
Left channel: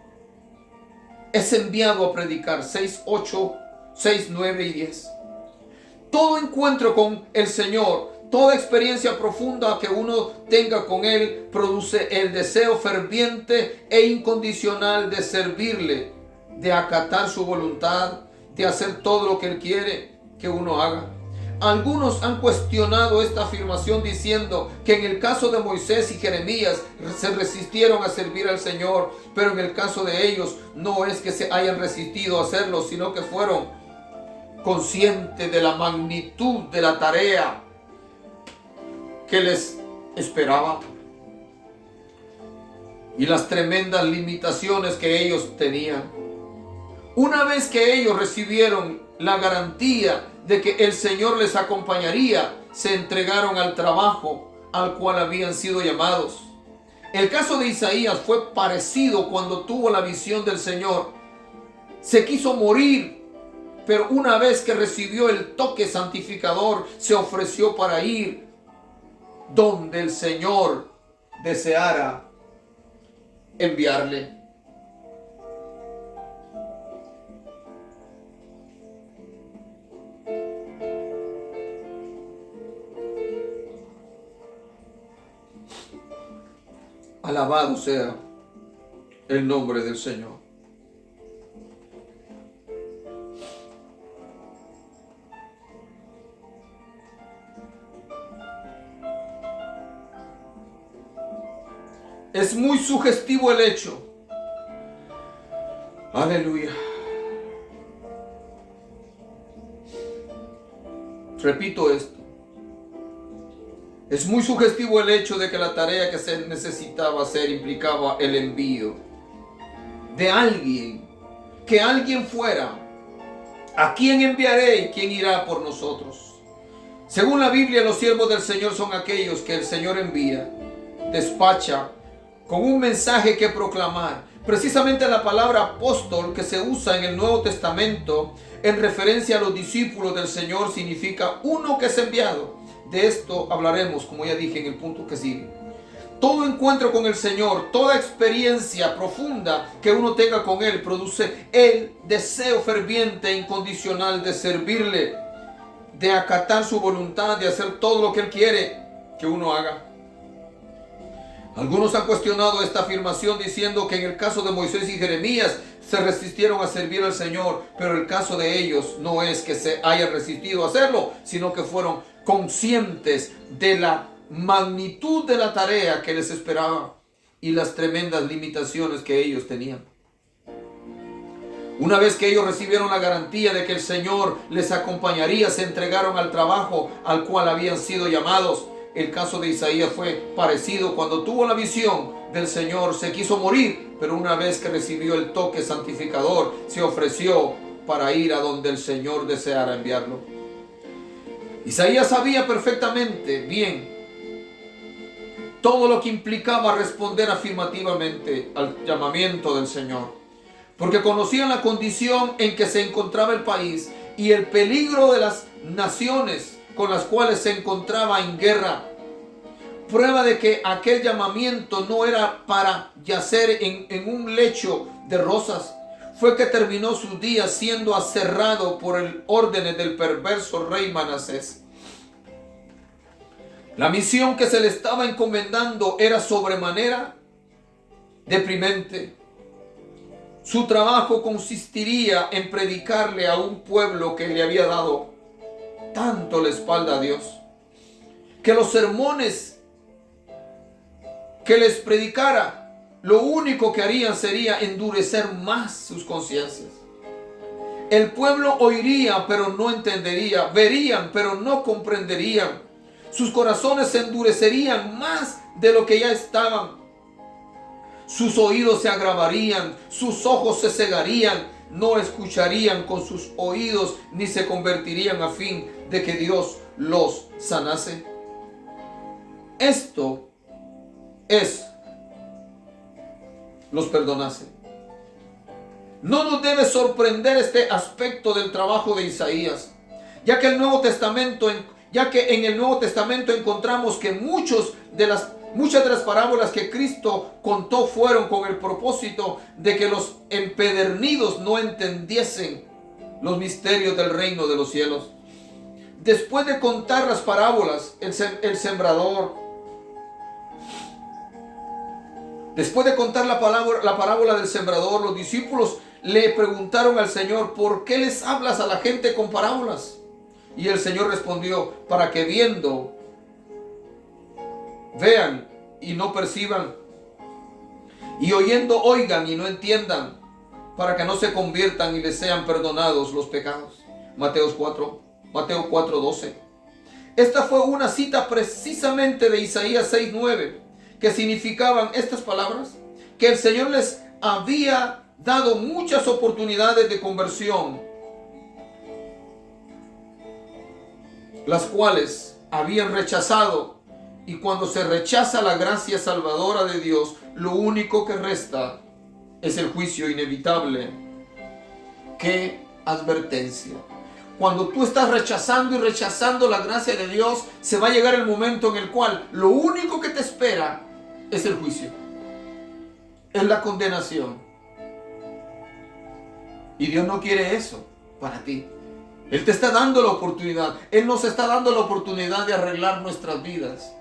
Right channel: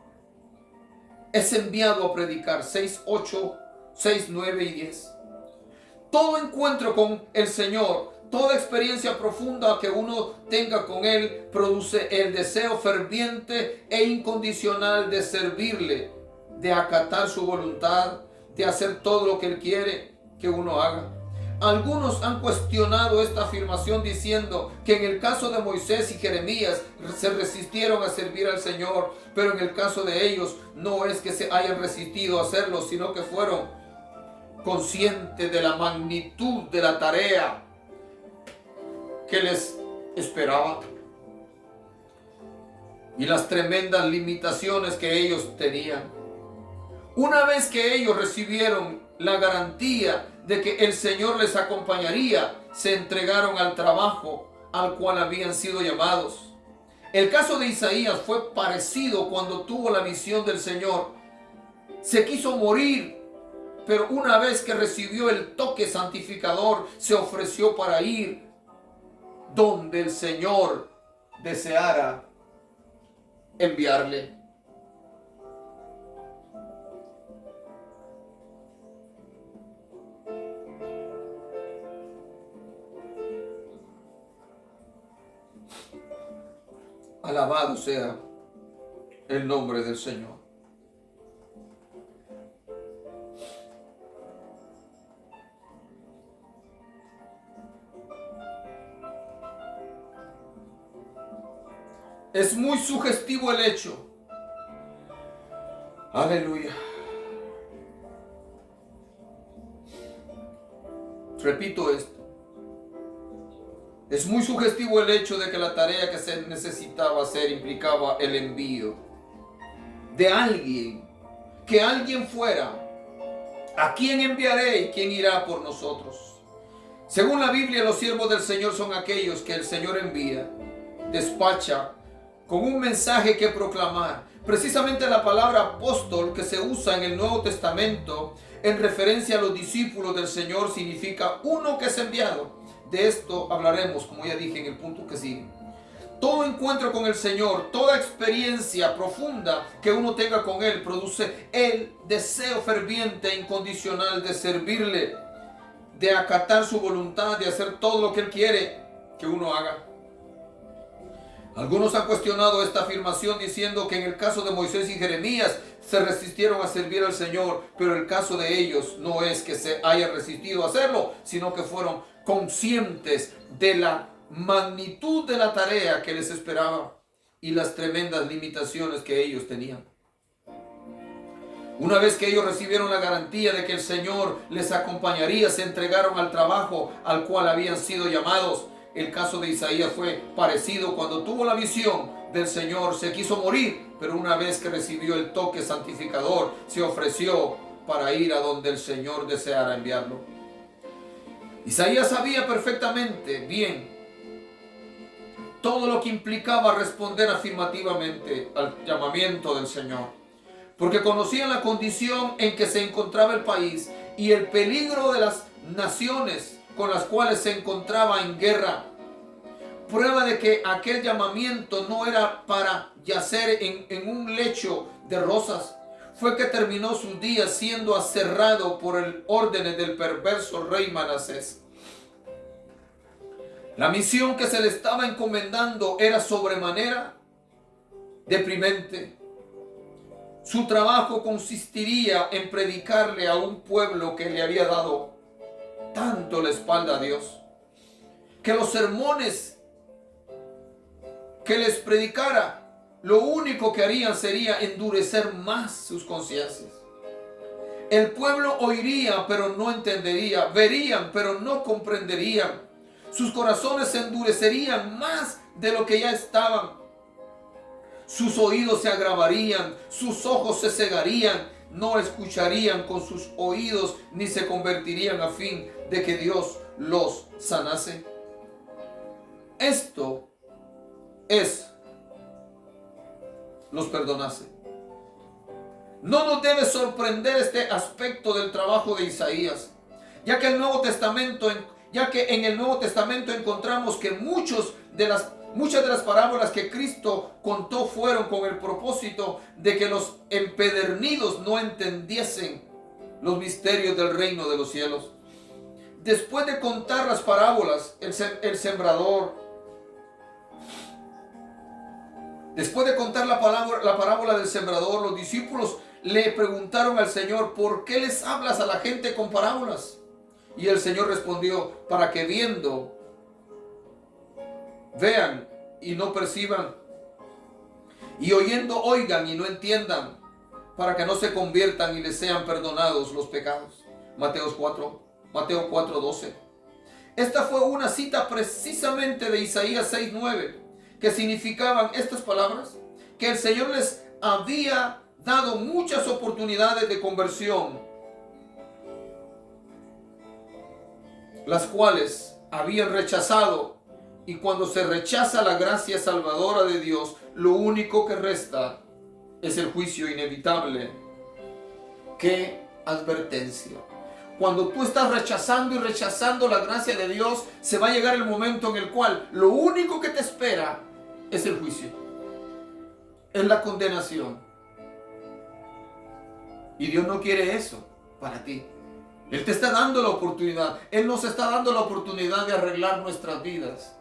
Es enviado a predicar. 6, 8, 6, 9 y 10. Todo encuentro con el Señor, toda experiencia profunda que uno tenga con Él, produce el deseo ferviente e incondicional de servirle, de acatar su voluntad, de hacer todo lo que Él quiere que uno haga. Algunos han cuestionado esta afirmación diciendo que en el caso de Moisés y Jeremías se resistieron a servir al Señor, pero en el caso de ellos no es que se hayan resistido a hacerlo, sino que fueron conscientes de la magnitud de la tarea que les esperaba y las tremendas limitaciones que ellos tenían. Una vez que ellos recibieron la garantía de que el Señor les acompañaría, se entregaron al trabajo al cual habían sido llamados. El caso de Isaías fue parecido cuando tuvo la visión del Señor. Se quiso morir, pero una vez que recibió el toque santificador, se ofreció para ir donde el Señor deseara enviarle. Alabado sea el nombre del Señor. Es muy sugestivo el hecho. Aleluya. Repito esto. Es muy sugestivo el hecho de que la tarea que se necesitaba hacer implicaba el envío de alguien. Que alguien fuera. ¿A quién enviaré y quién irá por nosotros? Según la Biblia, los siervos del Señor son aquellos que el Señor envía, despacha, con un mensaje que proclamar. Precisamente la palabra apóstol que se usa en el Nuevo Testamento en referencia a los discípulos del Señor significa uno que es enviado. De esto hablaremos, como ya dije, en el punto que sigue. Todo encuentro con el Señor, toda experiencia profunda que uno tenga con Él produce el deseo ferviente e incondicional de servirle, de acatar su voluntad, de hacer todo lo que Él quiere que uno haga. Algunos han cuestionado esta afirmación diciendo que en el caso de Moisés y Jeremías se resistieron a servir al Señor, pero el caso de ellos no es que se hayan resistido a hacerlo, sino que fueron conscientes de la magnitud de la tarea que les esperaba y las tremendas limitaciones que ellos tenían. Una vez que ellos recibieron la garantía de que el Señor les acompañaría, se entregaron al trabajo al cual habían sido llamados. El caso de Isaías fue parecido. Cuando tuvo la visión del Señor, se quiso morir, pero una vez que recibió el toque santificador, se ofreció para ir a donde el Señor deseara enviarlo. Isaías sabía perfectamente bien todo lo que implicaba responder afirmativamente al llamamiento del Señor, porque conocían la condición en que se encontraba el país y el peligro de las naciones con las cuales se encontraba en guerra. Prueba de que aquel llamamiento no era para yacer en un lecho de rosas, fue que terminó sus días siendo aserrado por el órdenes del perverso rey Manasés. La misión que se le estaba encomendando era sobremanera deprimente. Su trabajo consistiría en predicarle a un pueblo que le había dado tanto la espalda a Dios, que los sermones que les predicara, lo único que harían sería endurecer más sus conciencias. El pueblo oiría, pero no entendería, verían, pero no comprenderían. Sus corazones se endurecerían más de lo que ya estaban. Sus oídos se agravarían, sus ojos se cegarían, no escucharían con sus oídos ni se convertirían a fin de que Dios los sanase. Esto los perdonase. No nos debe sorprender este aspecto del trabajo de Isaías, ya que en el Nuevo Testamento encontramos que muchas de las parábolas que Cristo contó fueron con el propósito de que los empedernidos no entendiesen los misterios del reino de los cielos. Después de contar las parábolas, después de contar la parábola del sembrador, los discípulos le preguntaron al Señor: ¿por qué les hablas a la gente con parábolas? Y el Señor respondió: para que viendo vean y no perciban, y oyendo oigan y no entiendan, para que no se conviertan y les sean perdonados los pecados. Mateo 4:12. Esta fue una cita precisamente de Isaías 6:9, que significaban estas palabras: que el Señor les había dado muchas oportunidades de conversión, las cuales habían rechazado. Y cuando se rechaza la gracia salvadora de Dios, lo único que resta es el juicio inevitable. ¡Qué advertencia! Cuando tú estás rechazando la gracia de Dios, se va a llegar el momento en el cual lo único que te espera es el juicio. es la condenación. Y Dios no quiere eso para ti. Él te está dando la oportunidad. Él nos está dando la oportunidad de arreglar nuestras vidas.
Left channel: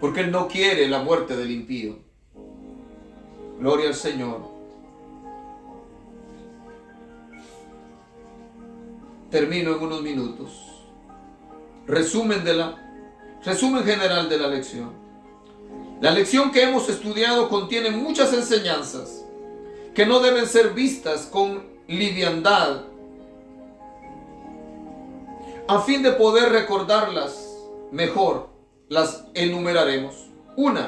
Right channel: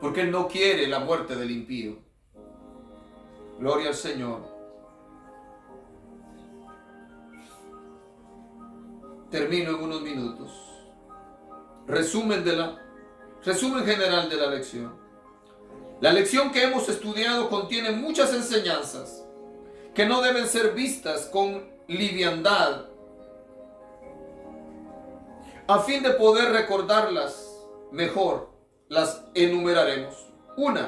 Porque Él no quiere la muerte del impío. Gloria al Señor. Termino en unos minutos. Resumen general de la lección. La lección que hemos estudiado contiene muchas enseñanzas que no deben ser vistas con liviandad. A fin de poder recordarlas mejor, las enumeraremos. 1.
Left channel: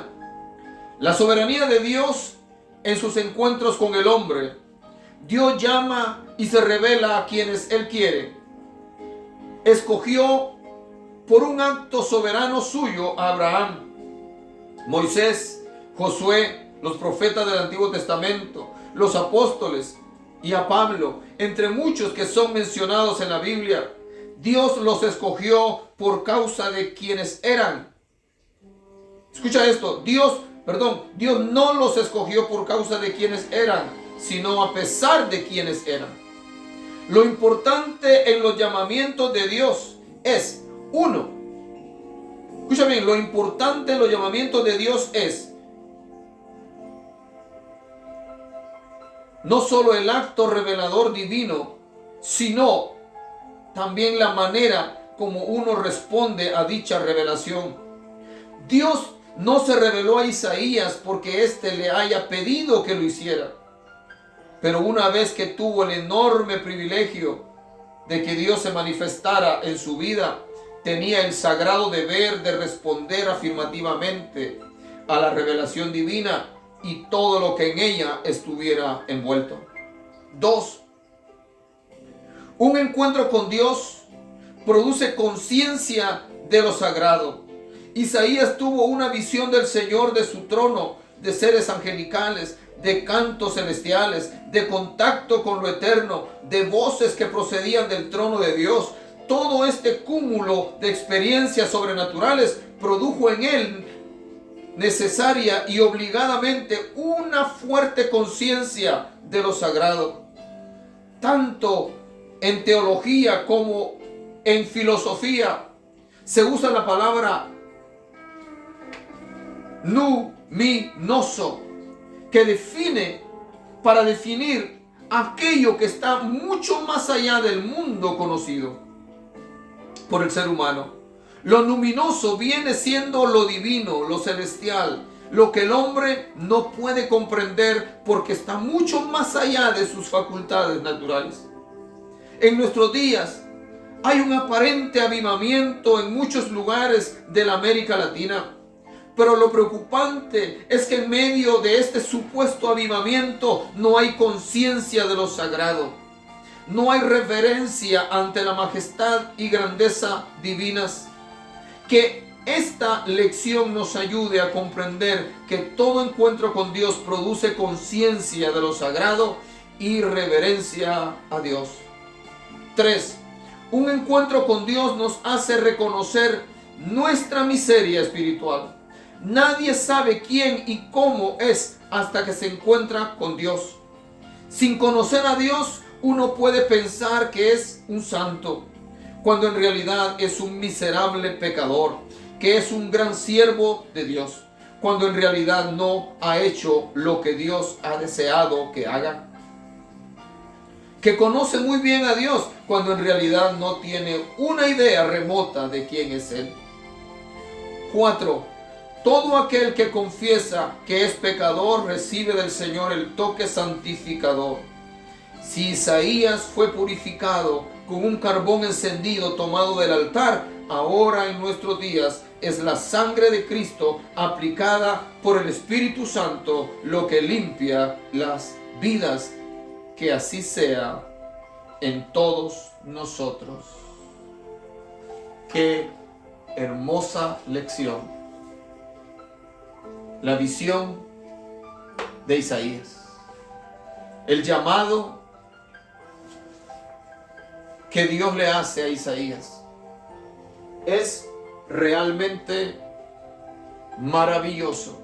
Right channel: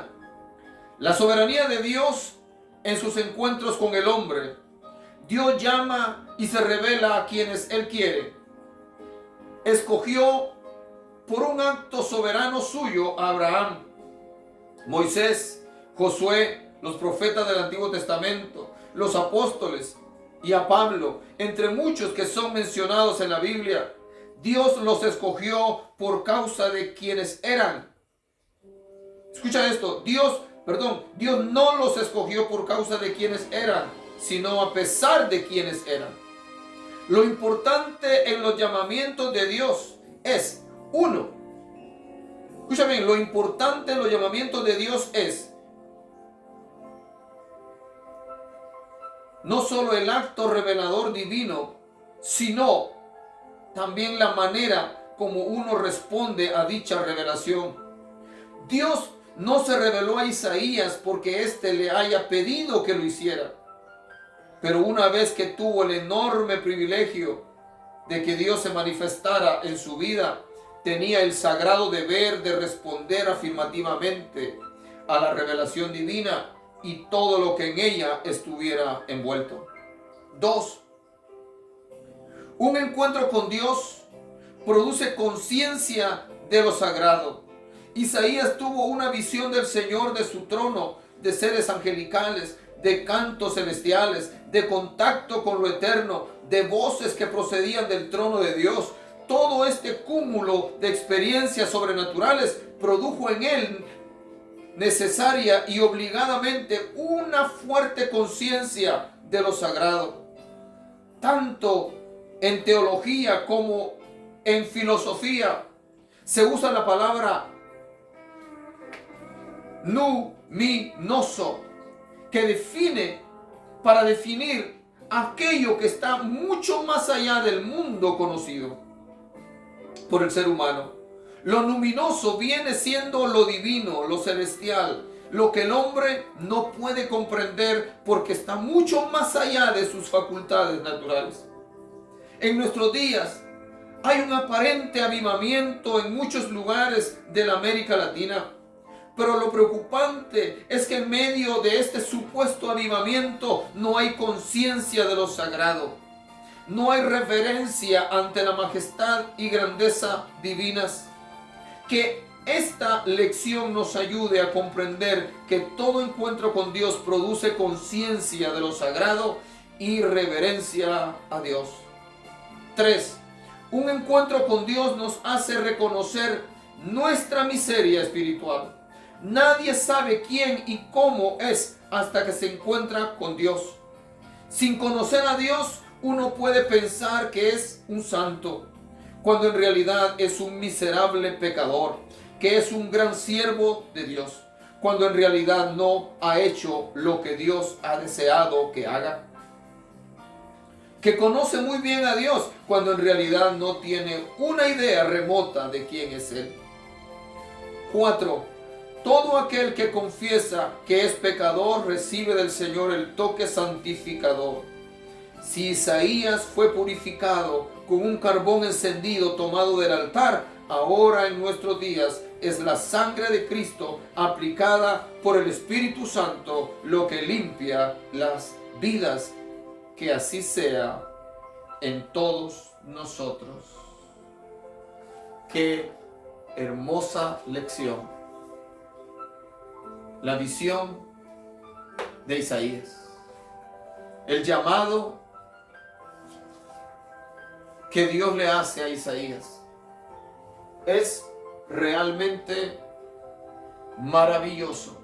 La soberanía de Dios en sus encuentros con el hombre. Dios llama y se revela a quienes Él quiere. Escogió por un acto soberano suyo a Abraham, Moisés, Josué, los profetas del Antiguo Testamento, los apóstoles y a Pablo, entre muchos que son mencionados en la Biblia. Dios los escogió por causa de quienes eran. Escucha esto, Dios no los escogió por causa de quienes eran, sino a pesar de quienes eran. Lo importante en los llamamientos de Dios es, 1, escucha bien, lo importante en los llamamientos de Dios es no solo el acto revelador divino, sino también la manera como uno responde a dicha revelación. Dios no se reveló a Isaías porque éste le haya pedido que lo hiciera. Pero una vez que tuvo el enorme privilegio de que Dios se manifestara en su vida, tenía el sagrado deber de responder afirmativamente a la revelación divina y todo lo que en ella estuviera envuelto. 2. Un encuentro con Dios produce conciencia de lo sagrado. Isaías tuvo una visión del Señor, de su trono, de seres angelicales, de cantos celestiales, de contacto con lo eterno, de voces que procedían del trono de Dios. Todo este cúmulo de experiencias sobrenaturales produjo en él necesaria y obligadamente una fuerte conciencia de lo sagrado. Tanto en teología como en filosofía se usa la palabra luminoso, que define, para definir aquello que está mucho más allá del mundo conocido por el ser humano. Lo luminoso viene siendo lo divino, lo celestial, lo que el hombre no puede comprender porque está mucho más allá de sus facultades naturales. En nuestros días hay un aparente avivamiento en muchos lugares de la América Latina. Pero lo preocupante es que en medio de este supuesto avivamiento no hay conciencia de lo sagrado. No hay reverencia ante la majestad y grandeza divinas. Que esta lección nos ayude a comprender que todo encuentro con Dios produce conciencia de lo sagrado y reverencia a Dios. 3. Un encuentro con Dios nos hace reconocer nuestra miseria espiritual. Nadie sabe quién y cómo es hasta que se encuentra con Dios. Sin conocer a Dios, uno puede pensar que es un santo, cuando en realidad es un miserable pecador, que es un gran siervo de Dios, cuando en realidad no ha hecho lo que Dios ha deseado que haga. Que conoce muy bien a Dios, cuando en realidad no tiene una idea remota de quién es Él. 4. Todo aquel que confiesa que es pecador recibe del Señor el toque santificador. Si Isaías fue purificado con un carbón encendido tomado del altar, ahora en nuestros días es la sangre de Cristo aplicada por el Espíritu Santo lo que limpia las vidas. Que así sea en todos nosotros. Qué hermosa lección. La visión de Isaías. El llamado que Dios le hace a Isaías es realmente maravilloso.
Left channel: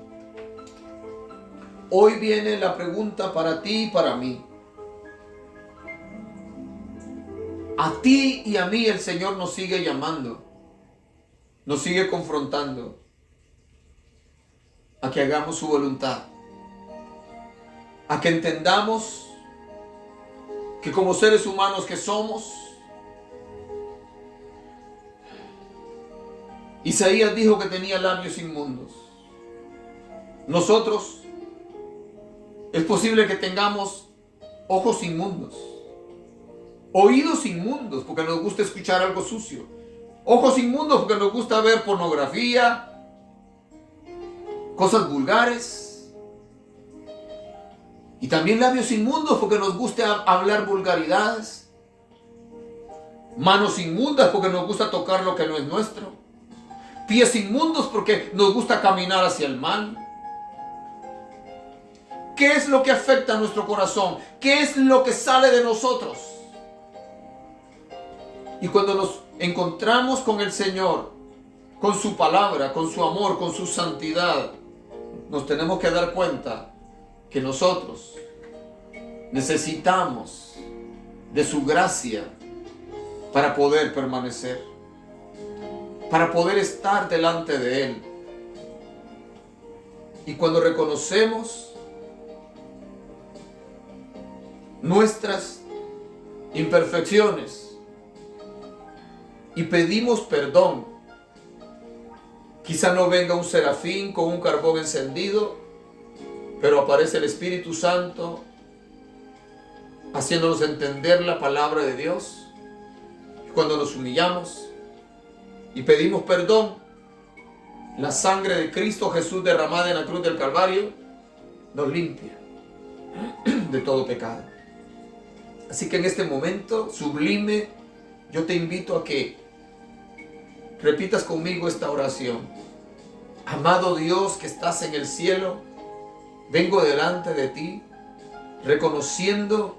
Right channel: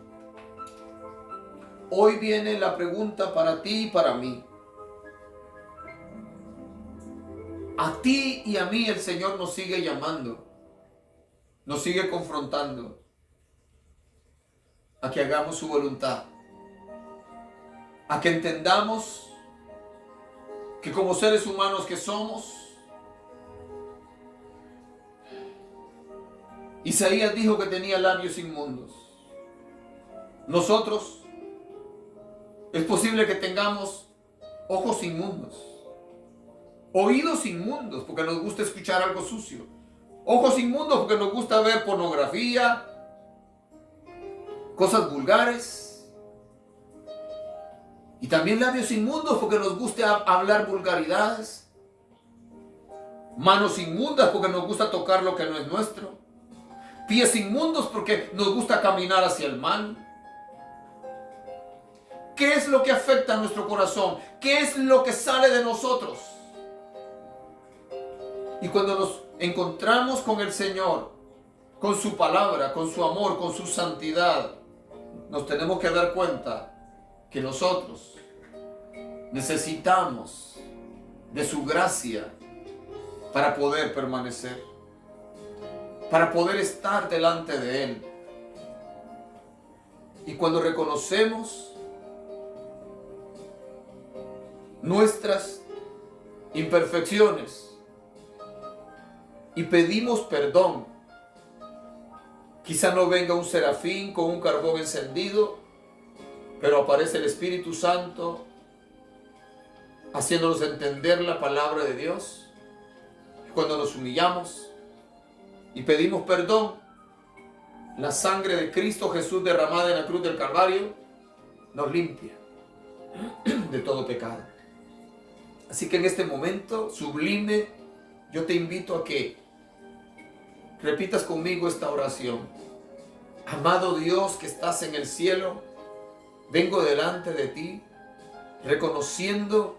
Hoy viene la pregunta para ti y para mí. A ti y a mí el Señor nos sigue llamando, nos sigue confrontando a que hagamos su voluntad, a que entendamos que como seres humanos que somos, Isaías dijo que tenía labios inmundos. Nosotros es posible que tengamos ojos inmundos, oídos inmundos porque nos gusta escuchar algo sucio, ojos inmundos porque nos gusta ver pornografía, cosas vulgares, y también labios inmundos porque nos gusta hablar vulgaridades, manos inmundas porque nos gusta tocar lo que no es nuestro, pies inmundos porque nos gusta caminar hacia el mal. ¿Qué es lo que afecta a nuestro corazón? ¿Qué es lo que sale de nosotros? Y cuando nos encontramos con el Señor, con su palabra, con su amor, con su santidad, nos tenemos que dar cuenta que nosotros necesitamos de su gracia para poder permanecer, para poder estar delante de Él. Y cuando reconocemos nuestras imperfecciones y pedimos perdón, quizá no venga un serafín con un carbón encendido, pero aparece el Espíritu Santo haciéndonos entender la palabra de Dios. Cuando nos humillamos y pedimos perdón, la sangre de Cristo Jesús derramada en la cruz del Calvario nos limpia de todo pecado. Así que en este momento sublime, yo te invito a que repitas conmigo esta oración. Amado Dios que estás en el cielo, vengo delante de ti, reconociendo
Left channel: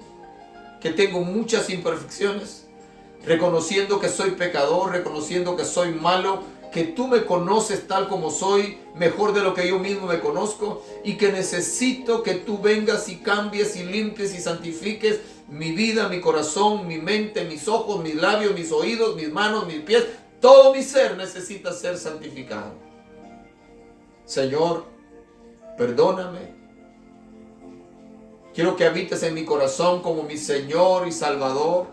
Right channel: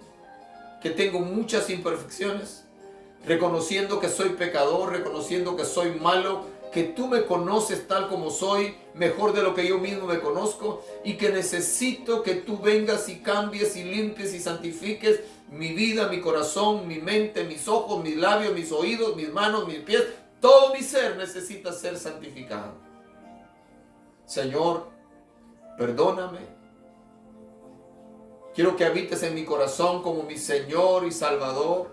que tengo muchas imperfecciones, reconociendo que soy pecador, reconociendo que soy malo, que tú me conoces tal como soy, mejor de lo que yo mismo me conozco, y que necesito que tú vengas y cambies y limpies y santifiques mi vida, mi corazón, mi mente, mis ojos, mis labios, mis oídos, mis manos, mis pies. Todo mi ser necesita ser santificado. Señor, perdóname. Quiero que habites en mi corazón como mi Señor y Salvador,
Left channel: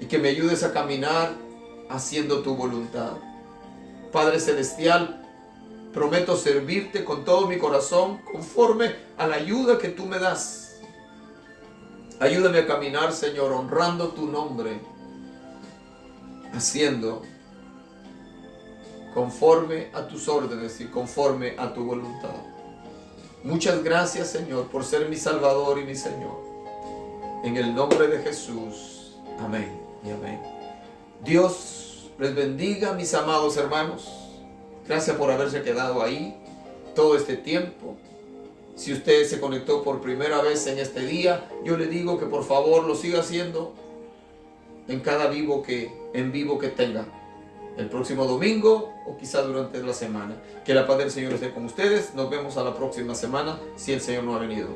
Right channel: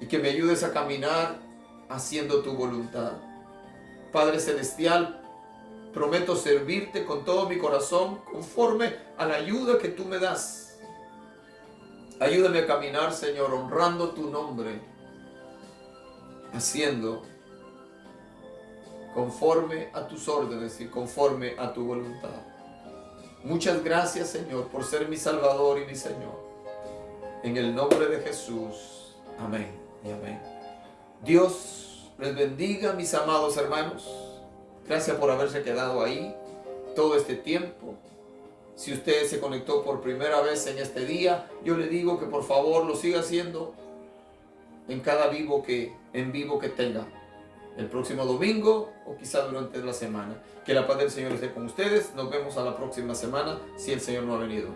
y que me ayudes a caminar haciendo tu voluntad. Padre Celestial, prometo servirte con todo mi corazón conforme a la ayuda que tú me das. Ayúdame a caminar, Señor, honrando tu nombre, haciendo conforme a tus órdenes y conforme a tu voluntad. Muchas gracias, Señor, por ser mi Salvador y mi Señor. En el nombre de Jesús. Amén y amén. Dios les bendiga, mis amados hermanos. Gracias por haberse quedado ahí todo este tiempo. Si usted se conectó por primera vez en este día, yo le digo que por favor lo siga haciendo en cada en vivo que tenga. El próximo domingo o quizá durante la semana. Que la paz del Señor esté con ustedes. Nos vemos a la próxima semana si el Señor no ha venido.